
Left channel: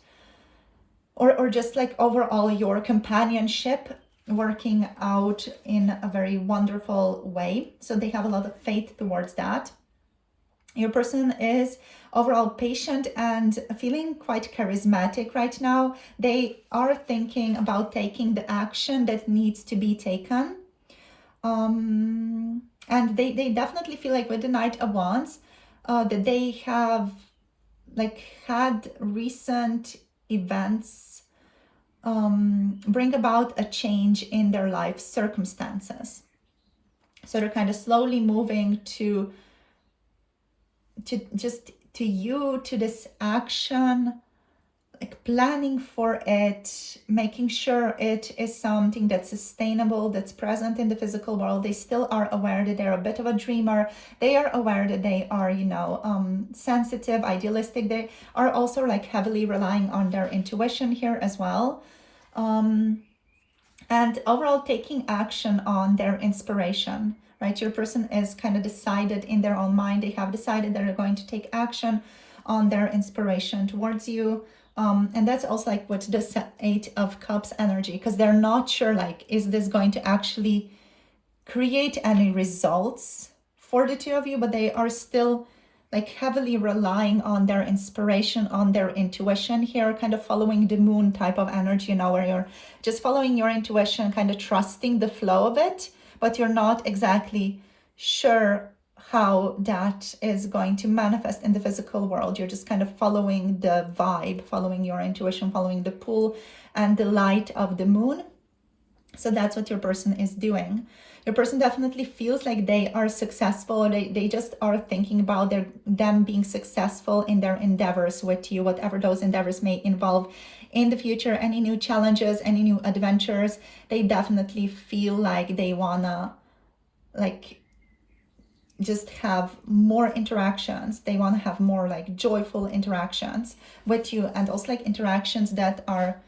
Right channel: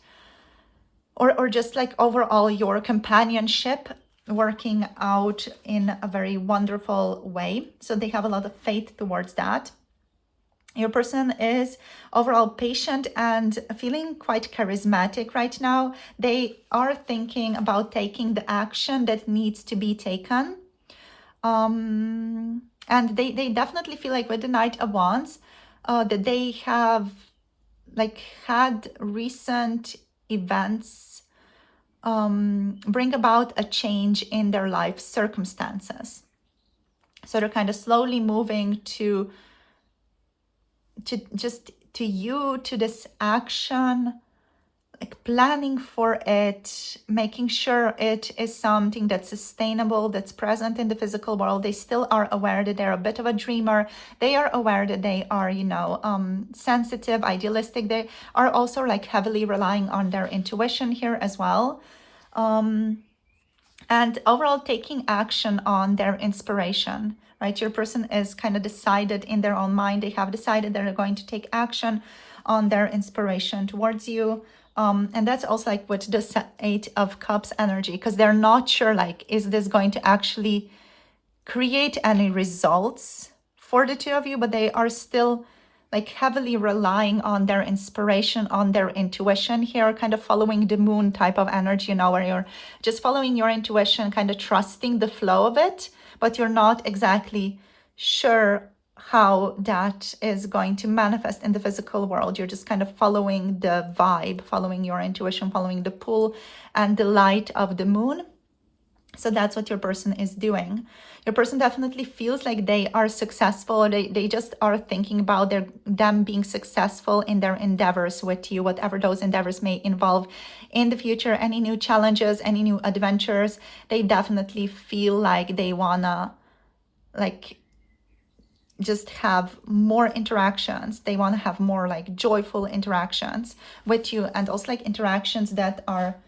or just like overall your companionship working out in a very wonderful way. So they have a lot of faith towards that. Your person is overall patient and feeling quite charismatic right now. They are thinking about taking the action that needs to be taken. And they definitely feel like with the Knight of Wands, that they have like had recent events bring about a change in their life circumstances. So they're kind of slowly moving to this action, like planning for it, making sure it is something that's sustainable, that's present in the physical world. They still are aware that they're a bit of a dreamer. They are aware that they are, you know, sensitive, idealistic. They are also like heavily relying on their intuition here as well. And overall taking action on their inspiration, right? Your person is kind of decided in their own mind. They have decided they're going to take action on their inspiration towards you. And that's also like with the Eight of Cups energy, because they're not sure, like, is this going to actually create any results for the two of you? But they are still like heavily relying on their inspiration, on their intuition here, kind of following the moon type of energy, you know, where you're just following your intuition, kind of trusting the flow of it, but you're not exactly sure how that is going to manifest in the physical world. You're just kind of following the vibe, following your intuition, following the pull and the light of the moon. So that's what your person is doing. Your person definitely feels like they are successful. They just are thinking about them being successful in their endeavors with you, whatever those endeavors may involve in the future, any new challenges, any new adventures. They definitely feel like they wanna like just have more interactions. They want to have more like joyful interactions with you, and also like interactions that are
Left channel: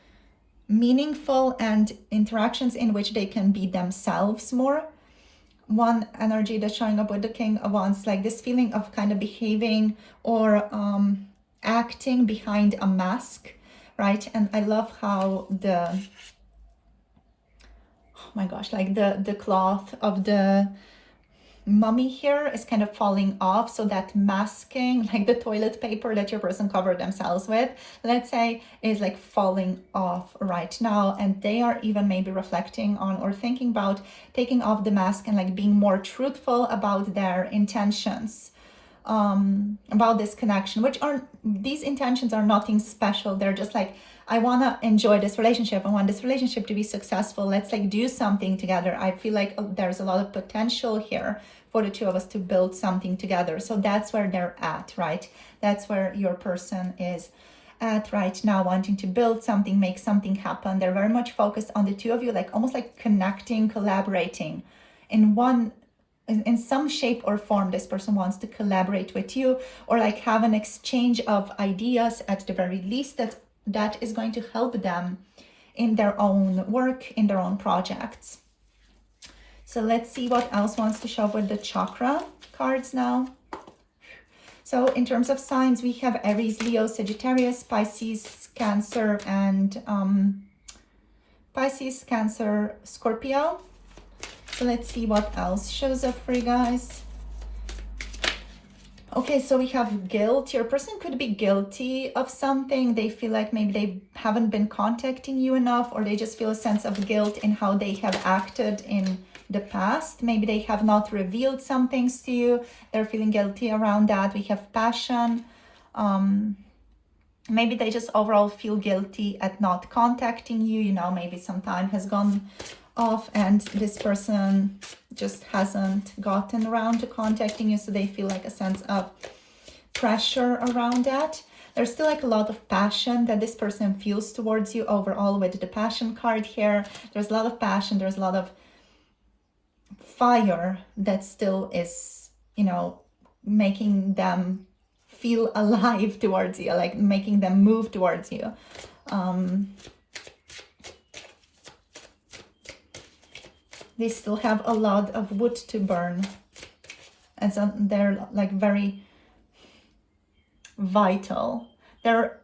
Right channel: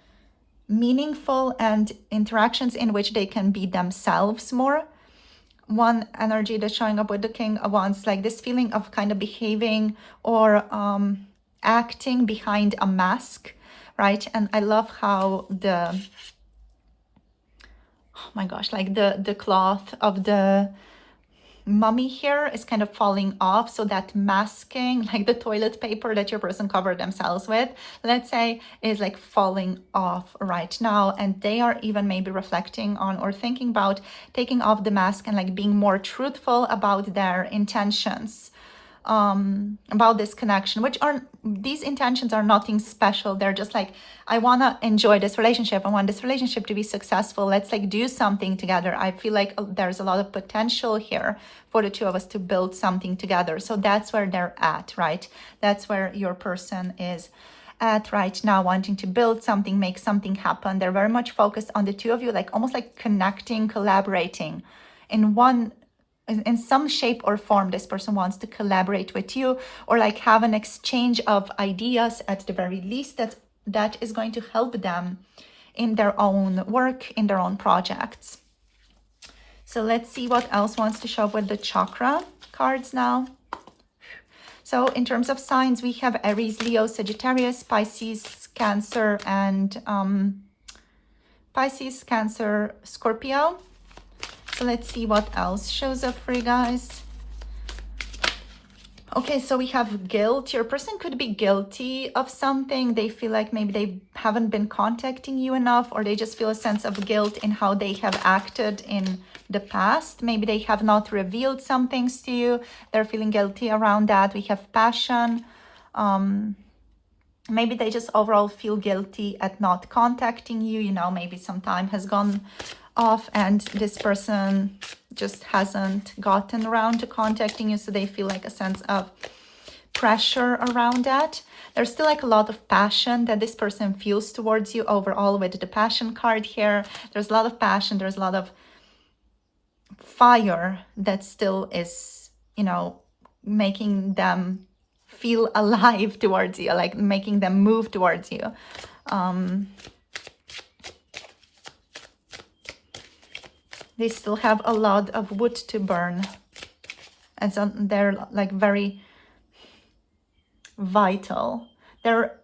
meaningful and interactions in which they can be themselves more. One energy that's showing up with the King of Wands, like this feeling of kind of behaving or acting behind a mask, right? And I love how oh my gosh, like the cloth of the mummy here is kind of falling off, so that masking, like the toilet paper that your person covered themselves with, let's say, is like falling off right now. And they are even maybe reflecting on or thinking about taking off the mask and like being more truthful about their intentions about this connection, which are, these intentions are nothing special. They're just like, I want to enjoy this relationship. I want this relationship to be successful. Let's like do something together. I feel like there's a lot of potential here for the two of us to build something together. So that's where they're at, right? That's where your person is at right now, wanting to build something, make something happen. They're very much focused on the two of you, like almost like connecting, collaborating in some shape or form. This person wants to collaborate with you, or like have an exchange of ideas at the very least, that is going to help them in their own work, in their own projects. So let's see what else wants to show up with the chakra cards now. So in terms of signs, we have Aries, Leo, Sagittarius, Pisces, Cancer, and Pisces, Cancer, Scorpio. So let's see what else shows up for you guys. Okay, so we have guilt. Your person could be guilty of something. They feel like maybe they haven't been contacting you enough, or they just feel a sense of guilt in how they have acted in the past. Maybe they have not revealed some things to you. They're feeling guilty around that. We have passion. Maybe they just overall feel guilty at not contacting you. You know, maybe some time has gone off and this person just hasn't gotten around to contacting you, so they feel like a sense of pressure around that. There's still like a lot of passion that this person feels towards you overall with the passion card here. There's a lot of passion, there's a lot of fire that still is, you know, making them feel alive towards you, like making them move towards you. They still have a lot of wood to burn, and so they're like very vital. Their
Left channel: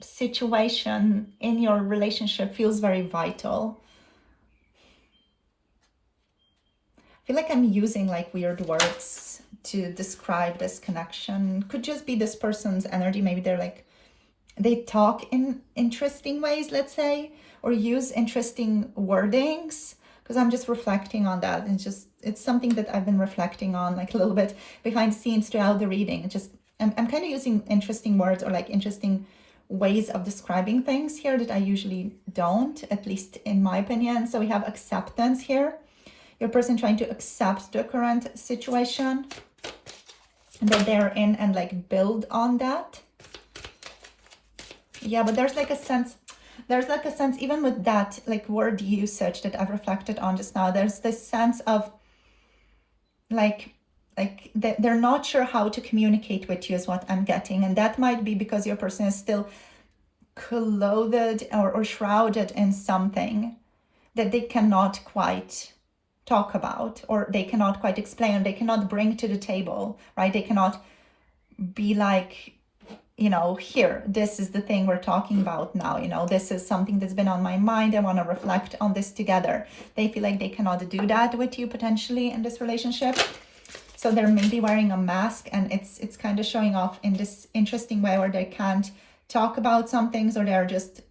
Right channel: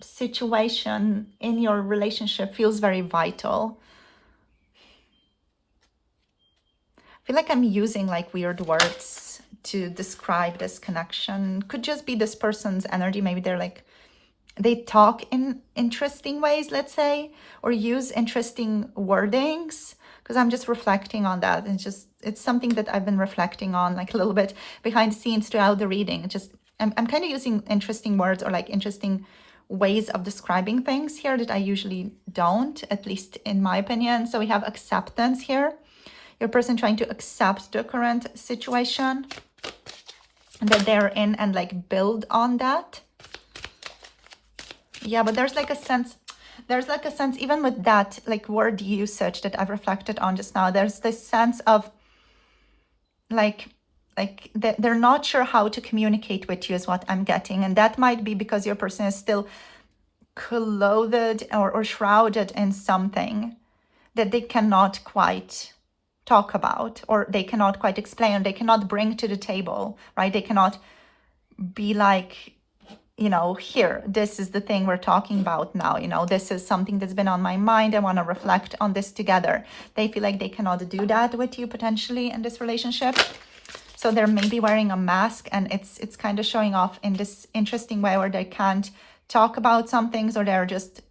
situation in your relationship feels very vital. I feel like I'm using like weird words to describe this connection. Could just be this person's energy. Maybe they're like, they talk in interesting ways, let's say, or use interesting wordings. Because I'm just reflecting on that. And it's something that I've been reflecting on like a little bit behind the scenes throughout the reading. I'm kind of using interesting words or like interesting ways of describing things here that I usually don't, at least in my opinion. So we have acceptance here. Your person trying to accept the current situation that they're in and like build on that. Yeah, but there's like a sense even with that like word usage that I've reflected on just now, there's this sense of like they're not sure how to communicate with you is what I'm getting. And that might be because your person is still clothed or shrouded in something that they cannot quite talk about, or they cannot quite explain, they cannot bring to the table, right? They cannot be like, you know, here, this is the thing we're talking about now, you know, this is something that's been on my mind. I want to reflect on this together. They feel like they cannot do that with you potentially in this relationship. So they're maybe wearing a mask, and it's kind of showing off in this interesting way where they can't talk about some things, or they're just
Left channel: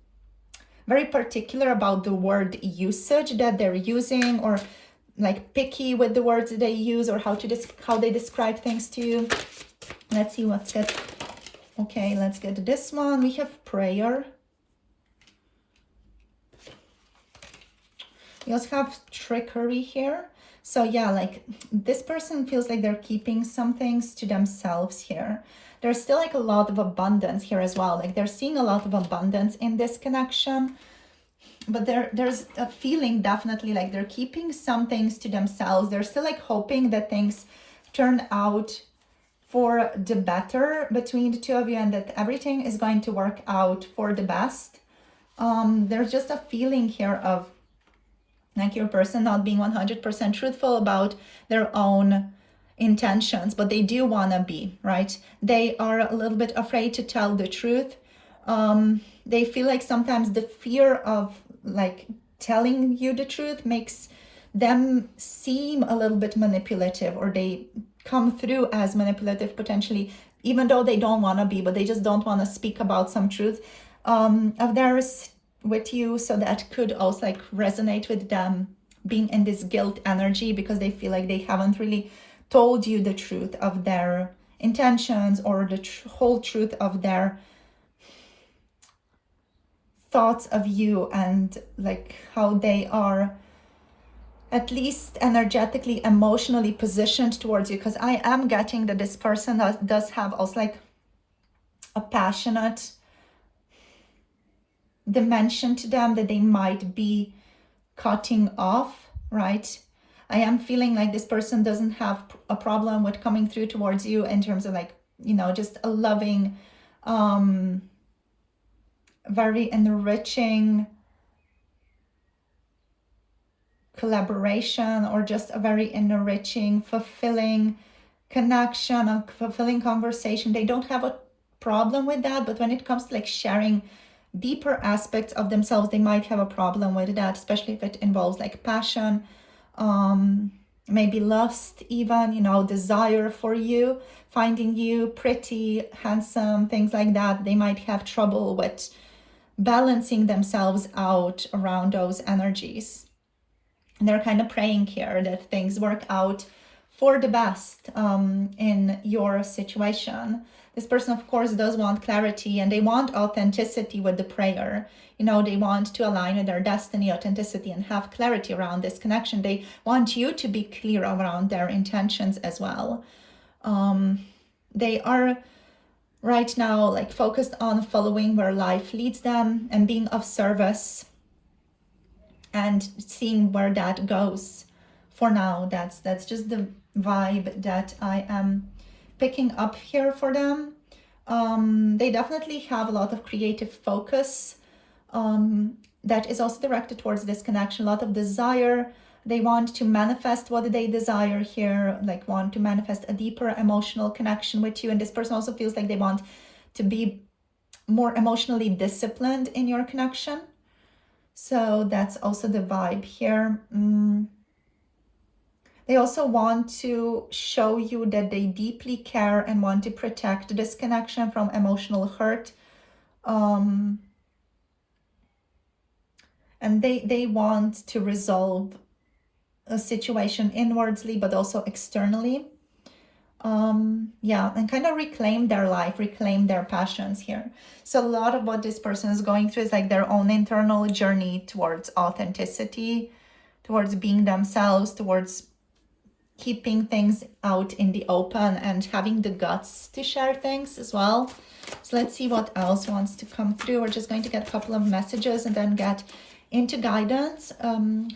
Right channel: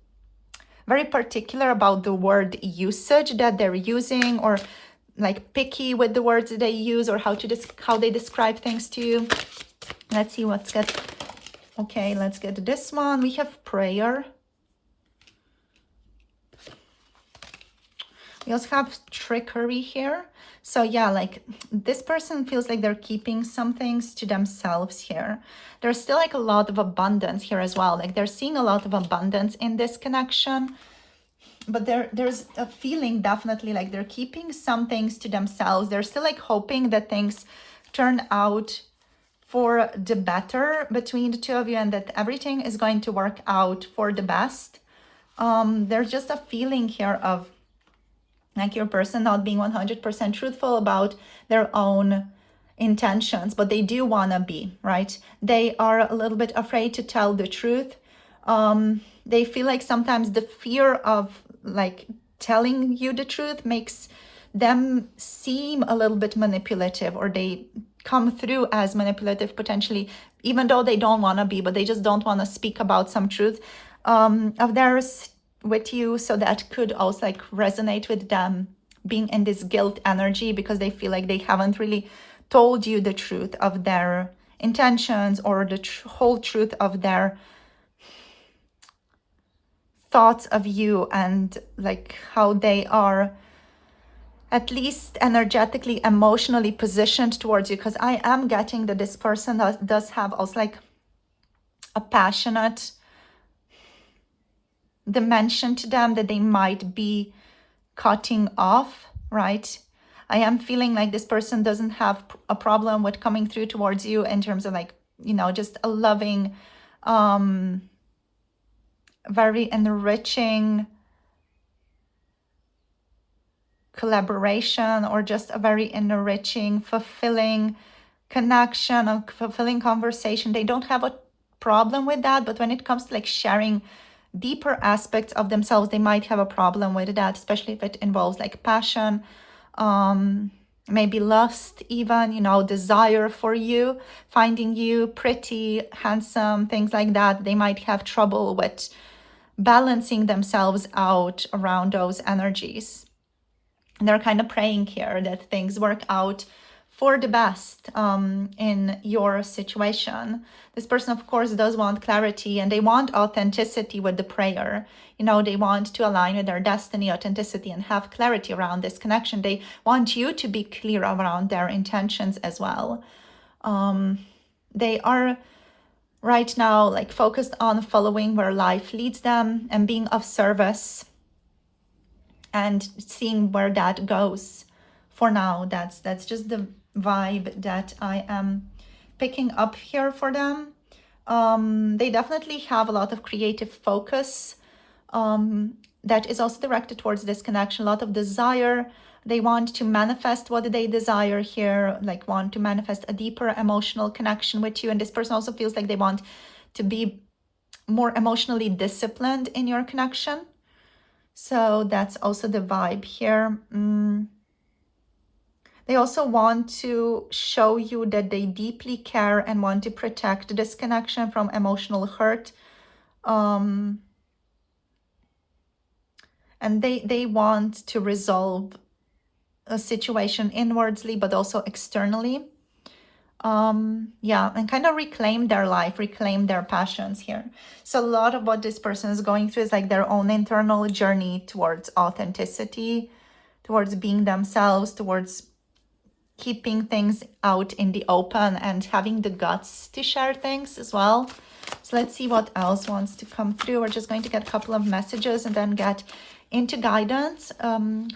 very particular about the word usage that they're using, or like picky with the words that they use, or how they describe things to you. Let's see what's good. Okay, let's get this one. We have prayer. We also have trickery here. So yeah, like this person feels like they're keeping some things to themselves here. There's still like a lot of abundance here as well. Like they're seeing a lot of abundance in this connection. But there's a feeling definitely like they're keeping some things to themselves. They're still like hoping that things turn out for the better between the two of you, and that everything is going to work out for the best. There's just a feeling here of like your person not being 100% truthful about their own intentions, but they do want to be, right? They are a little bit afraid to tell the truth. They feel like sometimes the fear of like telling you the truth makes them seem a little bit manipulative, or they come through as manipulative potentially, even though they don't want to be, but they just don't want to speak about some truth of theirs with you. So that could also like resonate with them being in this guilt energy, because they feel like they haven't really told you the truth of their intentions or the whole truth of their thoughts of you, and like how they are at least energetically, emotionally positioned towards you. Because I am getting that this person does have also like a passionate dimension to them that they might be cutting off, right? I am feeling like this person doesn't have a problem with coming through towards you in terms of like, you know, just a loving, very enriching collaboration, or just a very enriching, fulfilling connection, a fulfilling conversation. They don't have a problem with that, but when it comes to like sharing deeper aspects of themselves, they might have a problem with that, especially if it involves like passion, maybe lust, even, you know, desire for you, finding you pretty, handsome, things like that. They might have trouble with balancing themselves out around those energies. And they're kind of praying here that things work out for the best in your situation. This person, of course, does want clarity, and they want authenticity with the prayer. You know, they want to align with their destiny, authenticity, and have clarity around this connection. They want you to be clear around their intentions as well. They are right now like focused on following where life leads them and being of service and seeing where that goes. For now, that's just the vibe that I am picking up here for them. They definitely have a lot of creative focus that is also directed towards this connection, a lot of desire. They want to manifest what they desire here, like want to manifest a deeper emotional connection with you. And this person also feels like they want to be more emotionally disciplined in your connection. So that's also the vibe here. They also want to show you that they deeply care and want to protect this connection from emotional hurt. And they want to resolve a situation inwardly, but also externally. Yeah, and kind of reclaim their life, reclaim their passions here. So a lot of what this person is going through is like their own internal journey towards authenticity, towards being themselves, towards keeping things out in the open and having the guts to share things as well. So let's see what else wants to come through. We're just going to get a couple of messages and then get into guidance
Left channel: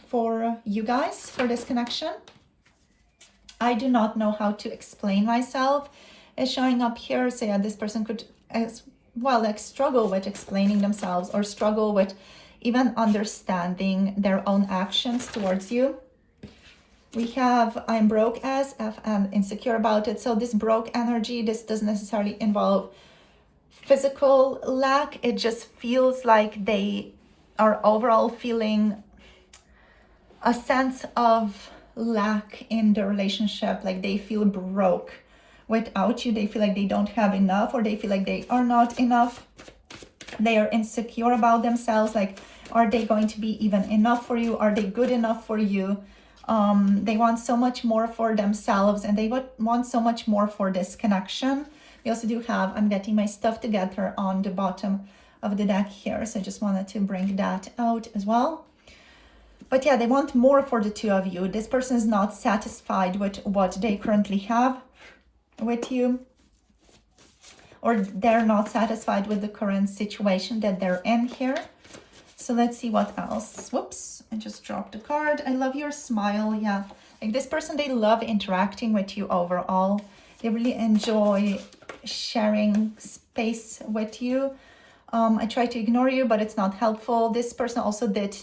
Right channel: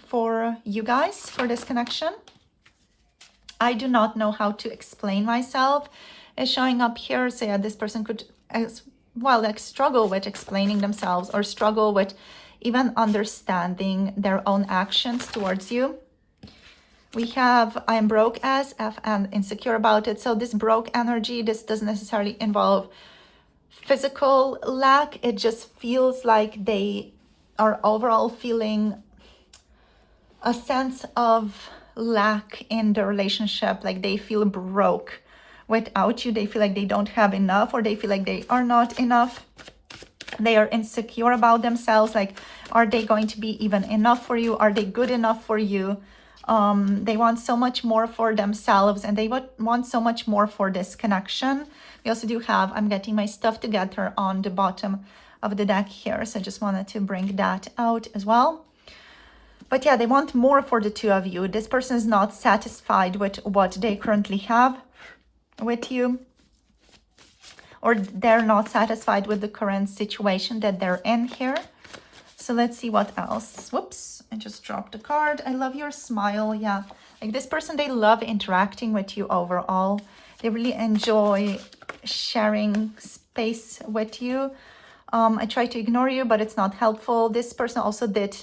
for you guys for this connection. I do not know how to explain myself is showing up here. So yeah, this person could as well like struggle with explaining themselves, or struggle with even understanding their own actions towards you. We have I am broke as F and insecure about it. So this broke energy, this doesn't necessarily involve physical lack. It just feels like they are overall feeling a sense of lack in the relationship. Like they feel broke without you. They feel like they don't have enough, or they feel like they are not enough. They are insecure about themselves. Like, are they going to be even enough for you? Are they good enough for you? They want so much more for themselves, and they want so much more for this connection. We also do have, I'm getting my stuff together on the bottom of the deck here. So I just wanted to bring that out as well. But yeah, they want more for the two of you. This person is not satisfied with what they currently have with you, or they're not satisfied with the current situation that they're in here. So let's see what else. Whoops, I just dropped a card. I love your smile. Yeah, like this person, they love interacting with you overall. They really enjoy sharing space with you. I try to ignore you, but it's not helpful. This person also did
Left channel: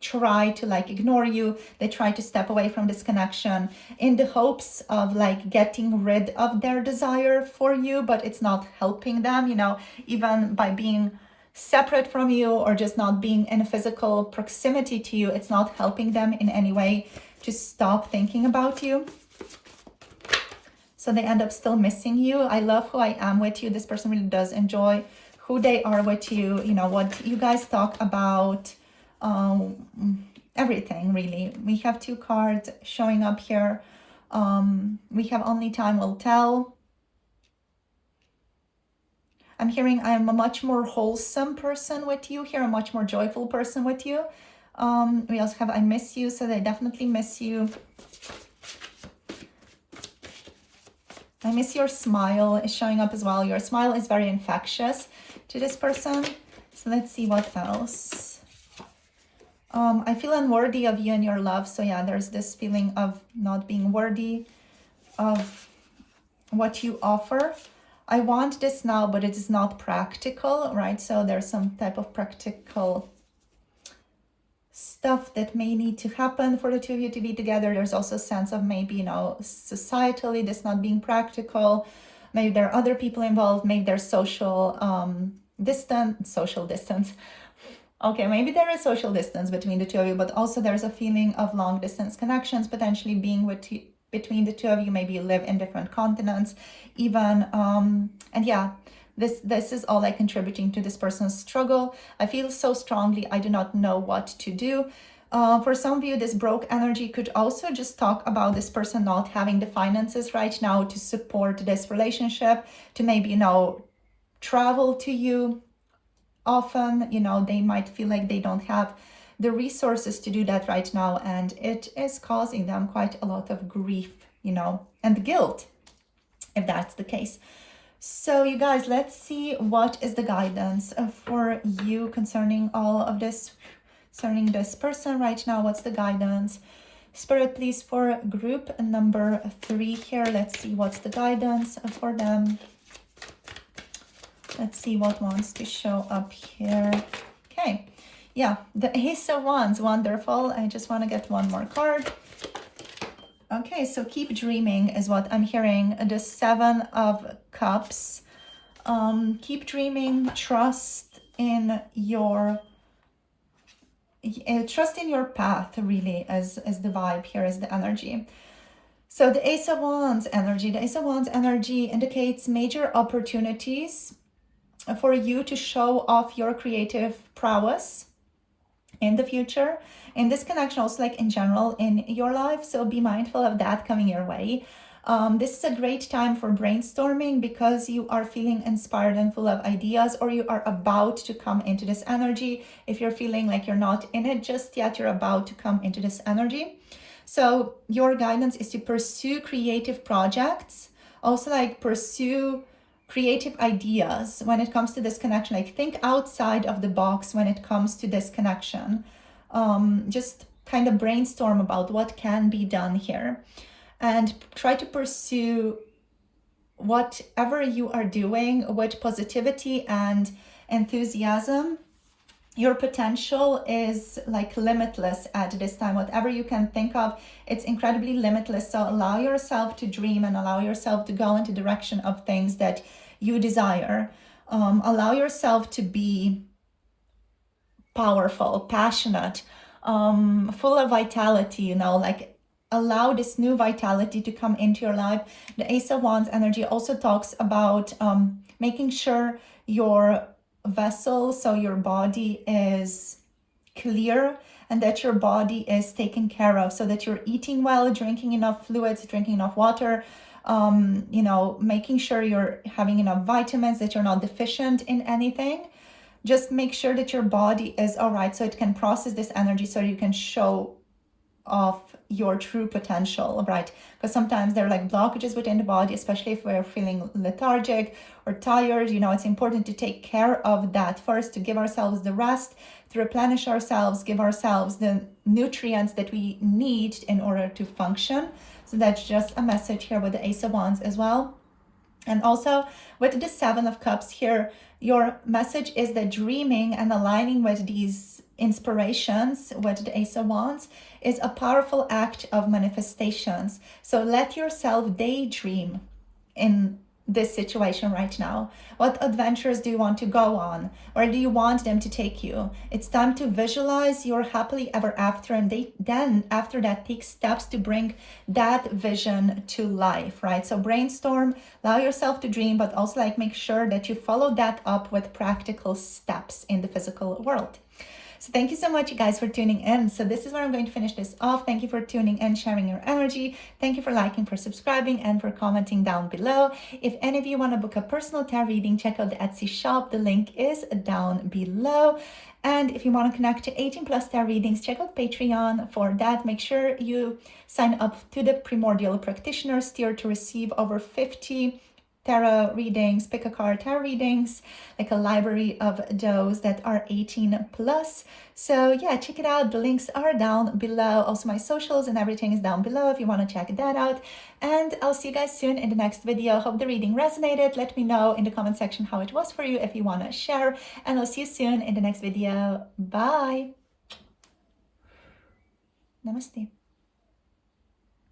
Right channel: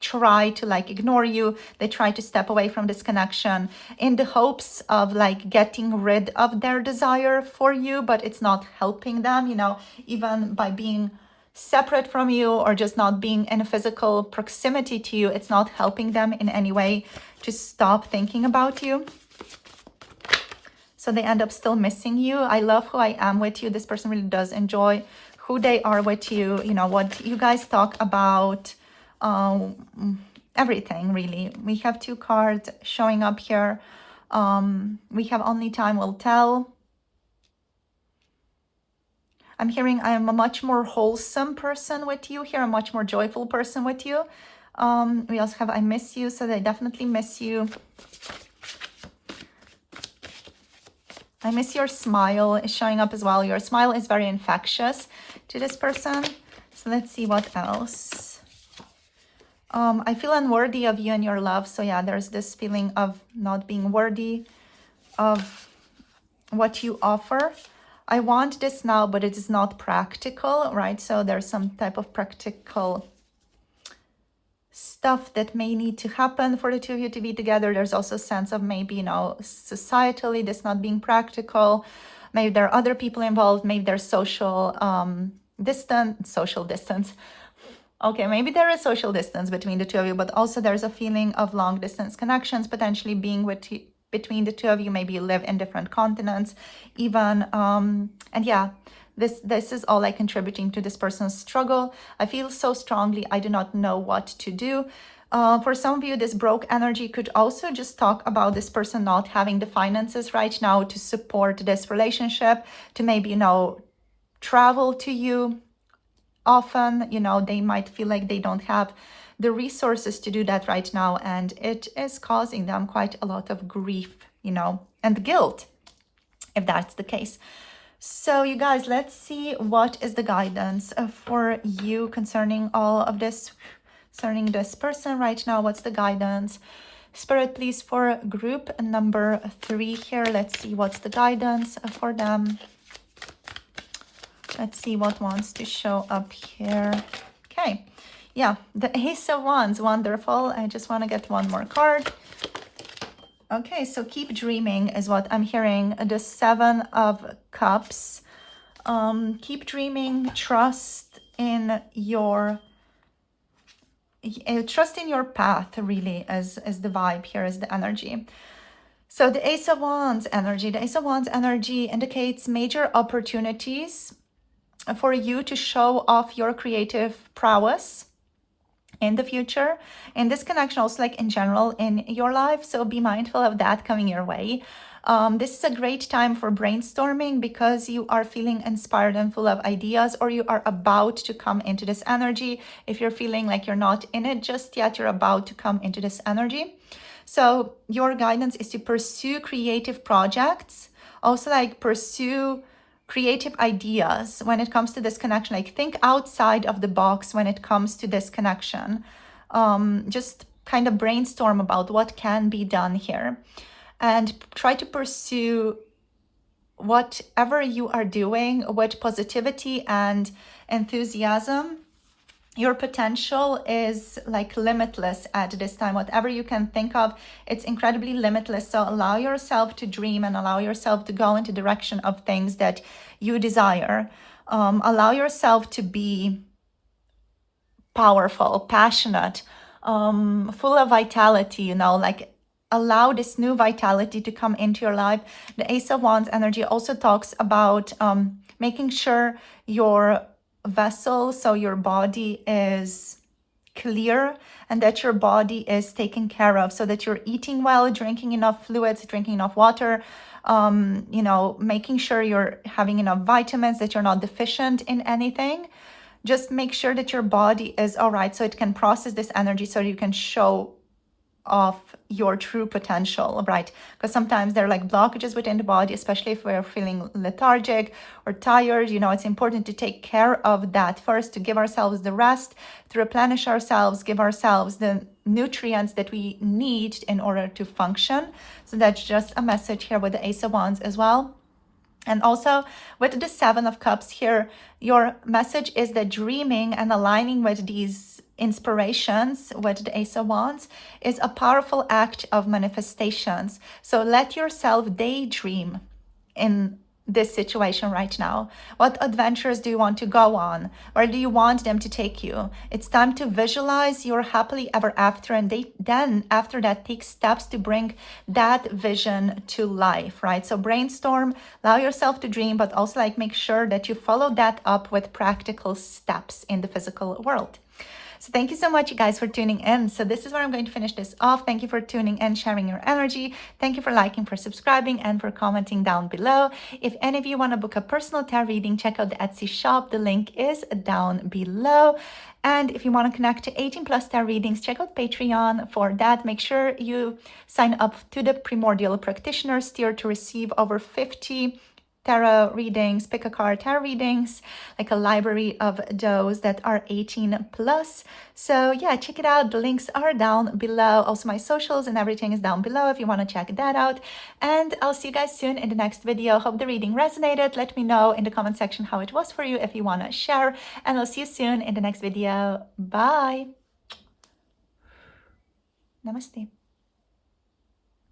try to like ignore you. They try to step away from this connection in the hopes of like getting rid of their desire for you, but it's not helping them, you know, even by being separate from you or just not being in a physical proximity to you, it's not helping them in any way to stop thinking about you. So they end up still missing you. I love who I am with you. This person really does enjoy who they are with you, you know, what you guys talk about, everything really. We have two cards showing up here. We have only time will tell. I'm hearing I am a much more wholesome person with you here, a much more joyful person with you. We also have I miss you, so they definitely miss you. I miss your smile is showing up as well. Your smile is very infectious to this person. So let's see what else. I feel unworthy of you and your love. So yeah, there's this feeling of not being worthy of what you offer. I want this now, but it is not practical, right? So there's some type of practical stuff that may need to happen for the two of you to be together. There's also a sense of maybe, you know, societally this not being practical. Maybe there are other people involved. Maybe there's social distance. Okay, maybe there is social distance between the two of you, but also there's a feeling of long distance connections potentially being between the two of you. Maybe you live in different continents even. And yeah, this is all like contributing to this person's struggle. I feel so strongly, I do not know what to do. For some of you, this broke energy could also just talk about this person not having the finances right now to support this relationship, to maybe, you know, travel to you often. You know, they might feel like they don't have the resources to do that right now, and it is causing them quite a lot of grief, you know, and guilt, if that's the case. So you guys, let's see what is the guidance for you concerning all of this, concerning this person right now. What's the guidance? Spirit, please, for group number 3 here. Let's see what's the guidance for them. Let's see what wants to show up here. Okay, yeah, the Ace of Wands, wonderful. I just want to get one more card. Okay, so keep dreaming is what I'm hearing. The 7 of Cups. Keep dreaming, trust in your path, really, as the vibe here, is the energy. So the Ace of Wands energy. The Ace of Wands energy indicates major opportunities for you to show off your creative prowess in the future, in this connection, also like in general in your life. So be mindful of that coming your way. This is a great time for brainstorming because you are feeling inspired and full of ideas, or you are about to come into this energy. If you're feeling like you're not in it just yet, you're about to come into this energy. So your guidance is to pursue creative projects, also like pursue creative ideas when it comes to this connection. Like think outside of the box when it comes to this connection. Just kind of brainstorm about what can be done here, and try to pursue whatever you are doing with positivity and enthusiasm. Your potential is like limitless at this time. Whatever you can think of, it's incredibly limitless. So allow yourself to dream and allow yourself to go into the direction of things that you desire. Allow yourself to be powerful, passionate, full of vitality, you know, like allow this new vitality to come into your life. The Ace of Wands energy also talks about making sure your vessel, so your body, is clear and that your body is taken care of, so that you're eating well, drinking enough fluids, drinking enough water, you know, making sure you're having enough vitamins, that you're not deficient in anything. Just make sure that your body is all right so it can process this energy, so you can show off your true potential, right? Because sometimes there are like blockages within the body, especially if we're feeling lethargic or tired. You know, it's important to take care of that first, to give ourselves the rest, to replenish ourselves, give ourselves the nutrients that we need in order to function. So that's just a message here with the Ace of Wands as well. And also with the 7 of Cups here, your message is that dreaming and aligning with these inspirations with the Ace of Wands is a powerful act of manifestations. So let yourself daydream in this situation right now. What adventures do you want to go on? Where do you want them to take you? It's time to visualize your happily ever after, and then after that take steps to bring that vision to life, right? So brainstorm, allow yourself to dream, but also like make sure that you follow that up with practical steps in the physical world. So thank you so much, you guys, for tuning in. So this is where I'm going to finish this off. Thank you for tuning in, sharing your energy. Thank you for liking, for subscribing, and for commenting down below. If any of you want to book a personal tarot reading, check out the Etsy shop. The link is down below. And if you want to connect to 18 plus tarot readings, check out Patreon for that. Make sure you sign up to the Primordial Practitioners tier to receive over 50 tarot readings, pick a card tarot readings, like a library of those that are 18 plus. So yeah, check it out. The links are down below. Also my socials and everything is down below if you want to check that out. And I'll see you guys soon in the next video. Hope the reading resonated. Let me know in the comment section how it was for you if you want to share. And I'll see you soon in the next video. Bye. Namaste.